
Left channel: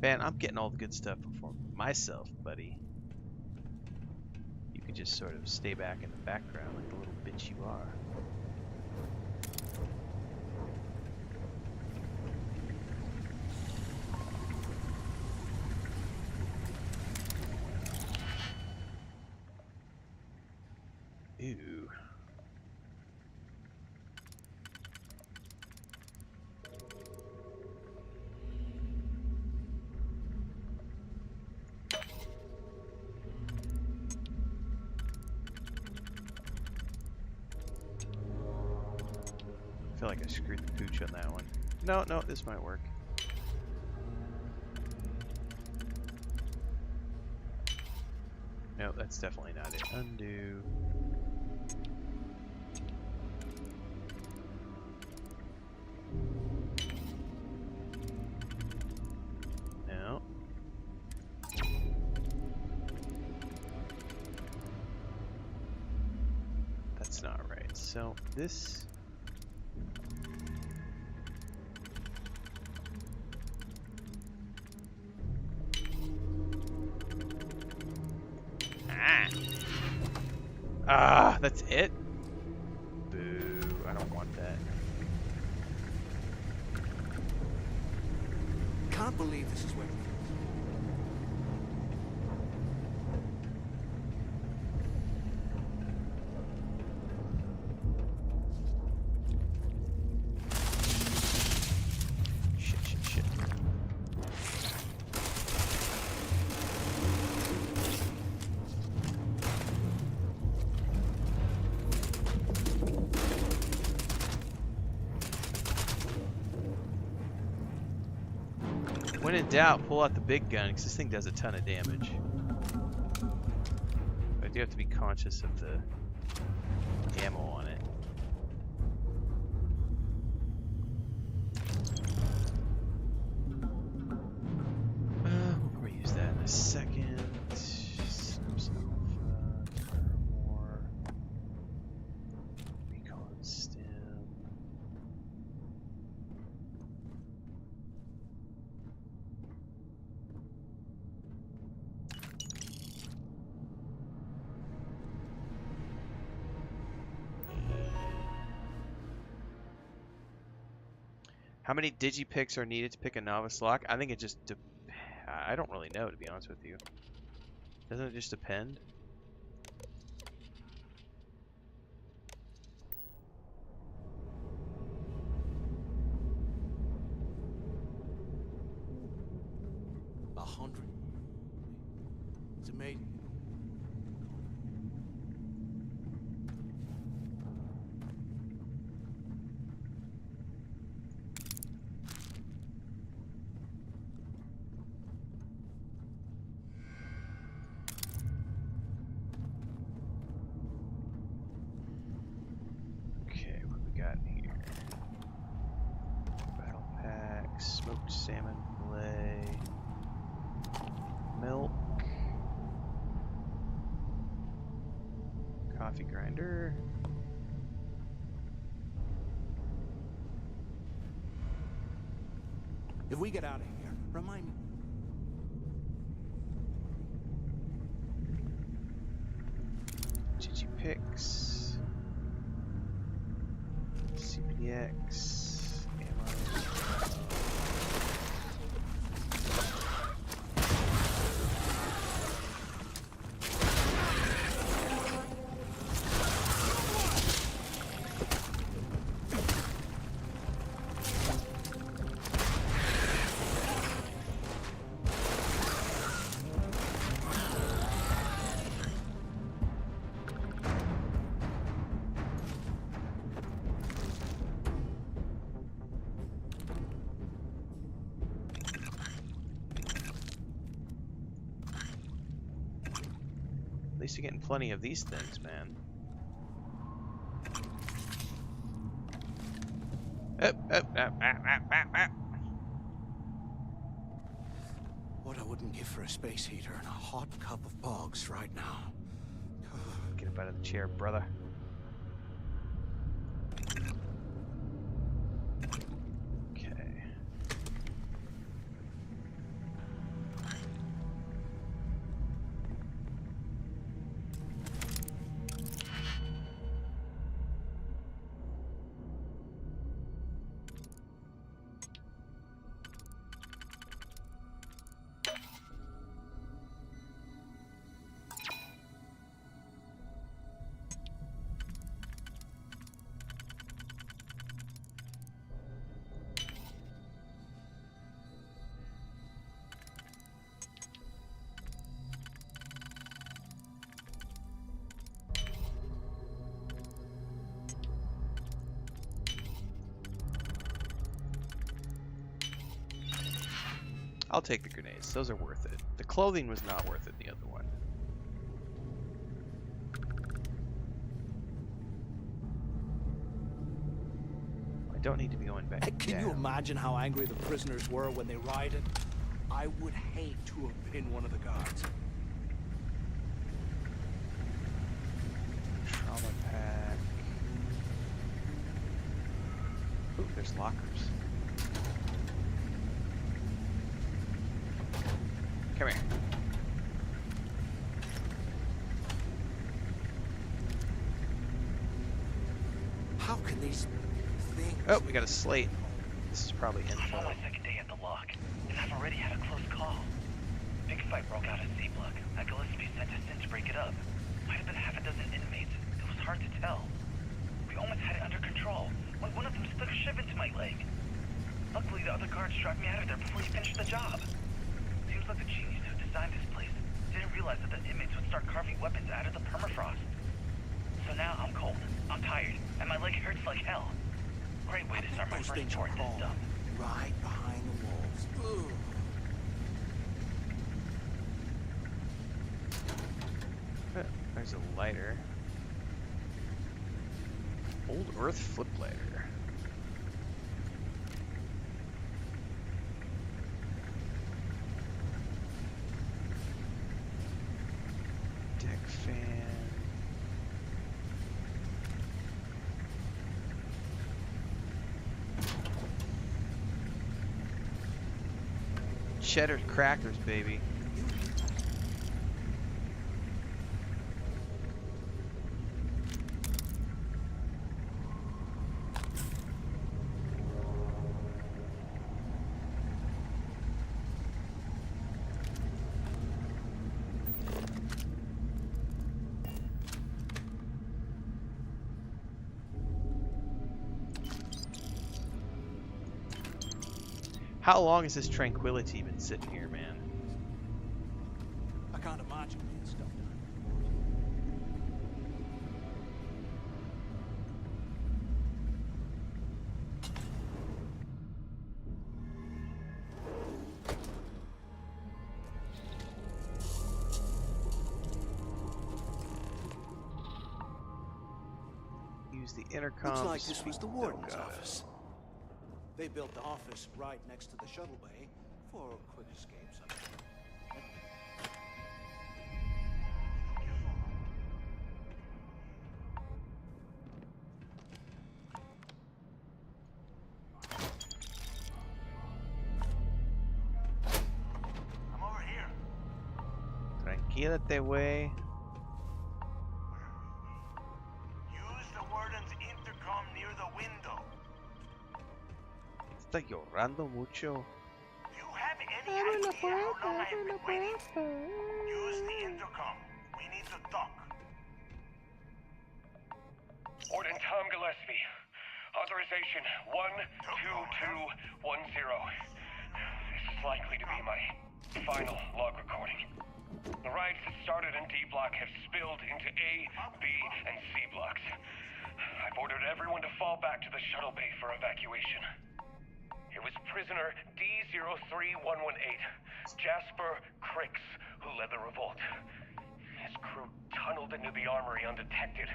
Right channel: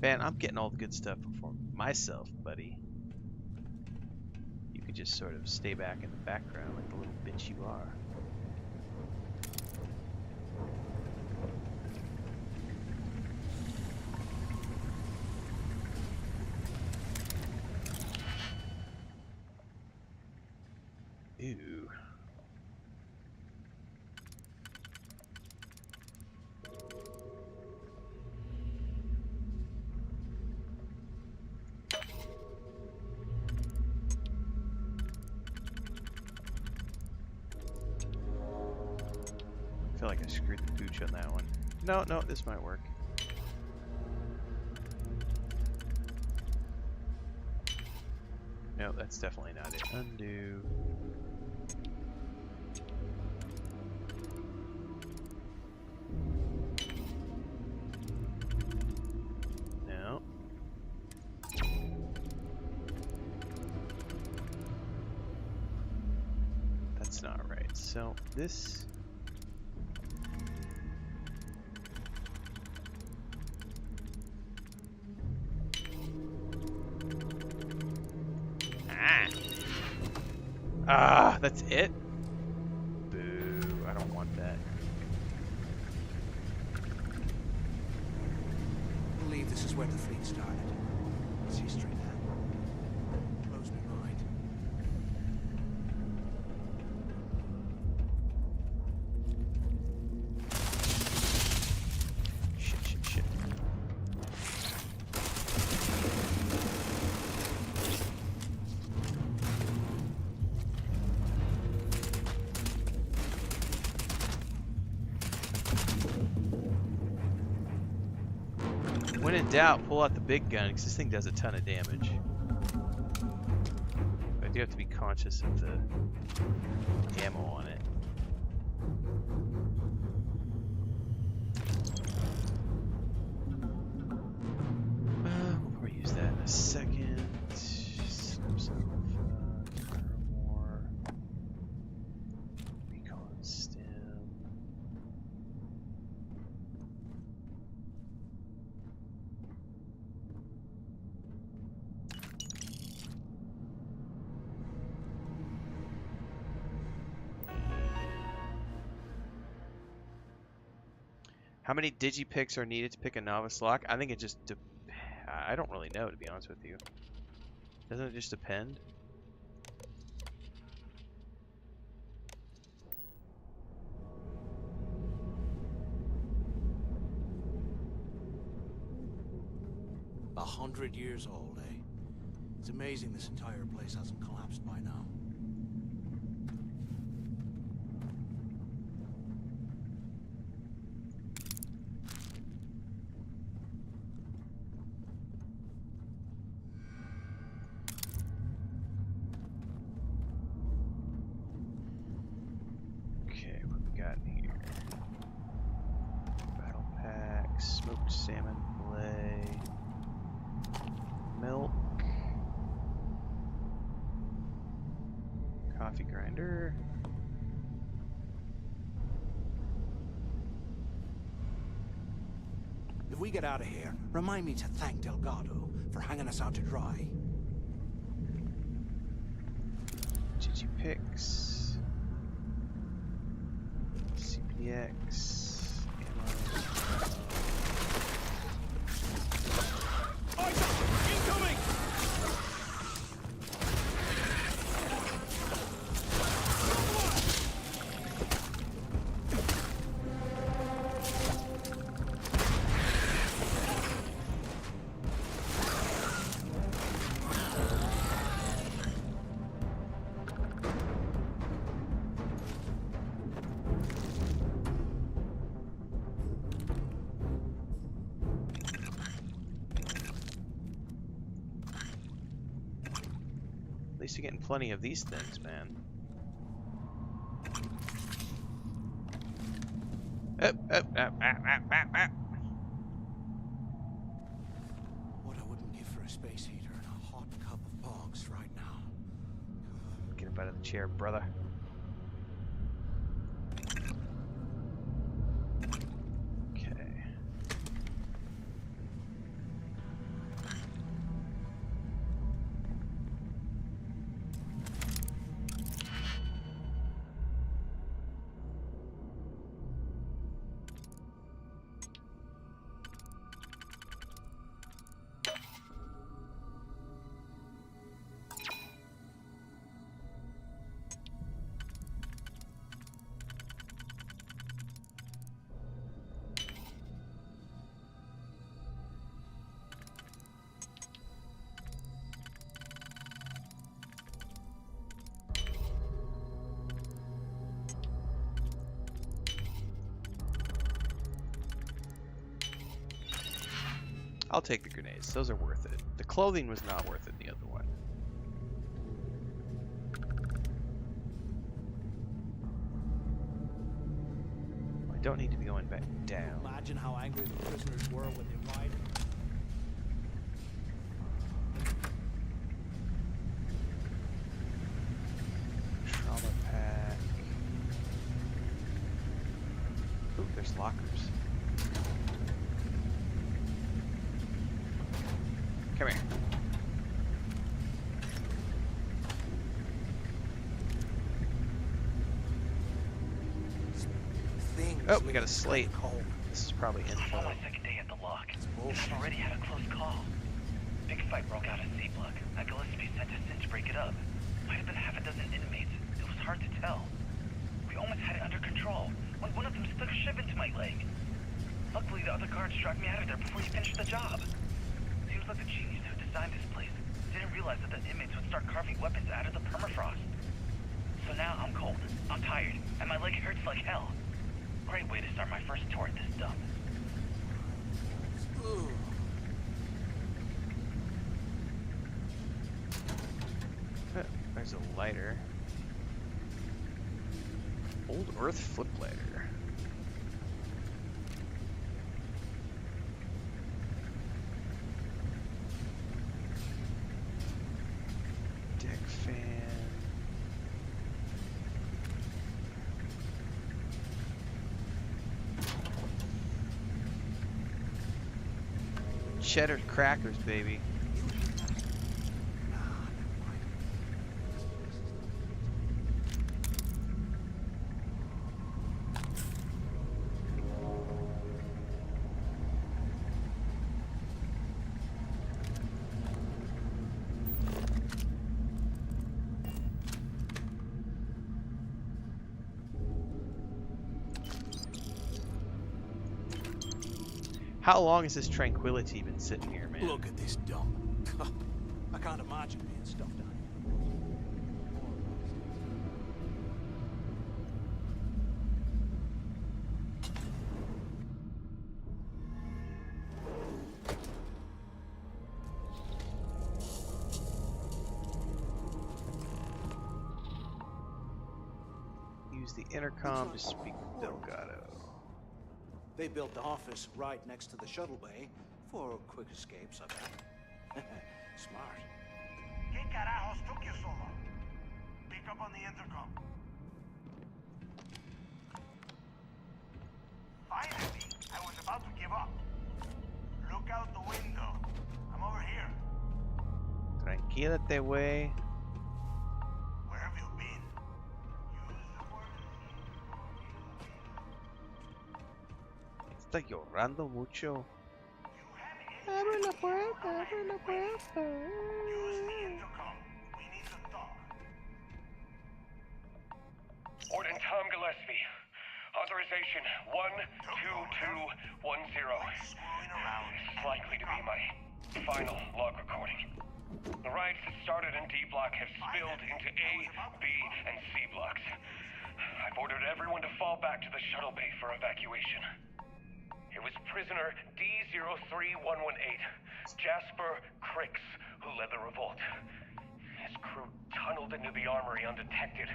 Man, I'm getting all the good stuff for myself, buddy. You could just sort of stay back in the background like the little bitch you are. Ew. I feel like I screwed the pooch on that one. No, no, this might work. No, that's definitely not it. Undo. No. That's not right. So this... Ah, that's it? Boo, I don't want that. Can't believe this is where the fleet started. What's history there? Blows my mind. Shit, shit, shit. When in doubt, pull out the big gun, because this thing does a ton of damage. But I do have to be conscious of the ammo on it. We'll probably use that in a second. Snaps alpha, more. Recon stim. How many digipicks are needed to pick a novice lock? I think it just I don't really know, to be honest with you. Doesn't it just depend? A 100 years old, eh? It's amazing this entire place hasn't collapsed by now. Okay, what we got in here? Battle pack, smoked salmon fillet, milk, coffee grinder. If we get out of here, remind me to thank Delgado for hanging us out to dry. GG picks. CPU AVX, ammo. At least you're getting plenty of these things, man. What I wouldn't give for a space heater and a hot cup of bogs right now. Get up out of the chair, brother. Okay. I'll take the grenades. Those are worth it. The clothing was not worth it, the other one. I don't need to be going back Can down. you imagine how angry the prisoners were when they rioted? I would hate to have been one of the guards. Trauma pack. Ooh, there's lockers. Come here. How can these things... Oh, we got a slate. This is probably I'm info. on my second day at the lock, and I've already had a close call. Big fight broke out at C-Block. I Gillespie sent us in to break it up. Might have been half a dozen inmates. It was hard to tell. We almost had it under control when one of them stuck a shiv into my leg. Luckily, the other guards dragged me out of there before he finished the job. Seems like the genius who designed this place didn't realize that the inmates would start carving weapons out of the permafrost. So now I'm cold, I'm tired, and my leg hurts like hell. Great way to start my first tour at this dump. Right behind the walls. Ugh. There's a lighter. Old Earth flip lighter. Deck fan. Cheddar crackers, baby. How long has this tranquility been sitting here, man? Look at this dump. I can't imagine being stuffed down here. Use the intercom. Looks like this was the warden's office. They built the office right next to the shuttle bay for quick escapes, I bet. Smart. ¿Qué carajos took you so long? Pick up on the intercom. Finally, I was about to give up. Look out the window. I'm over here. Tranquilate, way. Where have you been? Use the warden's intercom near the window. Está llorando mucho. You have any idea how long I've been waiting? Use the intercom. We need to talk. Warden Tom Gillespie. Authorization 12210. This is likely to be my final log recording. The riots that started in D block have spilled into A, B, and C blocks. I've ordered everyone to fall back to the shuttle bay for evacuation. It was prisoner D03118, Jasper Cricks, who led the revolt. His crew tunneled into the armory undetected,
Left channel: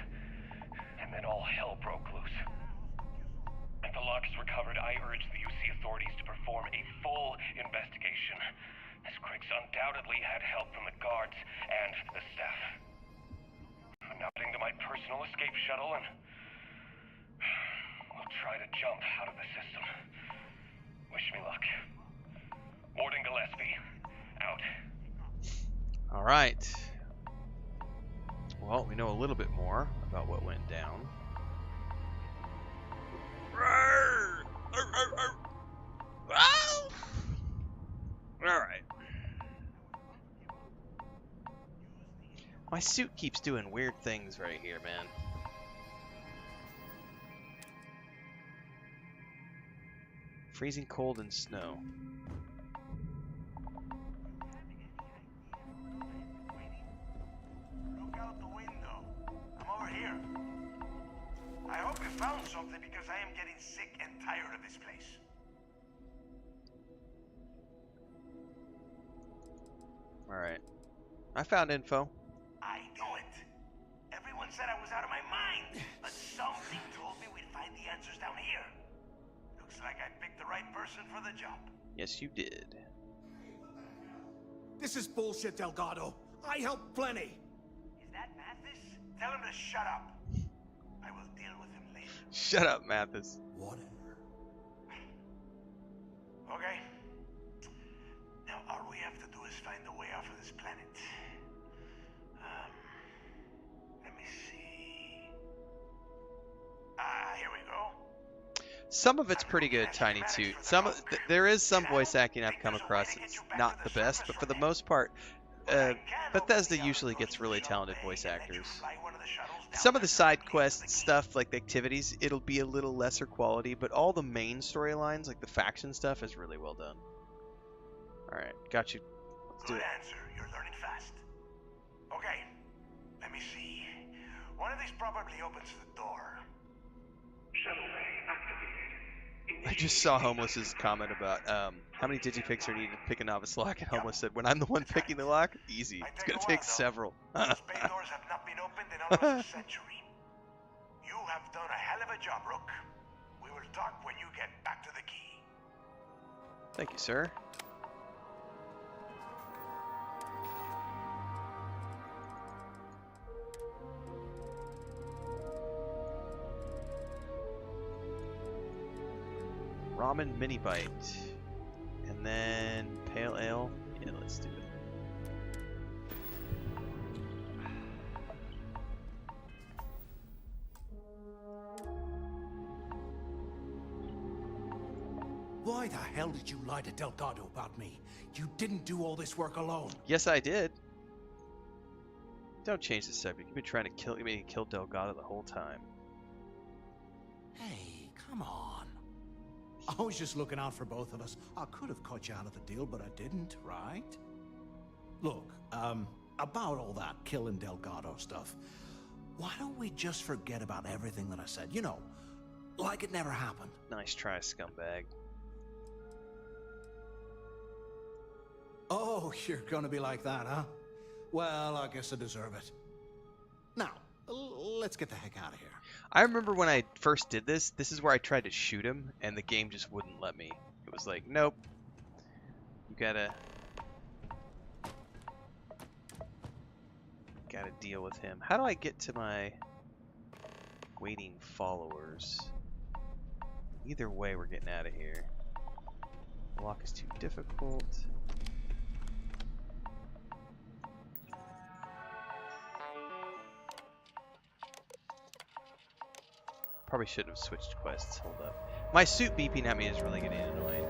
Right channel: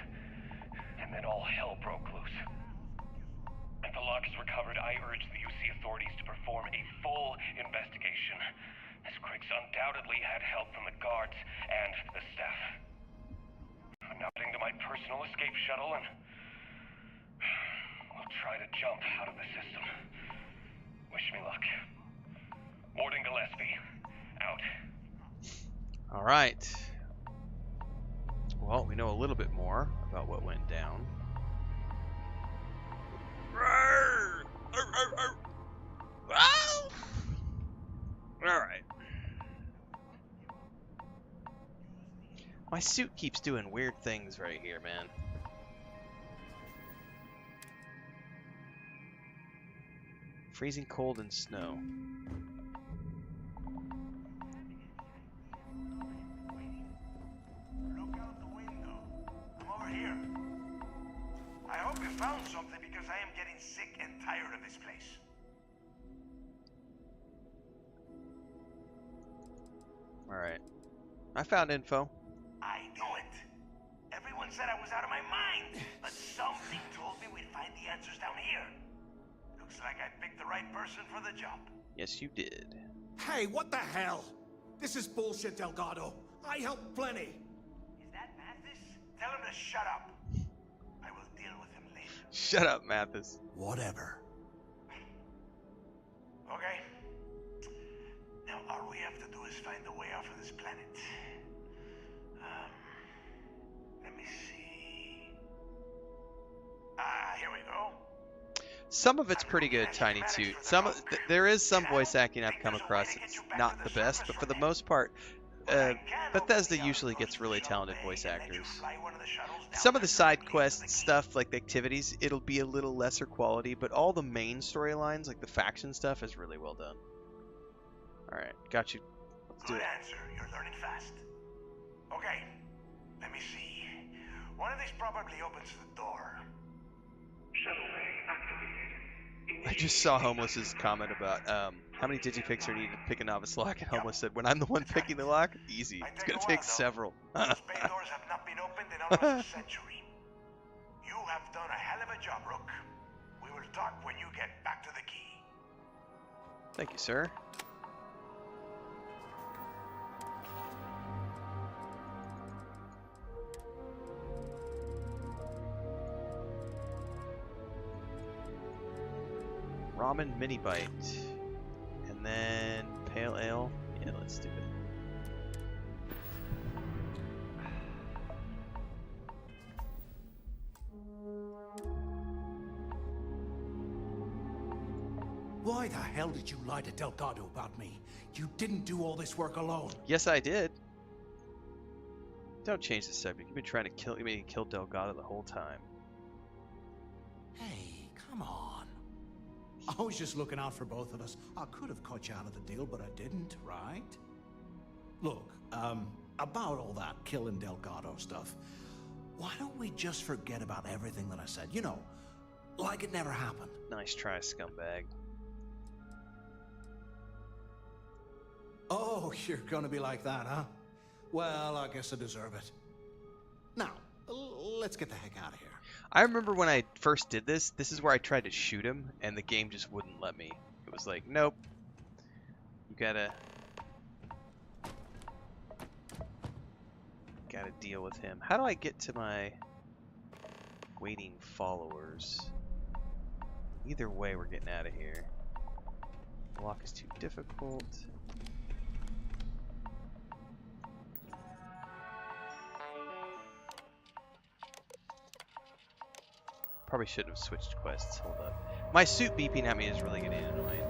and then all hell broke loose. If the lock is recovered, I urge the UC authorities to perform a full investigation, as Cricks undoubtedly had help from the guards and the staff. I'm now heading to my personal escape shuttle and we'll try to jump out of the system. Wish me luck. Warden Gillespie, out. Alright. Well, we know a little bit more about what went down. Alright. My suit keeps doing weird things right here, man. Freezing cold and snow. Look out the window. I'm over here. I hope you found something because I am getting sick and tired of this place. Alright. I found info. I knew it. Everyone said I was out of my mind, but something told me we'd find the answers down here. Looks like I picked the right person for the job. Yes, you did. Hey, what the hell? This is bullshit, Delgado. I helped plenty. Is that Mathis? Tell him to shut up. I will deal with him later. Shut up, Mathis. Whatever. Okay. Now all we have to do is find a way off of this planet. Let me see. Here we go. Some of it's pretty good, Tiny Toot. There is some voice acting I've come across that's not the best, but for the most part, Bethesda usually gets really talented voice actors. Some of the side quest stuff, like the activities, it'll be a little lesser quality, but all the main storylines, like the faction stuff, is really well done. Alright, got you. Let's do it. Good answer. You're learning fast. Okay, let me see. One of these probably opens the door. Shuttle bay activated. I just saw Homeless's comment about how many digipics are needed to pick a novice lock, and Homeless said, when I'm the one picking the lock, easy. It's going to take several. Those bay doors have not been opened in almost a century. You have done a hell of a job, Rook. We will talk when you get back to the key. Thank you, sir. Ramen mini bite. And then pale ale. Yeah, let's do it. Why the hell did you lie to Delgado about me? You didn't do all this work alone. Yes, I did. Don't change the subject. You've been trying to kill Delgado the whole time. Hey, come on. I was just looking out for both of us. I could have cut you out of the deal, but I didn't, right? Look, about all that killing Delgado stuff, why don't we just forget about everything that I said? You know, like it never happened. Nice try, scumbag. Oh, you're gonna be like that, huh? Well, I guess I deserve it. Now, let's get the heck out of here. I remember when I first did this is where I tried to shoot him, and the game just wouldn't let me. It was like, nope. You gotta deal with him. How do I get to my waiting followers? Either way, we're getting out of here. The lock is too difficult. Probably shouldn't have switched quests. Hold up. My suit beeping at me is really getting annoying.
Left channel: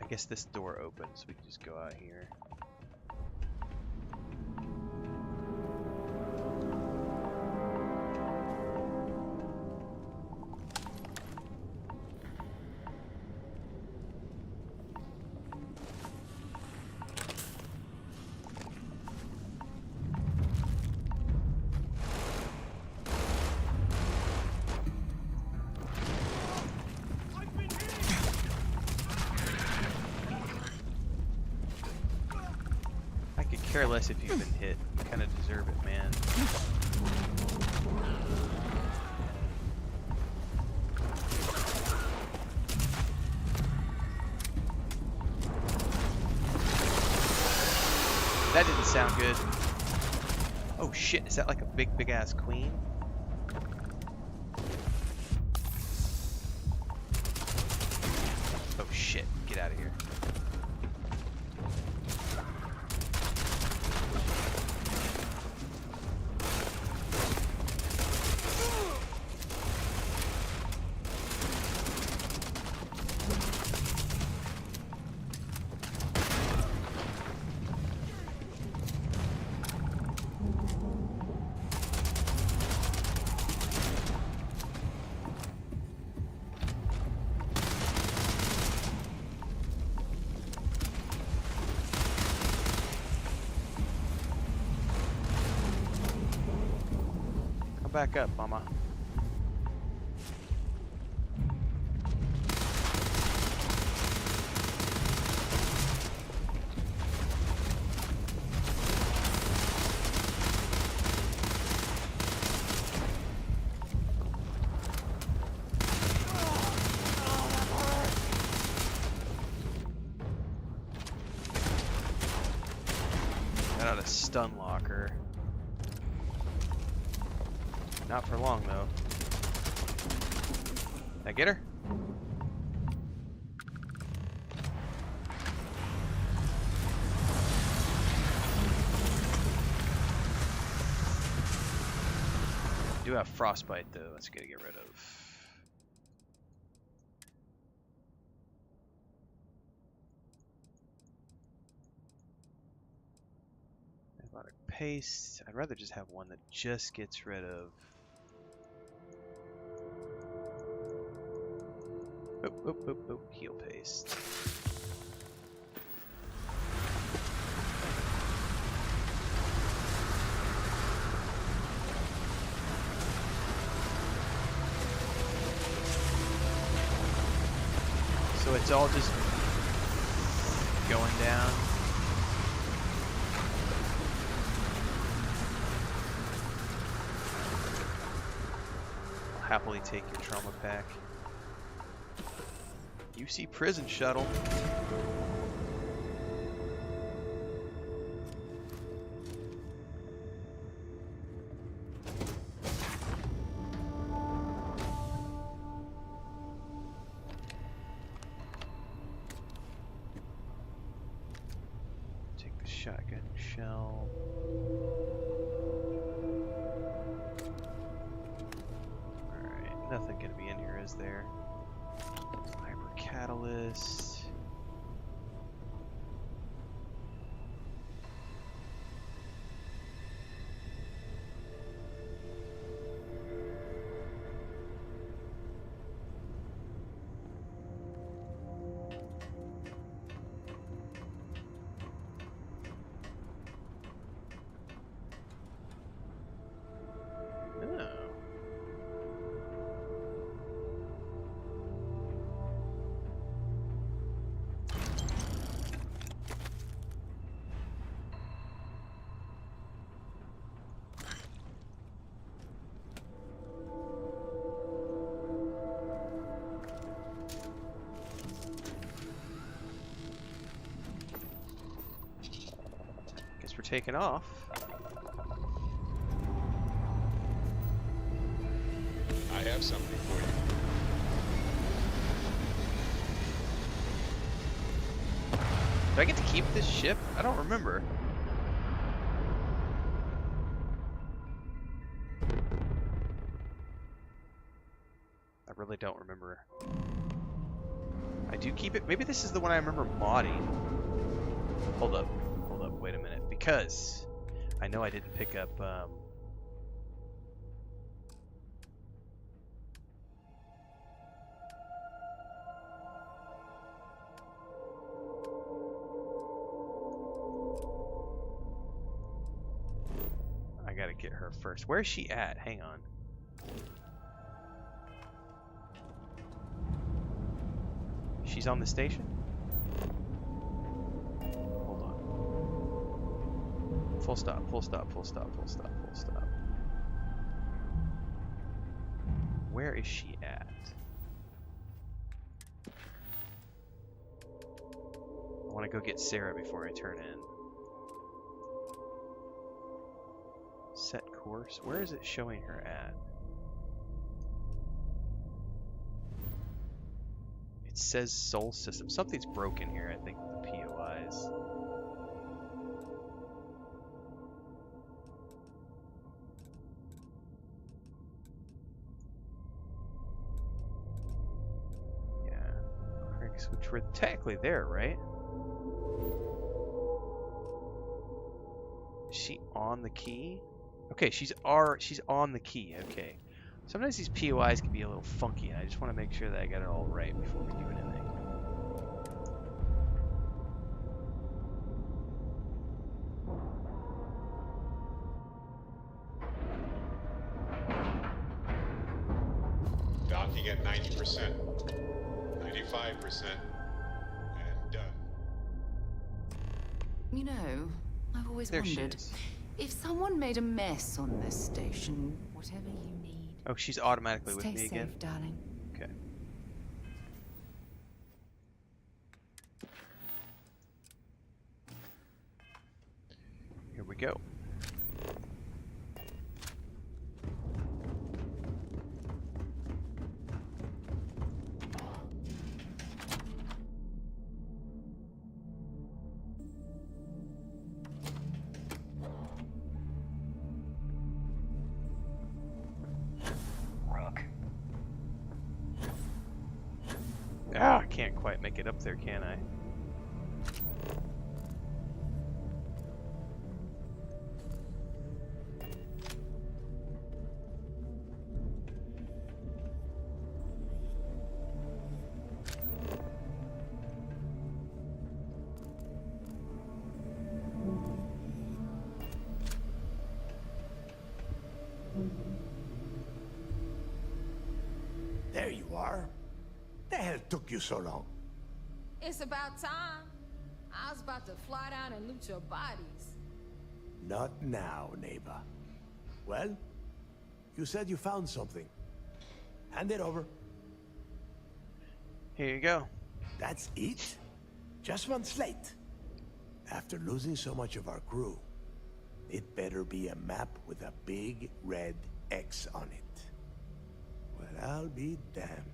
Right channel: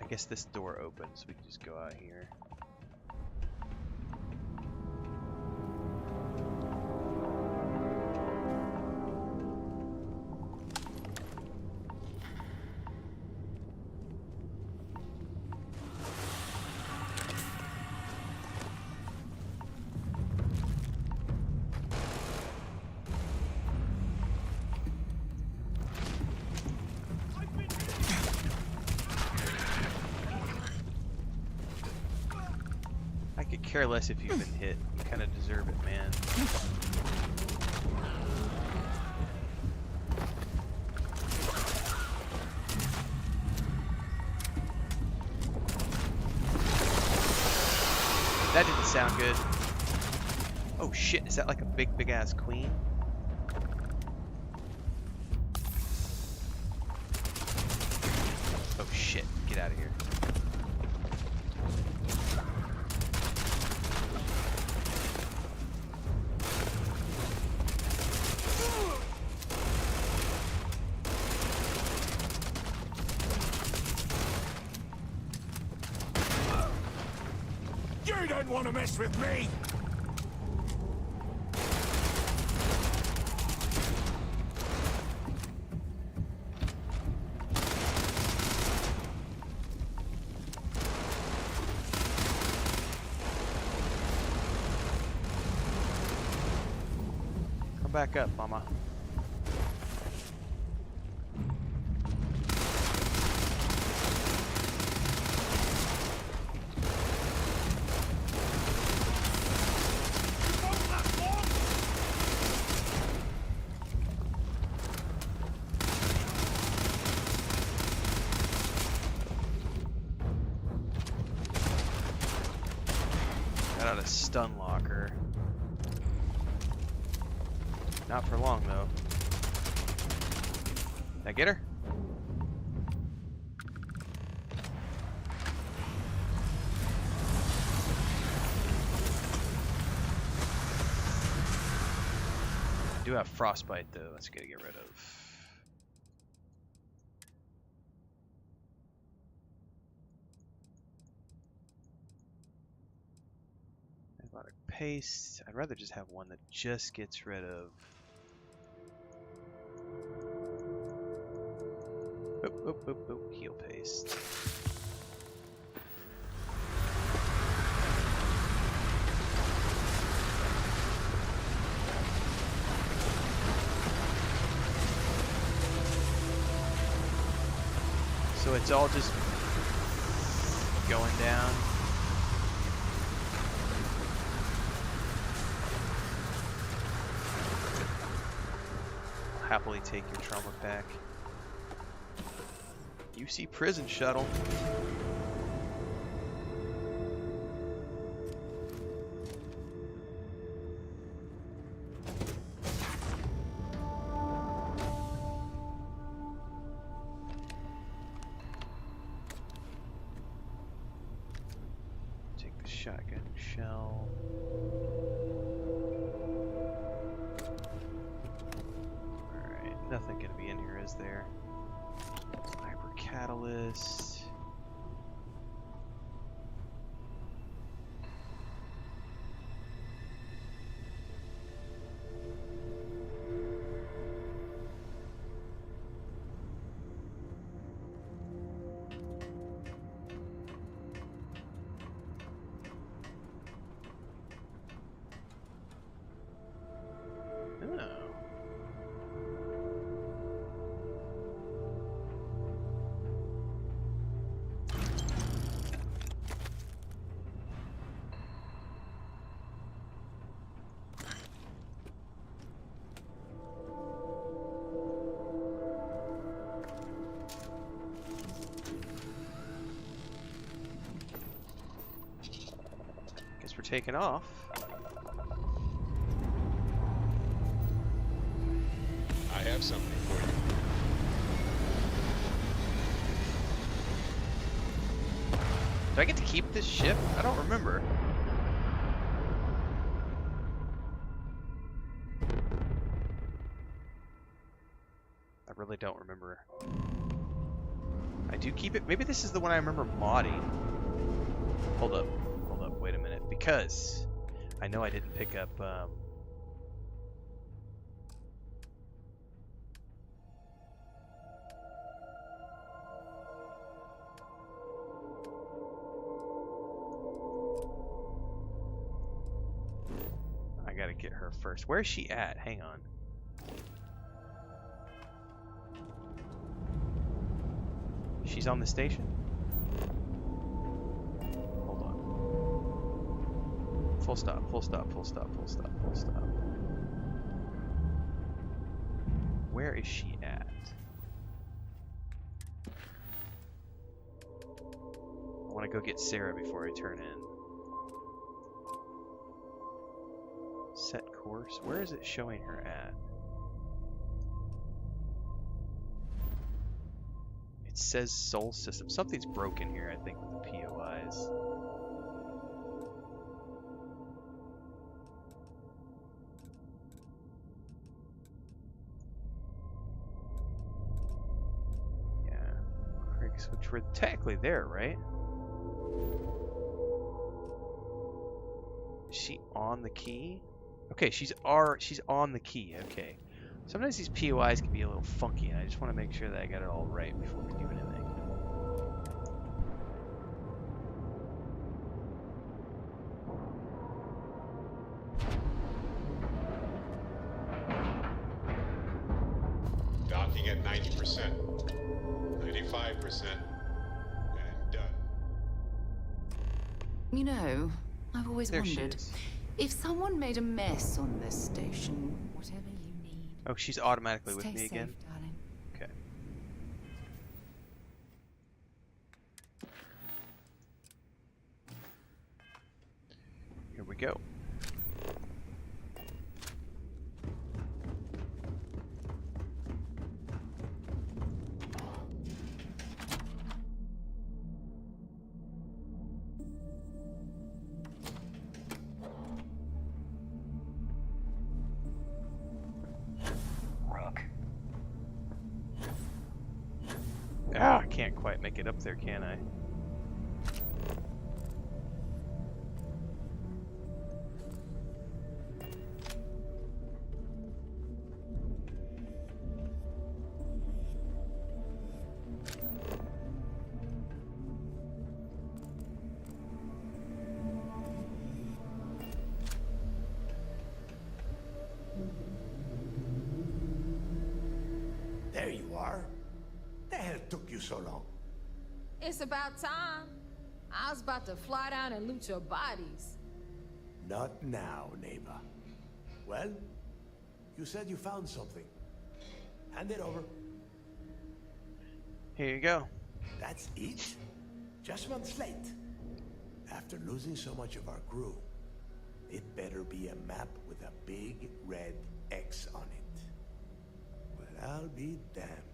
I guess this door opens, so we can just go out here. I could care less if you've been hit. You kind of deserve it, man. That didn't sound good. Oh shit, is that like a big ass queen? Oh shit, get out of here. You don't want to mess with me! Come back up, mama. Got out a stun locker. Not for long though. Did I get her? I do have frostbite though, that's good to get rid of. Paste. I'd rather just have one that just gets rid of. Heal paste. So it's all just going down. Happily take your trauma pack. UC prison shuttle. Take the shotgun shell. Nothing gonna be in here, is there? Hyper catalyst. Oh. Guess we're taking off. I have something for you. Do I get to keep this ship? I don't remember. I really don't remember. I do keep it. Maybe this is the one I remember modding. Hold up, wait a minute. Because I know I didn't pick up. I gotta get her first. Where's she at? Hang on. She's on the station? Hold on. Full stop, full stop, full stop, full stop, full stop. Where is she at? I want to go get Sarah before I turn in. Set course. Where is it showing her at? It says Soul System. Something's broken here, I think, with the POIs. Yeah. Critics, which were technically there, right? Is she on the key? Okay, she's on the key. Okay. Sometimes these POIs can be a little funky, and I just want to make sure that I got it all right before we do anything. Docking at 90%, 95%, and done. You know, I've always wondered, if someone made a mess on this station, whatever you need. Oh, she's automatically with Stay me safe, again? darling. Okay. Here we go. Ah, I can't quite make it up there, can I? There you are. The hell took you so long? It's about time. I was about to fly down and loot your bodies. Not now, neighbor. Well, you said you found something. Hand it over. Here you go. That's it? Just one slate. After losing so much of our crew, it better be a map with a big red X on it. Well, I'll be damned.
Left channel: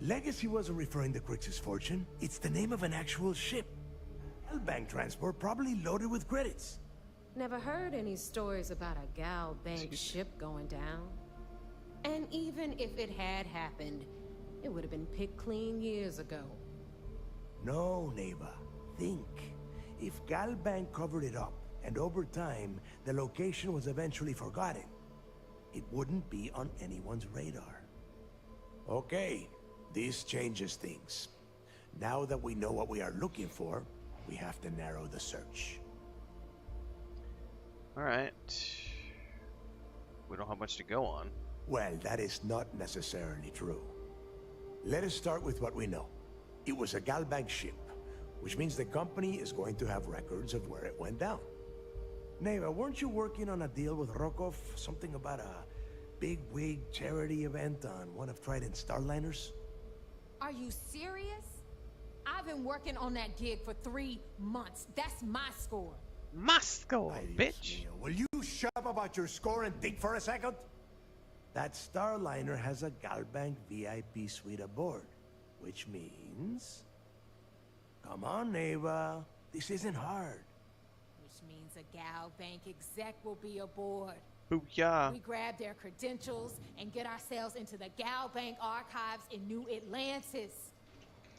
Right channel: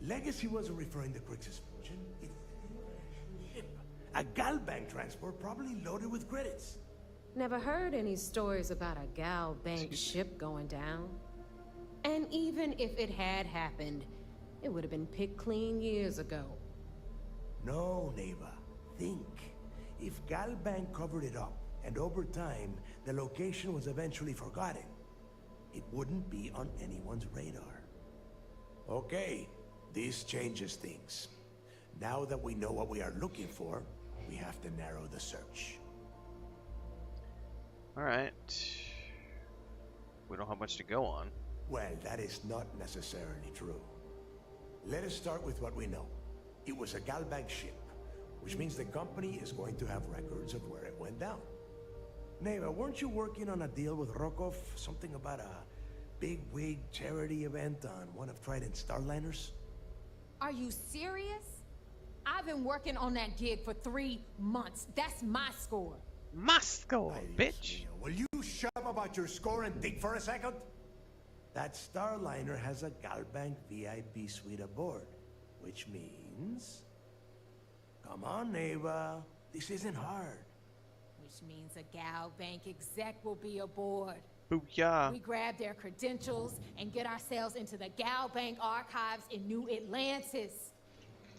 Legacy wasn't referring to Crix's fortune. It's the name of an actual ship. A Galbank transport, probably loaded with credits. Never heard any stories about a Gal Bank ship going down. And even if it had happened, it would have been picked clean years ago. No, neighbor. Think. If Galbank covered it up, and over time, the location was eventually forgotten, it wouldn't be on anyone's radar. Okay, this changes things. Now that we know what we are looking for, we have to narrow the search. Alright. We don't have much to go on. Well, that is not necessarily true. Let us start with what we know. It was a Galbank ship, which means the company is going to have records of where it went down. Neva, weren't you working on a deal with Rokov? Something about a big-wig charity event on one of Trident's Starliners? Are you serious? I've been working on that gig for 3 months. That's my score. My score, bitch. Will you shut up about your score and think for a second? That Starliner has a Galbank VIP suite aboard, which means... Come on, Neva. This isn't hard. Which means a Gal Bank exec will be aboard. Booyah. We grab their credentials and get ourselves into the Gal Bank archives in New Atlantis.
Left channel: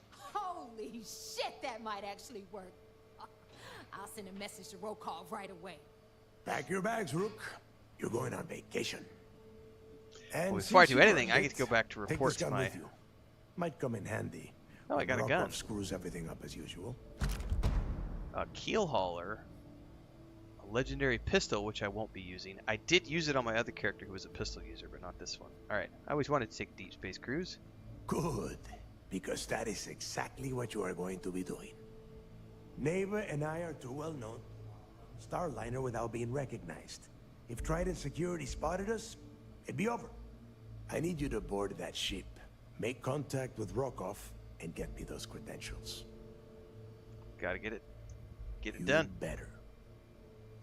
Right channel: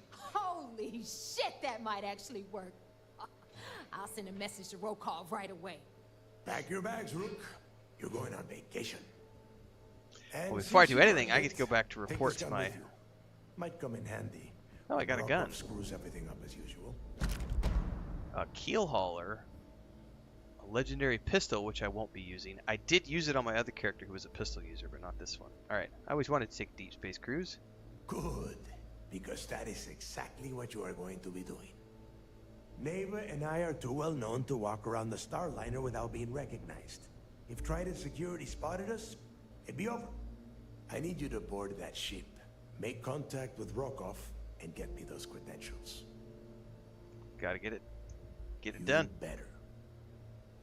Holy shit, that might actually work. I'll send a message to Rokov right away. Pack your bags, Rook. You're going on vacation. And Well, before I since do you anything, are I get to go back to take report this to gun my... with you. Might come in handy. Oh, I got a gun. Rokov screws everything up as usual. A keel hauler. A legendary pistol, which I won't be using. I did use it on my other character who was a pistol user, but not this one. Alright, I always wanted to take a deep space cruise. Good, because that is exactly what you are going to be doing. Neva and I are too well known to walk around the Starliner without being recognized. If Trident Security spotted us, it'd be over. I need you to board that ship, make contact with Rokov, and get me those credentials. Gotta get it done. Better.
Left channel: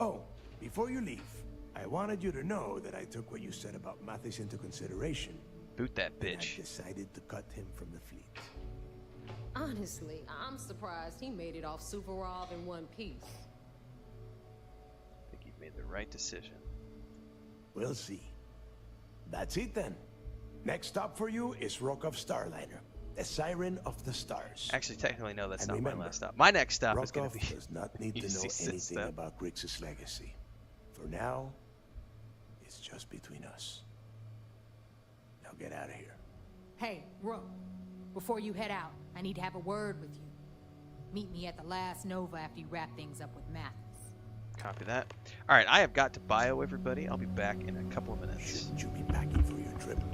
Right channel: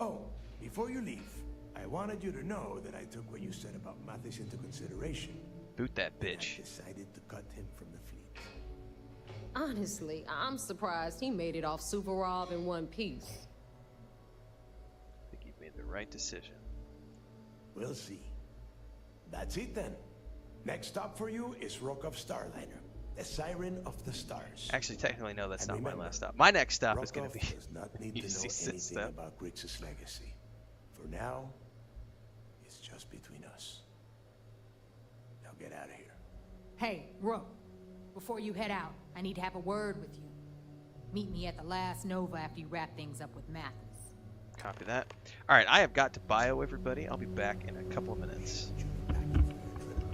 Oh, before you leave, I wanted you to know that I took what you said about Mathis into consideration. Boot that bitch. I decided to cut him from the fleet. Honestly, I'm surprised he made it off Suvorov in one piece. I think you've made the right decision. We'll see. That's it then. Next stop for you is Rokov Starliner, the Siren of the Stars. Actually, technically, no, that's And not remember, my last stop. My next stop is going Rokov to be... does not need to know anything about Grixis' legacy. For now, it's just between us. Now get out of here. Hey, Rook, before you head out, I need to have a word with you. Meet me at the last Nova after you wrap things up with Mathis. Copy that. Alright, I have got to bio everybody. I'll be back in a couple of minutes. Shouldn't you be packing for your trip?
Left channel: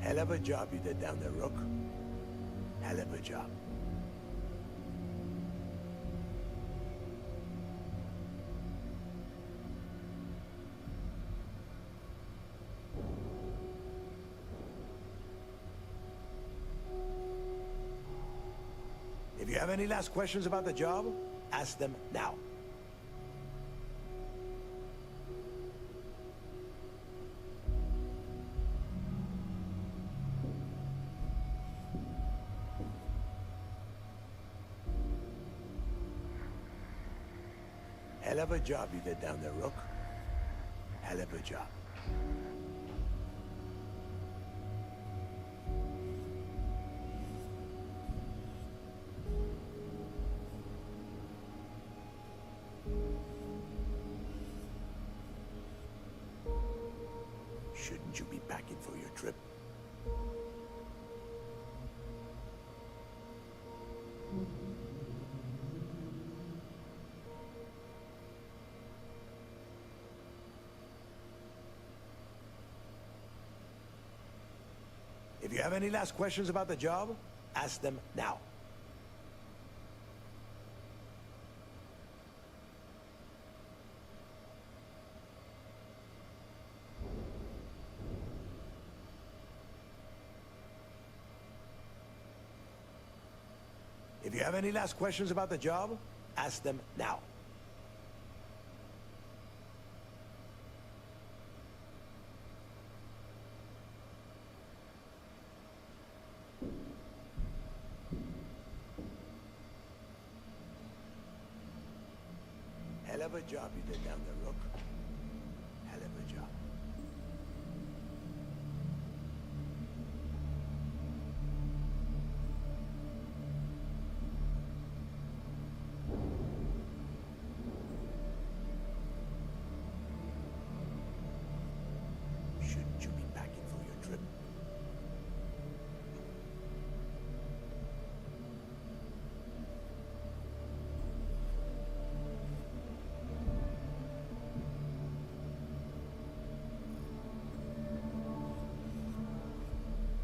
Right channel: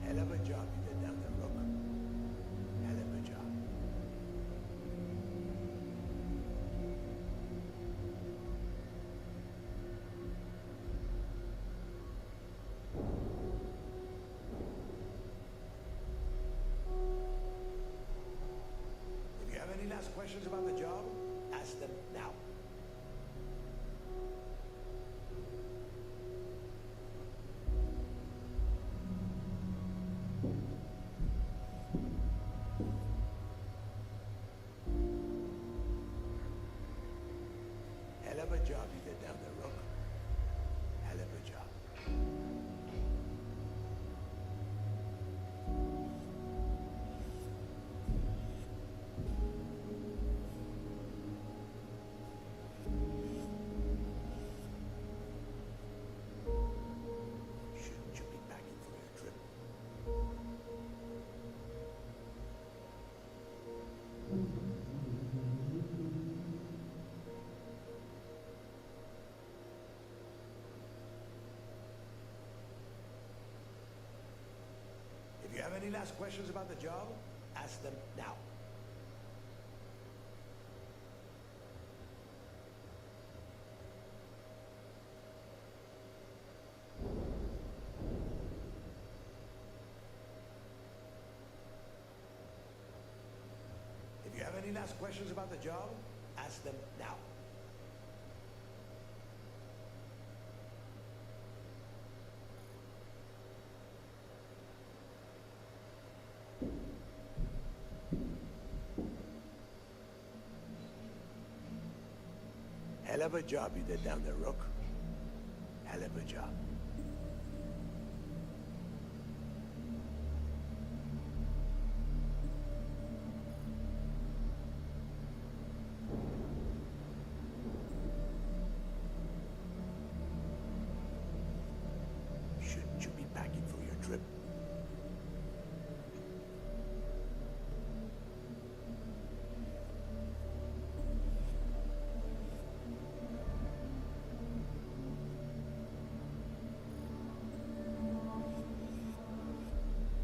Hell of a job you did down there, Rook. Hell of a job. If you have any last questions about the job, ask them now. Hell of a job you did down there, Rook. Hell of a job. Shouldn't you be packing for your trip? If you have any last questions about the job, ask them now. If you have any last questions about the job, ask them now. Hell of a job you did down there, Rook. Hell of a job. Shouldn't you be packing for your trip?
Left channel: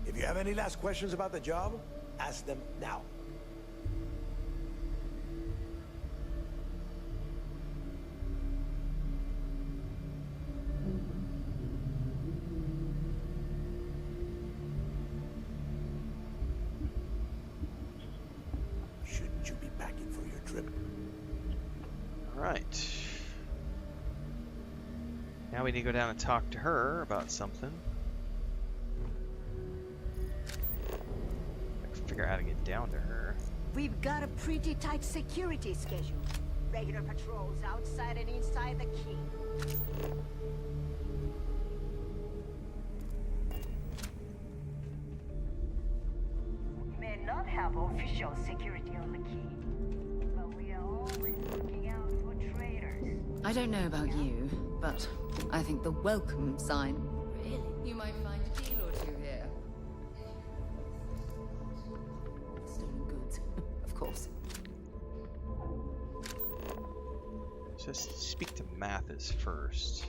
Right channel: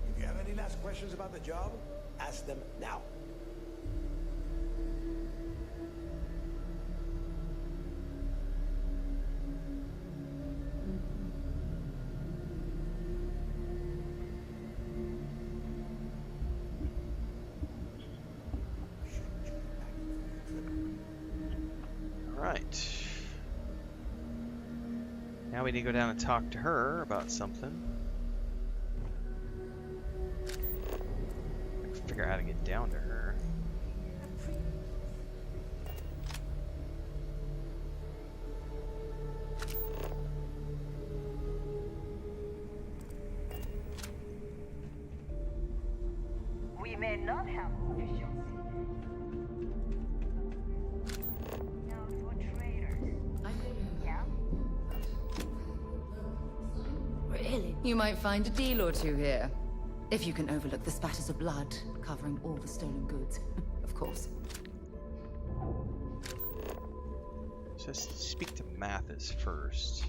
If you have any last questions about the job, ask them now. Shouldn't you be packing for your trip? Alright. Now we me to go down and talk to her about something. I can figure out how to get down to her. We've got a pretty tight security schedule. Regular patrols outside and inside the key. We may not have official security on the key, but we are always looking out for traitors. I don't know about you, but I think the welcome sign. Really? You might find a deal or two here. If you can overlook the spatters of blood covering all the stolen goods, of course. So speak to Mathis first.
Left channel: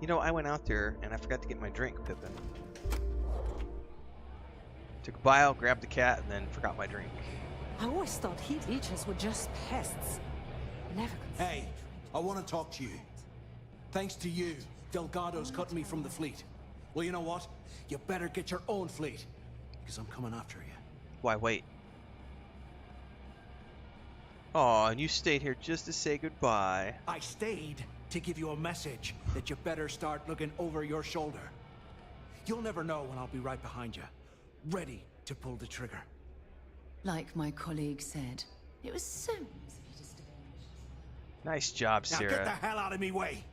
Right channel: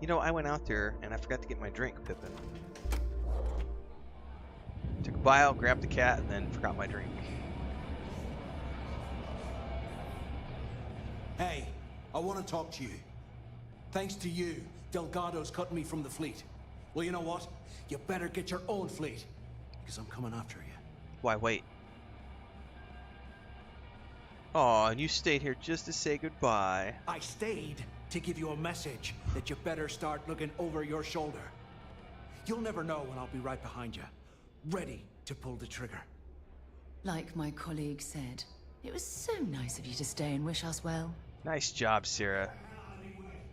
You know, I went out there and I forgot to get my drink, Pippin. Took a bile, grabbed the cat, and then forgot my drink. I always thought heat leeches were just pests. Never. Hey, I want to talk to you. Thanks to you, Delgado's cutting me from the fleet. Well, you know what? You better get your own fleet, because I'm coming after you. Why, wait. Aw, and you stayed here just to say goodbye. I stayed to give you a message that you better start looking over your shoulder. You'll never know when I'll be right behind you, ready to pull the trigger. Like my colleague said, it was so nice of you to stay and wish us well. Nice job, Now Sarah. get the hell out of me way.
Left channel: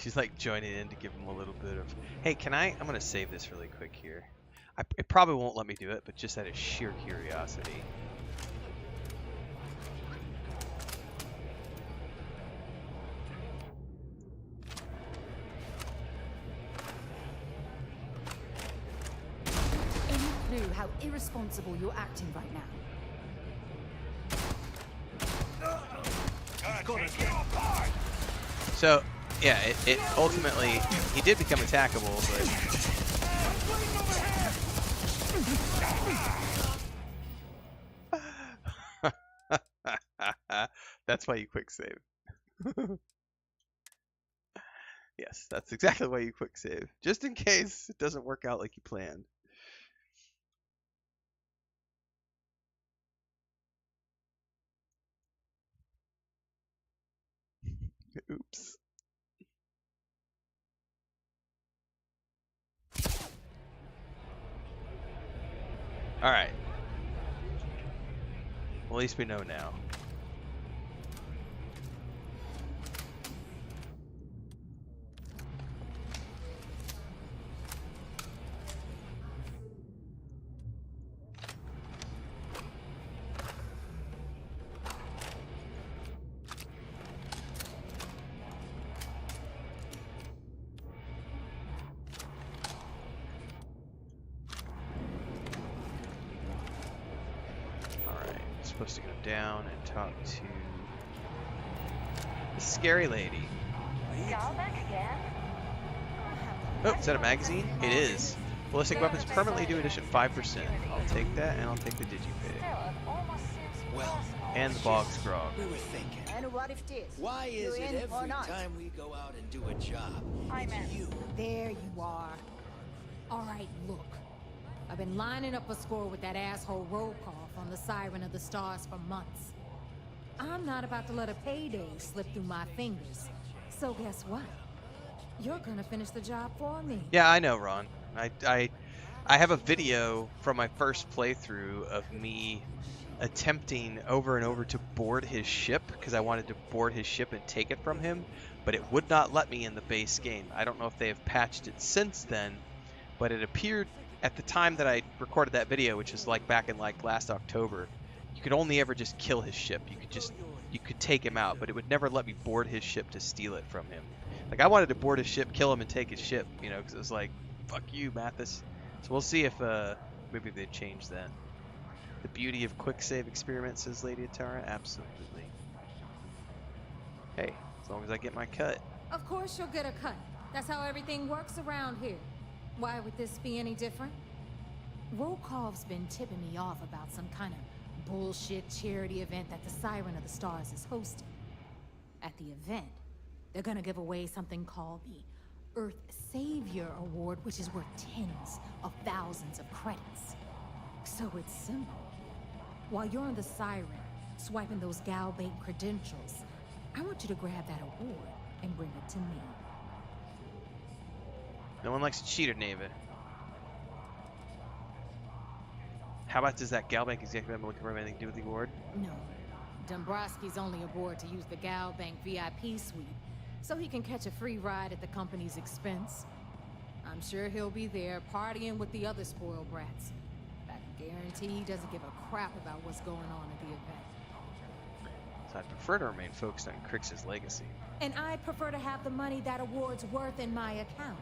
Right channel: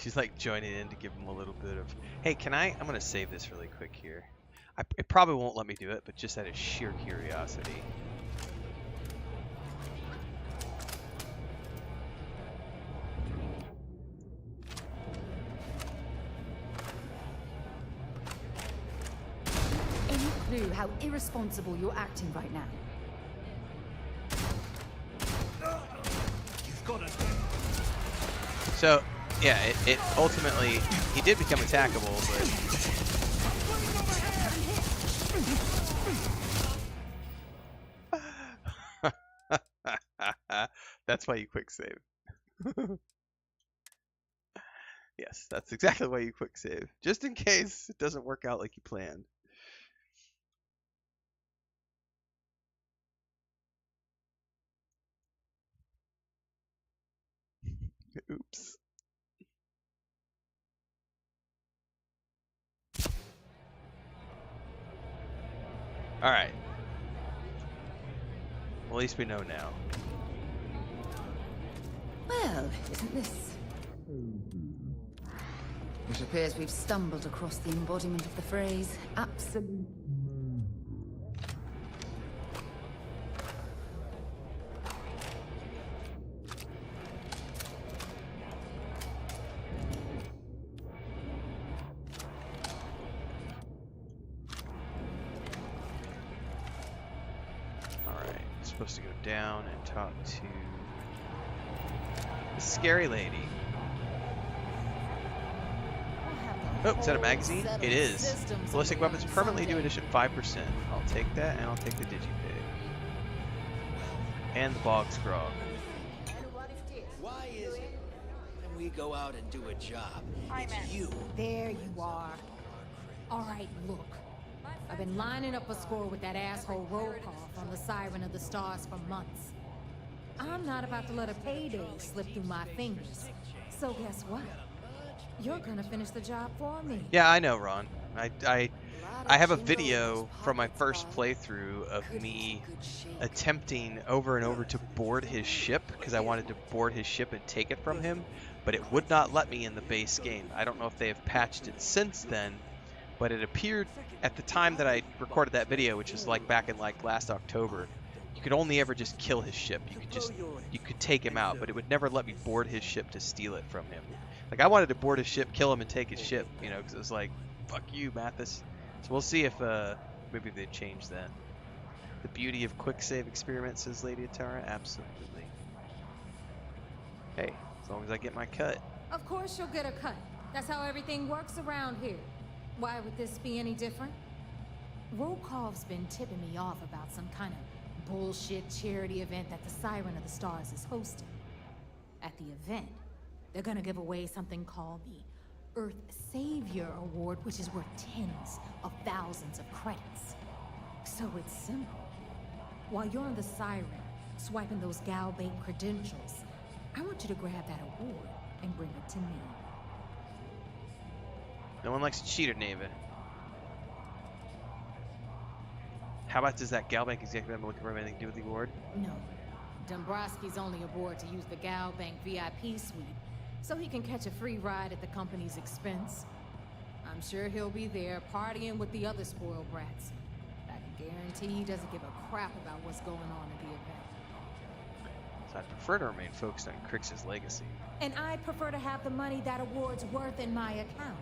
She's like joining in to give him a little bit of... Hey, can I... I'm going to save this really quick here. It probably won't let me do it, but just out of sheer curiosity. Any clue how irresponsible you're acting right now? So, yeah, it ultimately... He did become attackable, but... That's why you quick save. Yes, that's exactly why you quick save. Just in case it doesn't work out like you planned. Oops. Alright. Well, at least we know now. Well, isn't this? It appears we've stumbled across the embodiment of the phrase, absolute. Supposed to go down and talk to the scary lady. Oh, is that a magazine? It is. Ballistic weapons permanently do addition 5%. I'll take that, and I'll take the digipig. And the bog's grog. And what if this? Why is it every time we go out and do a job, it's you? There you are. All right, look. I've been lining up a score with that asshole Rokoff on the Siren of the Stars for months. I'm not about to let a payday slip through my fingers. So guess what? You're gonna finish the job for me. Yeah, I know, Ron. I have a video from my first playthrough of me attempting over and over to board his ship because I wanted to board his ship and take it from him, but it would not let me in the base game. I don't know if they have patched it since then, but it appeared at the time that I recorded that video, which is like back in like last October, you could only ever just kill his ship. You could take him out, but it would never let me board his ship to steal it from him. Like I wanted to board his ship, kill him, and take his ship, you know, because it was like, fuck you, Mathis. So we'll see if maybe they change that. The beauty of quick save experiments, says Lady Atara, absolutely. Hey, as long as I get my cut. Of course you'll get a cut. That's how everything works around here. Why would this be any different? Rokov's been tipping me off about some kind of bullshit charity event that the Siren of the Stars is hosting. At the event, they're gonna give away something called the Earth Savior Award, which is worth tens of thousands of credits. So it's simple. While you're on the Siren, swiping those gal bank credentials. I want you to grab that award and bring it to me. No one likes a cheater, Neva. How about does that gal bank executive I'm looking for have anything to do with the award? No. Dombrowski's only aboard to use the gal bank VIP suite, so he can catch a free ride at the company's expense. I'm sure he'll be there partying with the other spoiled brats. I can guarantee he doesn't give a crap about what's going on at the event. So I'd prefer to remain focused on Crix's legacy. And I'd prefer to have the money that award's worth in my account.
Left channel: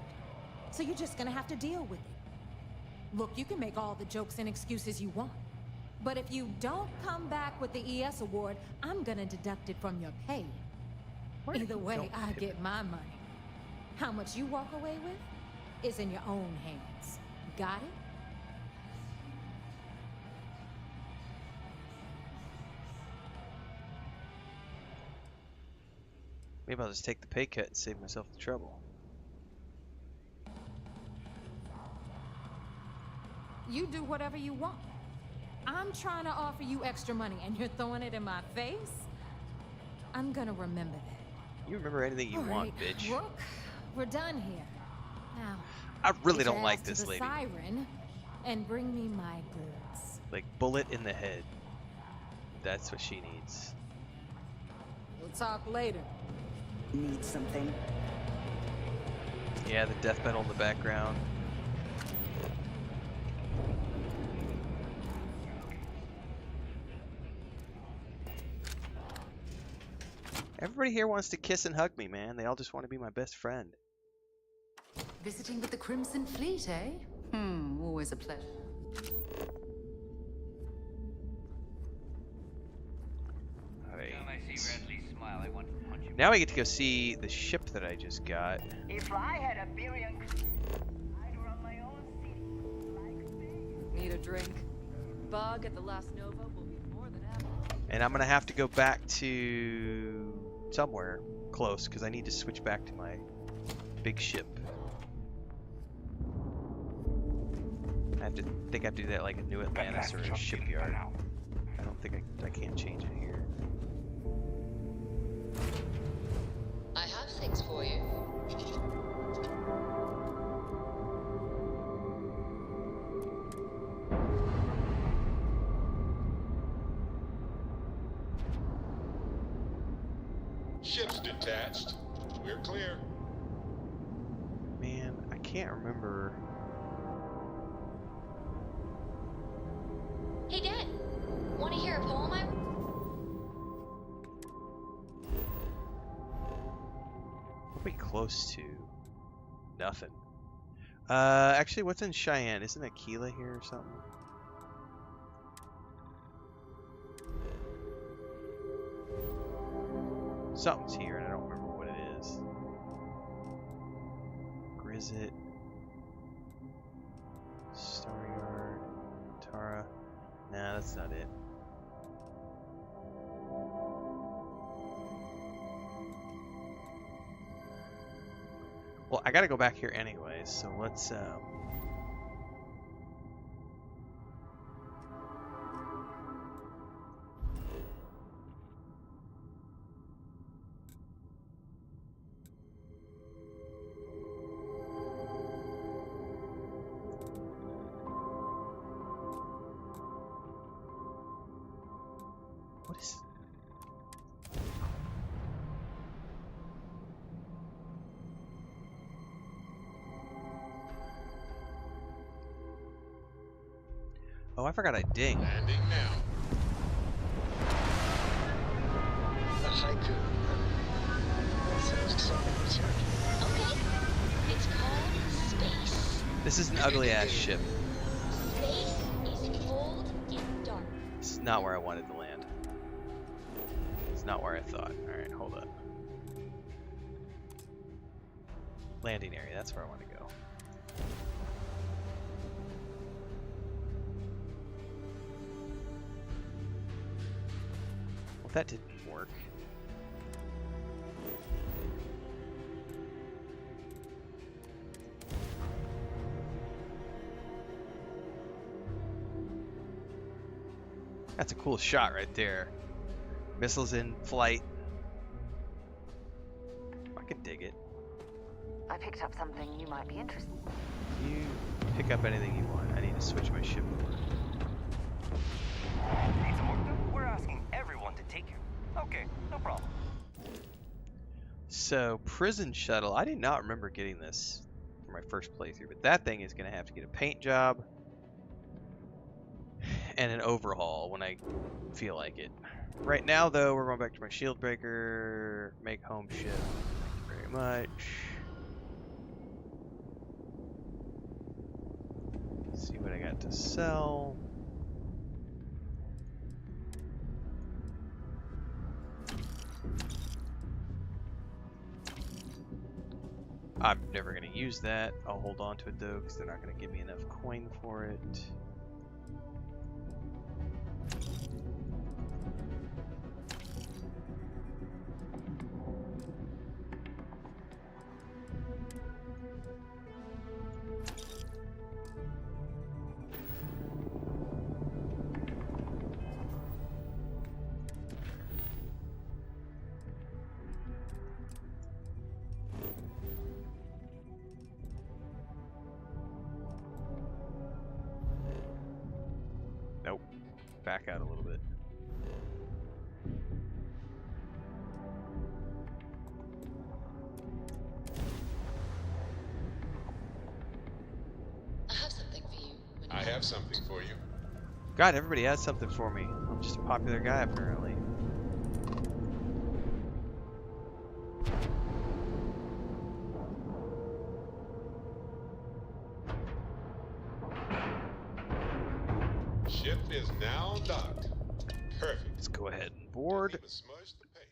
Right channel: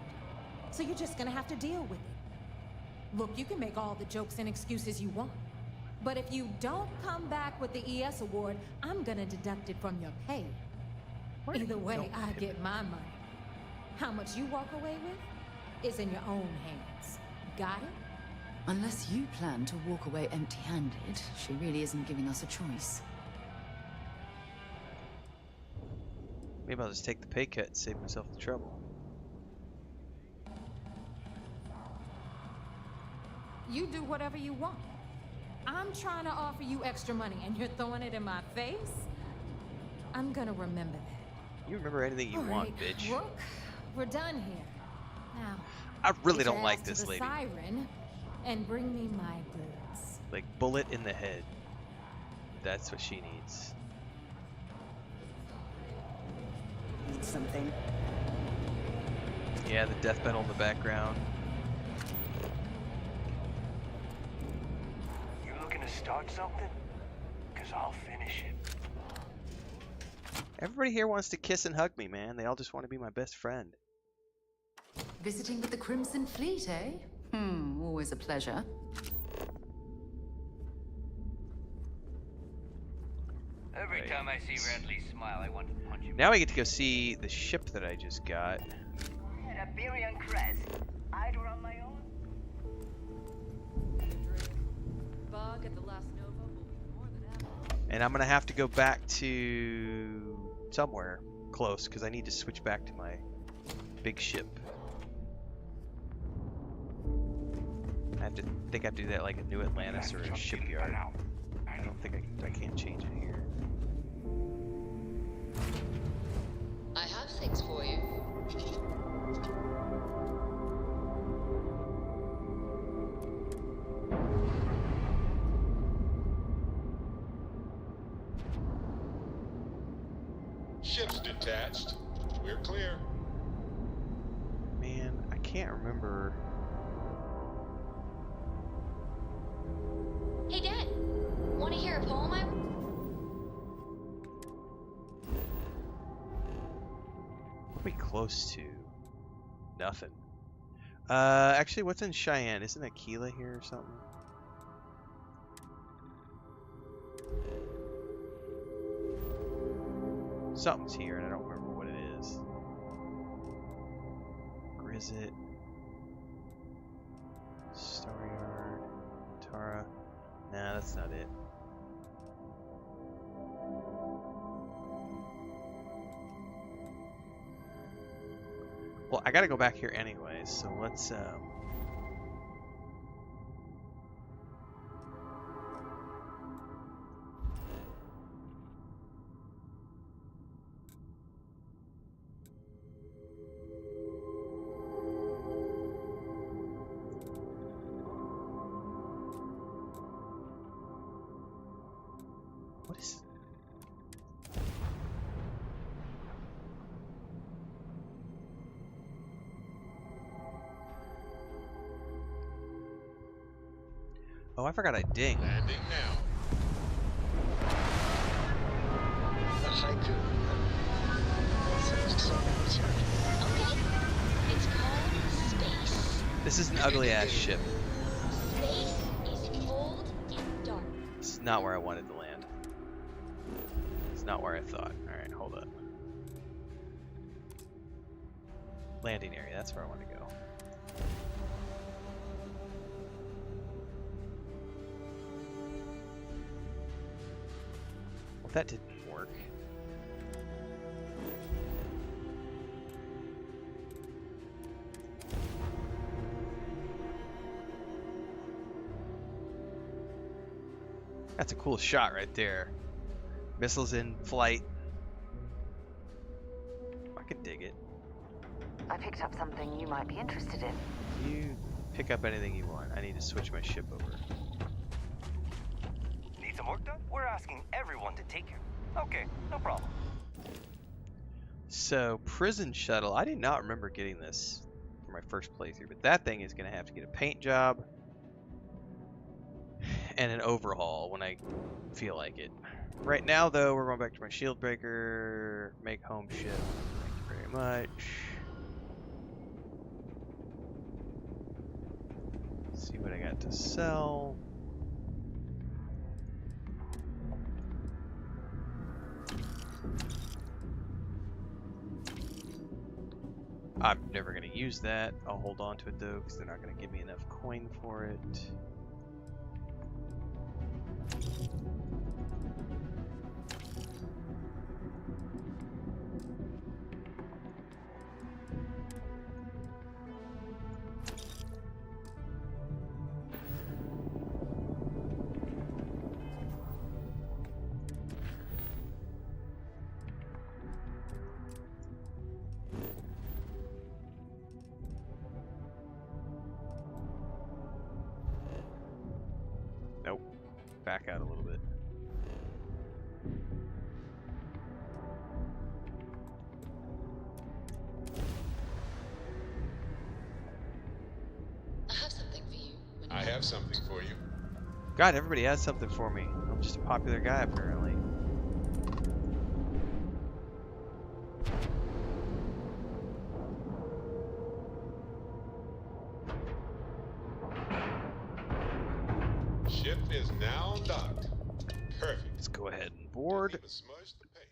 So you're just gonna have to deal with it. Look, you can make all the jokes and excuses you want. But if you don't come back with the ES award, I'm gonna deduct it from your pay. Either way, I get my money. How much you walk away with is in your own hands. Got it? Unless you plan to walk away empty-handed, she really isn't giving us a choice. Maybe I'll just take the pay cut and save myself the trouble. You do whatever you want. I'm trying to offer you extra money and you're throwing it in my face? I'm gonna remember that. You remember anything you want, bitch. Rook, we're done here. Now, I really get don't your like ass to this the lady. Siren and bring me my goods. Like bullet in the head. That's what she needs. We'll talk later. Need something? Yeah, the death metal in the background. You looking to start something? Because I'll finish it. Everybody here wants to kiss and hug me, man. They all just want to be my best friend. Visiting with the Crimson Fleet, eh? Always a pleasure. Every time I see Radley smile, I want to punch him. Now we get to go see the ship that I just got. If I had a Birion crest, I'd run my own city. Need a drink? Bug at the last Nova will be more than happy. And I'm going to have to go back to somewhere close because I need to switch back to my big ship. I think I have to do that like a New Atlantis or a shipyard. I don't think I can't change it here. I have things for you. Ship's detached. We're clear. Man, I can't remember. Hey, Dad. Want to hear a poem I wrote? Pretty close to nothing. Actually, what's in Cheyenne? Isn't Aquila here or something? Something's here, and I don't remember what it is. Grizzit, Staryard, Tara. Nah, that's not it. Well, I gotta go back here anyways, so let's what is... Oh, I forgot I ding. Landing now. A haiku. Okay. It's called Space. This is an ugly ass ship. Space is cold and dark. This is not where I wanted to land. It's not where I thought. Alright, hold up. Landing area, that's where I want to go. Well, that didn't work. That's a cool shot right there. Missiles in flight. I can dig it. I picked up something you might be interested in. You pick up anything you want. I need to switch my ship over. Need some work done? We're asking everyone to take care. Okay, no problem. So, prison shuttle. I did not remember getting this for my first playthrough, but that thing is going to have to get a paint job and an overhaul when I feel like it. Right now, though, we're going back to my shield breaker. Make home ship. Thank you very much. See what I got to sell. I'm never going to use that. I'll hold on to it though, because they're not going to give me enough coin for it. Nope. Back out a little bit. I have something for you. I have something for you. God, everybody has something for me. I'm just a popular guy, apparently. Ship is now docked. Perfect. Let's go ahead and board. Even smudge the paint.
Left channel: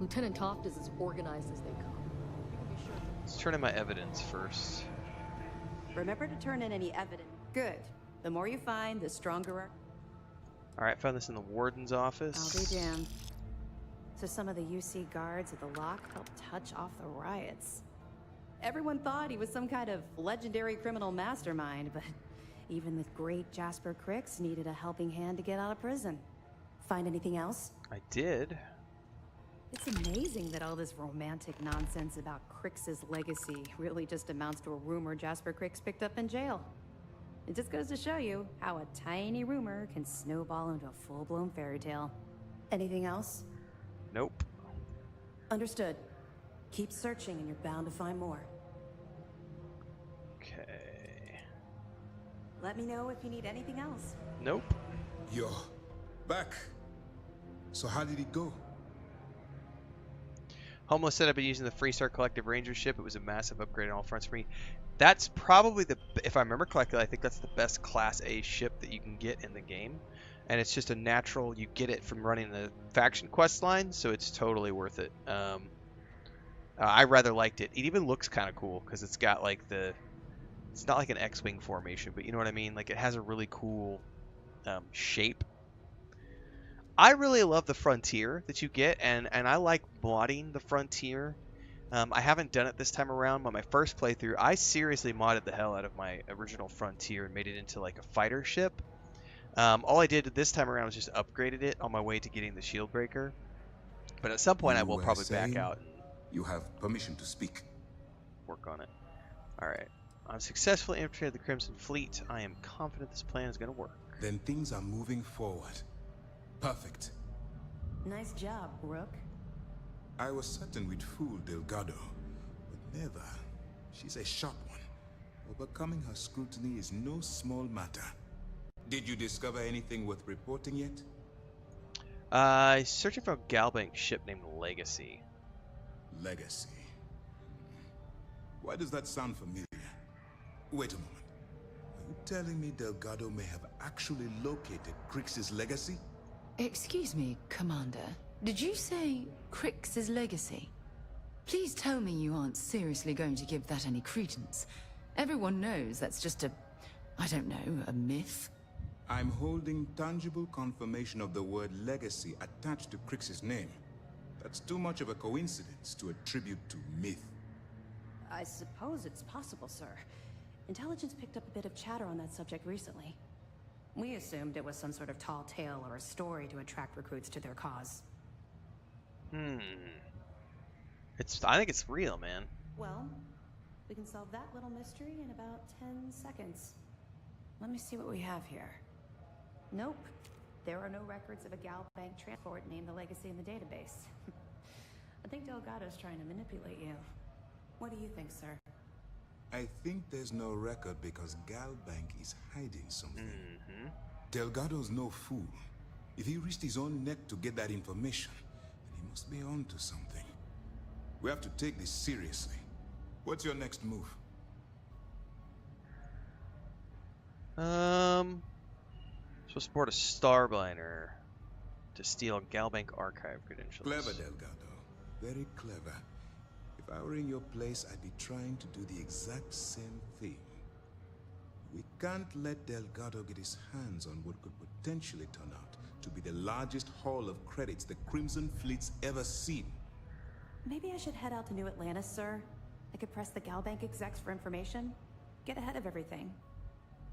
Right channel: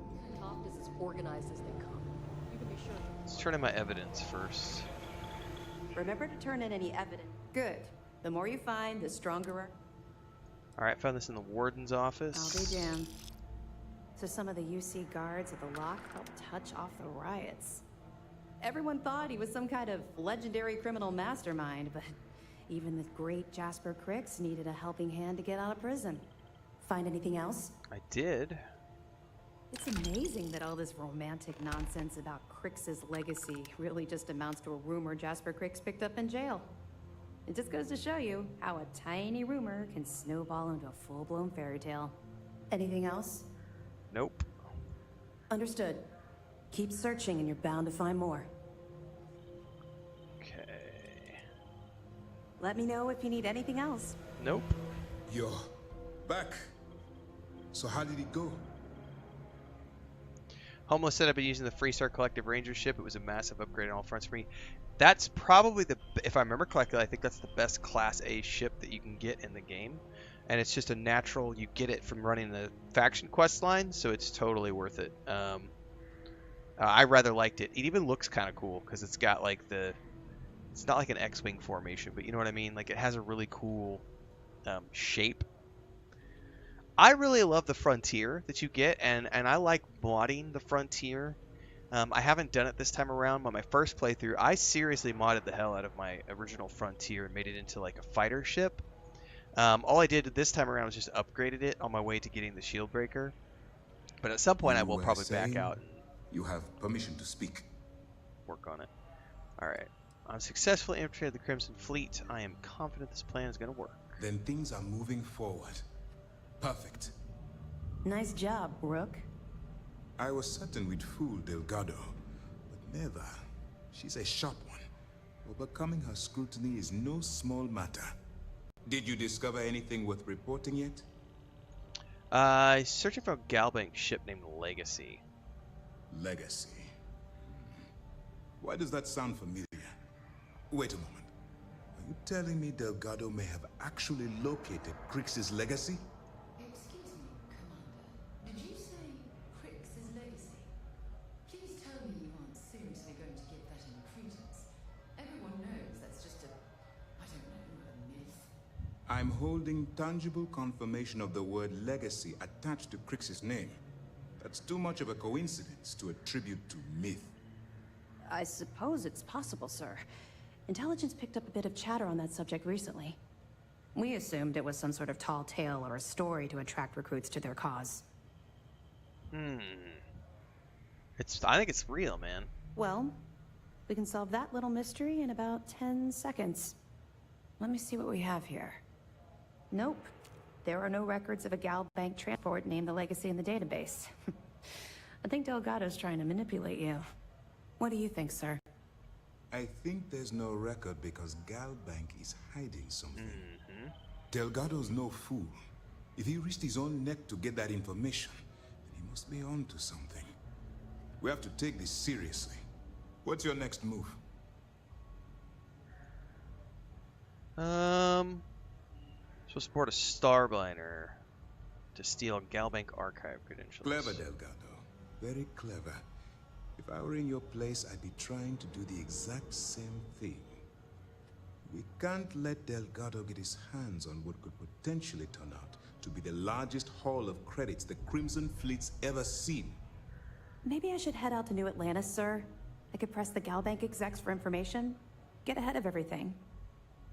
Lieutenant Toft is as organized as they come. You can be sure. Let's turn in my evidence first. Remember to turn in any evidence. Good. The more you find, the stronger our... Alright, found this in the warden's office. I'll be damned. So some of the UC guards at the lock helped touch off the riots. Everyone thought he was some kind of legendary criminal mastermind, but even the great Jasper Cricks needed a helping hand to get out of prison. Find anything else? I did. It's amazing that all this romantic nonsense about Crix's legacy really just amounts to a rumor Jasper Crix picked up in jail. It just goes to show you how a tiny rumor can snowball into a full-blown fairy tale. Anything else? Nope. Understood. Keep searching and you're bound to find more. Okay. Let me know if you need anything else. Nope. You're back. So how did it go? Homeless said I've been using the Freestar Collective Ranger ship. It was a massive upgrade on all fronts for me. That's probably the, if I remember correctly, I think that's the best Class A ship that you can get in the game. And it's just a natural, you get it from running the faction quest line, so it's totally worth it. I rather liked it. It even looks kind of cool, because it's got like the, it's not like an X-Wing formation, but you know what I mean? Like it has a really cool shape. I really love the Frontier that you get, and I like modding the Frontier. I haven't done it this time around, but my first playthrough, I seriously modded the hell out of my original Frontier and made it into like a fighter ship. All I did this time around was just upgraded it on my way to getting the shield breaker. But at some point I will probably back out and you have permission to speak. Work on it. Alright. I'm successfully infiltrated the Crimson Fleet. I am confident this plan is going to work. Then things are moving forward. Perfect. Nice job, Rook. I was certain we'd fool Delgado, but never. She's a sharp one. Overcoming her scrutiny is no small matter. Did you discover anything worth reporting yet? Searching for a Galbank ship named Legacy. Legacy. Why does that sound familiar? Wait a moment. Are you telling me Delgado may have actually located Crix's legacy? Excuse me, Commander. Did you say Crix's legacy? Please tell me you aren't seriously going to give that any credence. Everyone knows that's just I don't know, a myth. I'm holding tangible confirmation of the word legacy attached to Crix's name. That's too much of a coincidence to attribute to myth. I suppose it's possible, sir. Intelligence picked up a bit of chatter on that subject recently. We assumed it was some sort of tall tale or a story to attract recruits to their cause. I think it's real, man. Well, we can solve that little mystery in about 10 seconds. Let me see what we have here. Nope. There are no records of a Gal Bank transport named the Legacy in the database. I think Delgado's trying to manipulate you. What do you think, sir? I think there's no record because Gal Bank is hiding something. Delgado's no fool. If he risked his own neck to get that information, then he must be onto something. We have to take this seriously. What's your next move? Supposed to board a Starliner to steal Galbank archive credentials. Clever, Delgado. Very clever. If I were in your place, I'd be trying to do the exact same thing. We can't let Delgado get his hands on what could potentially turn out to be the largest haul of credits the Crimson Fleet's ever seen. Maybe I should head out to New Atlantis, sir. I could press the Gal Bank execs for information. Get ahead of everything.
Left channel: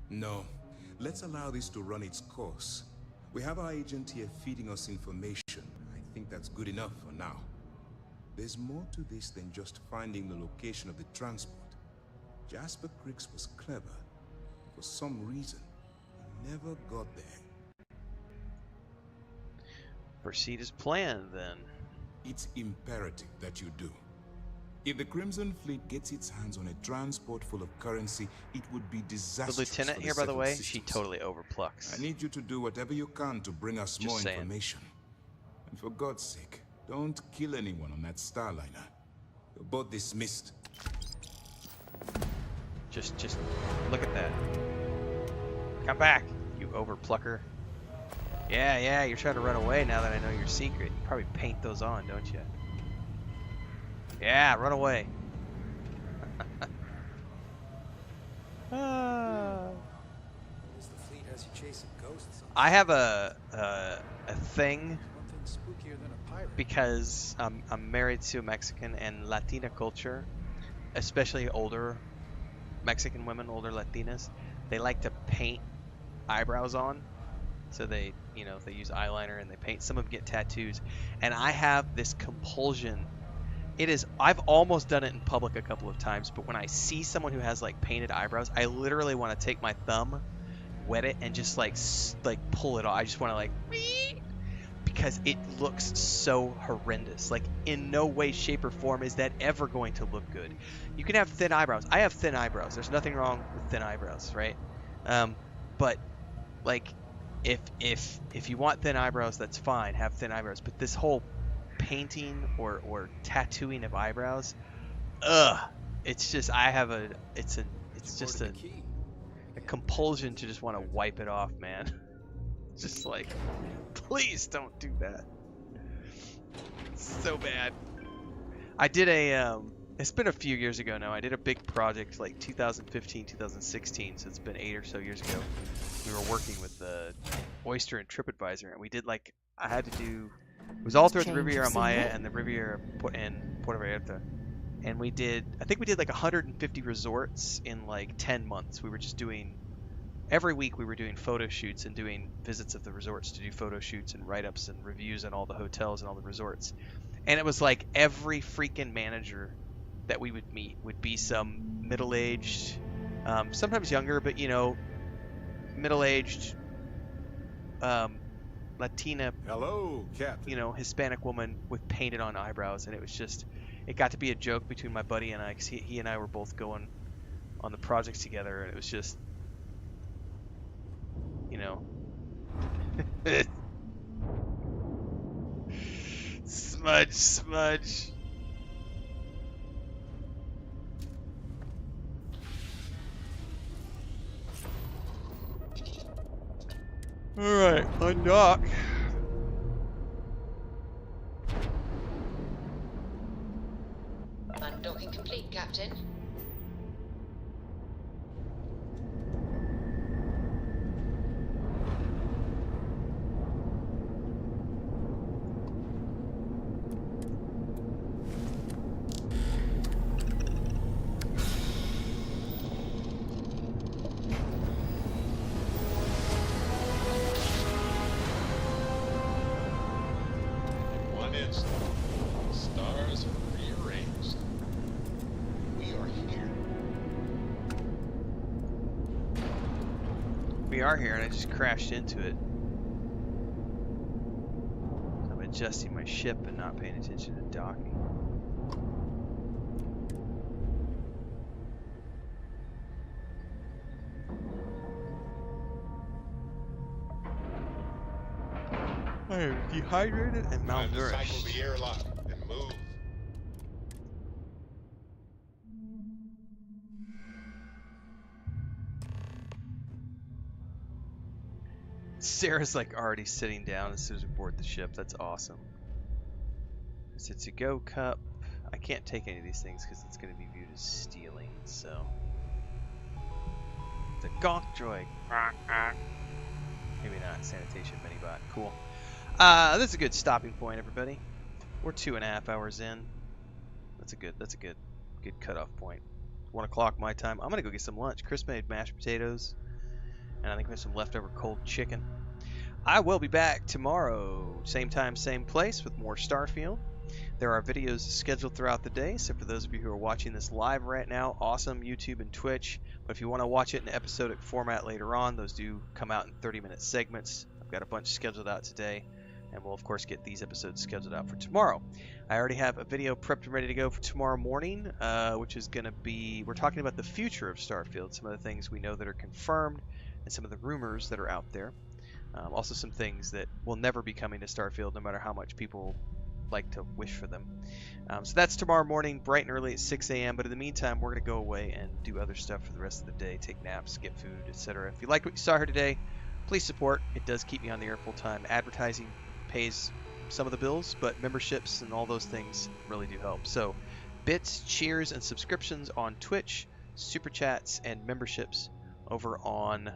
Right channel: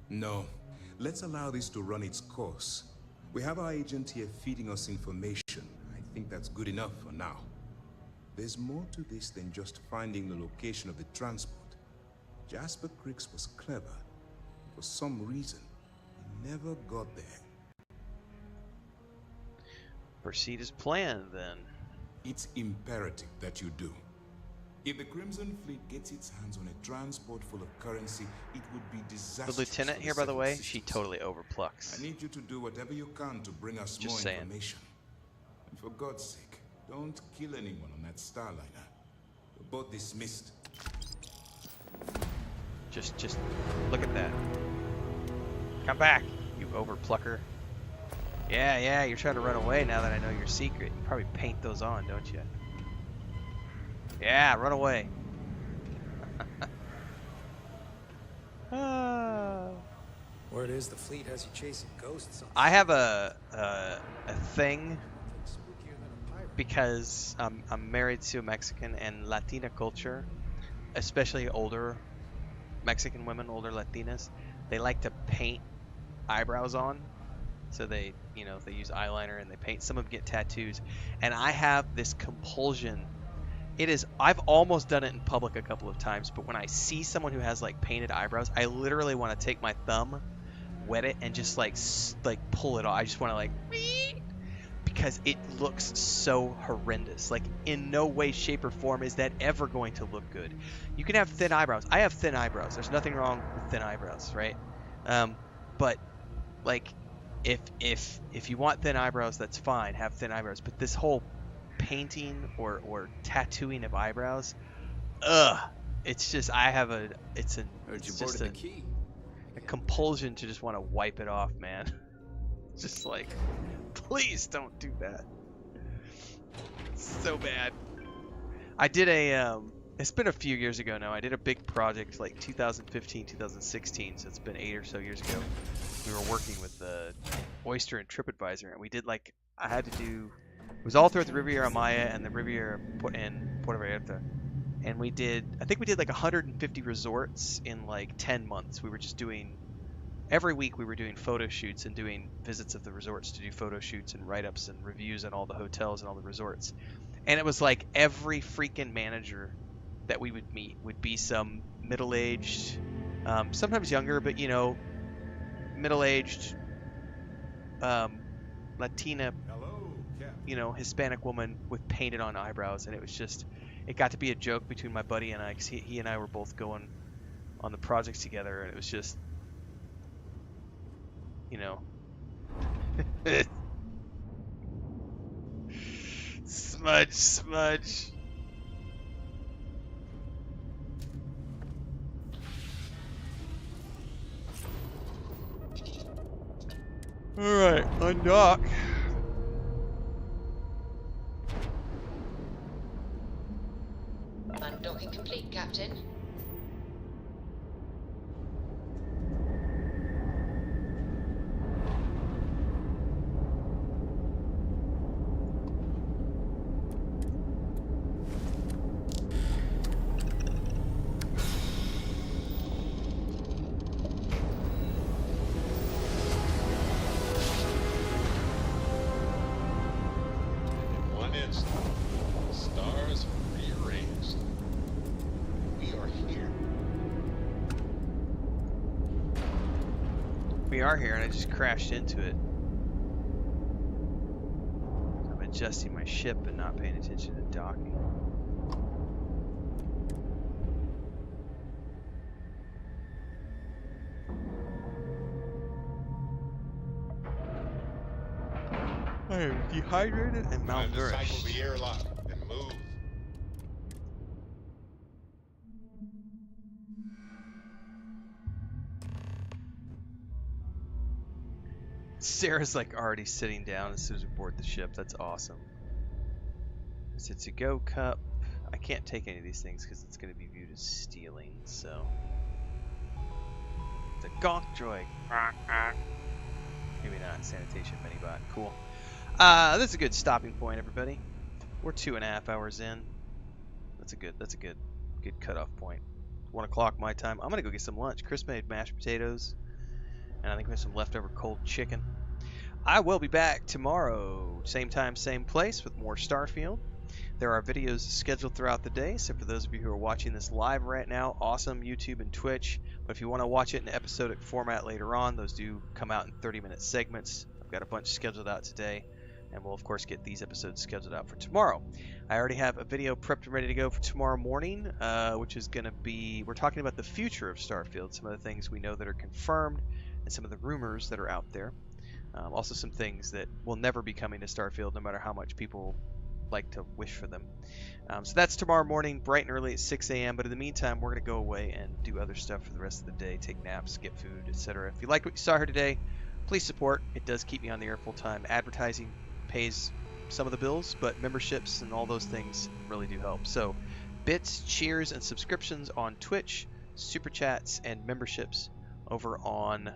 No. Let's allow this to run its course. We have our agent here feeding us information. I think that's good enough for now. There's more to this than just finding the location of the transport. Jasper Crix was clever. For some reason, he never got there. Proceed as planned, then. It's imperative that you do. If the Crimson Fleet gets its hands on a transport full of currency, it would be disastrous. The lieutenant here, by the way, she totally overplucks. I need you to do whatever you can to bring us more information. And for God's sake, don't kill anyone on that Starliner. You're both dismissed. Just look at that. Come back, you overplucker. Yeah, you're trying to run away now that I know your secret. You probably paint those on, don't you? Yeah, run away. Word is the fleet has you chasing ghosts. I have a thing Spookier than a pirate. because I'm married to a Mexican, and Latina culture, especially older Mexican women, older Latinas, they like to paint eyebrows on. So they use eyeliner and they paint. Some of them get tattoos, and I have this compulsion. I've almost done it in public a couple of times, but when I see someone who has like painted eyebrows, I literally want to take my thumb, wet it, and just like pull it off. I just want to like, because it looks so horrendous. Like in no way, shape, or form is that ever going to look good. You can have thin eyebrows. I have thin eyebrows. There's nothing wrong with thin eyebrows, right? But like, if you want thin eyebrows, that's fine. Have thin eyebrows. But this whole painting or tattooing of eyebrows, it's just it's just a compulsion to just want to wipe it off, man. Just like, please don't do that. It's so bad. I did it's been a few years ago now. I did a big project like 2015, 2016, so it's been 8 or so years ago. We were working with Oyster and TripAdvisor, and we did like, it was all throughout the Riviera Maya and the Riviera and Puerto Vallarta. And I think we did like 150 resorts in like 10 months. We were just every week we were doing photo shoots and doing visits of the resorts to do photo shoots and write-ups and reviews on all the hotels and all the resorts. And it was like every freaking manager that we would meet would be some middle-aged, sometimes younger, but middle-aged, Latina, Hispanic woman with painted on eyebrows. And it got to be a joke between my buddy and I, because he and I were both going on the projects together, and it was just, smudge. Alright, undock. Undocking complete, Captain. reversed. Stars are rearranged. We are here. We are here, and I just crashed into it. So I'm adjusting my ship and not paying attention to docking. I am dehydrated and Time to cycle malnourished. the airlock and move. Sarah's like already sitting down as soon as we board the ship. That's awesome. It's a to-go cup. I can't take any of these things because it's going to be viewed as stealing, so. The gonk droid. Maybe not. Sanitation minibot. Cool. That's a good stopping point, everybody. We're 2.5 hours in. That's a good cutoff point. 1 o'clock my time. I'm gonna go get some lunch. Chris made mashed potatoes, and I think we have some leftover cold chicken. I will be back tomorrow, same time, same place, with more Starfield. There are videos scheduled throughout the day, so for those of you who are watching this live right now, awesome, YouTube and Twitch. But if you want to watch it in episodic format later on, those do come out in 30-minute segments. I've got a bunch scheduled out today, and we'll of course get these episodes scheduled out for tomorrow. I already have a video prepped and ready to go for tomorrow morning, which is going to be, we're talking about the future of Starfield, some of the things we know that are confirmed, and some of the rumors that are out there. Also some things that will never be coming to Starfield, no matter how much people like to wish for them. So that's tomorrow morning, bright and early at 6 a.m. But in the meantime, we're going to go away and do other stuff for the rest of the day, take naps, get food, etc. If you liked what you saw here today, please support. It does keep me on the air full time. Advertising pays some of the bills, but memberships and all those things really do help. So bits, cheers, and subscriptions on Twitch, super chats, and memberships over on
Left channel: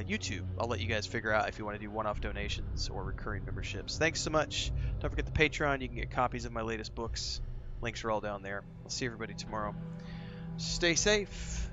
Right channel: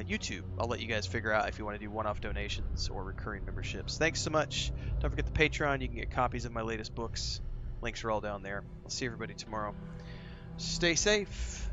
YouTube. I'll let you guys figure out if you want to do one-off donations or recurring memberships. Thanks so much. Don't forget the Patreon. You can get copies of my latest books. Links are all down there. I'll see everybody tomorrow. Stay safe.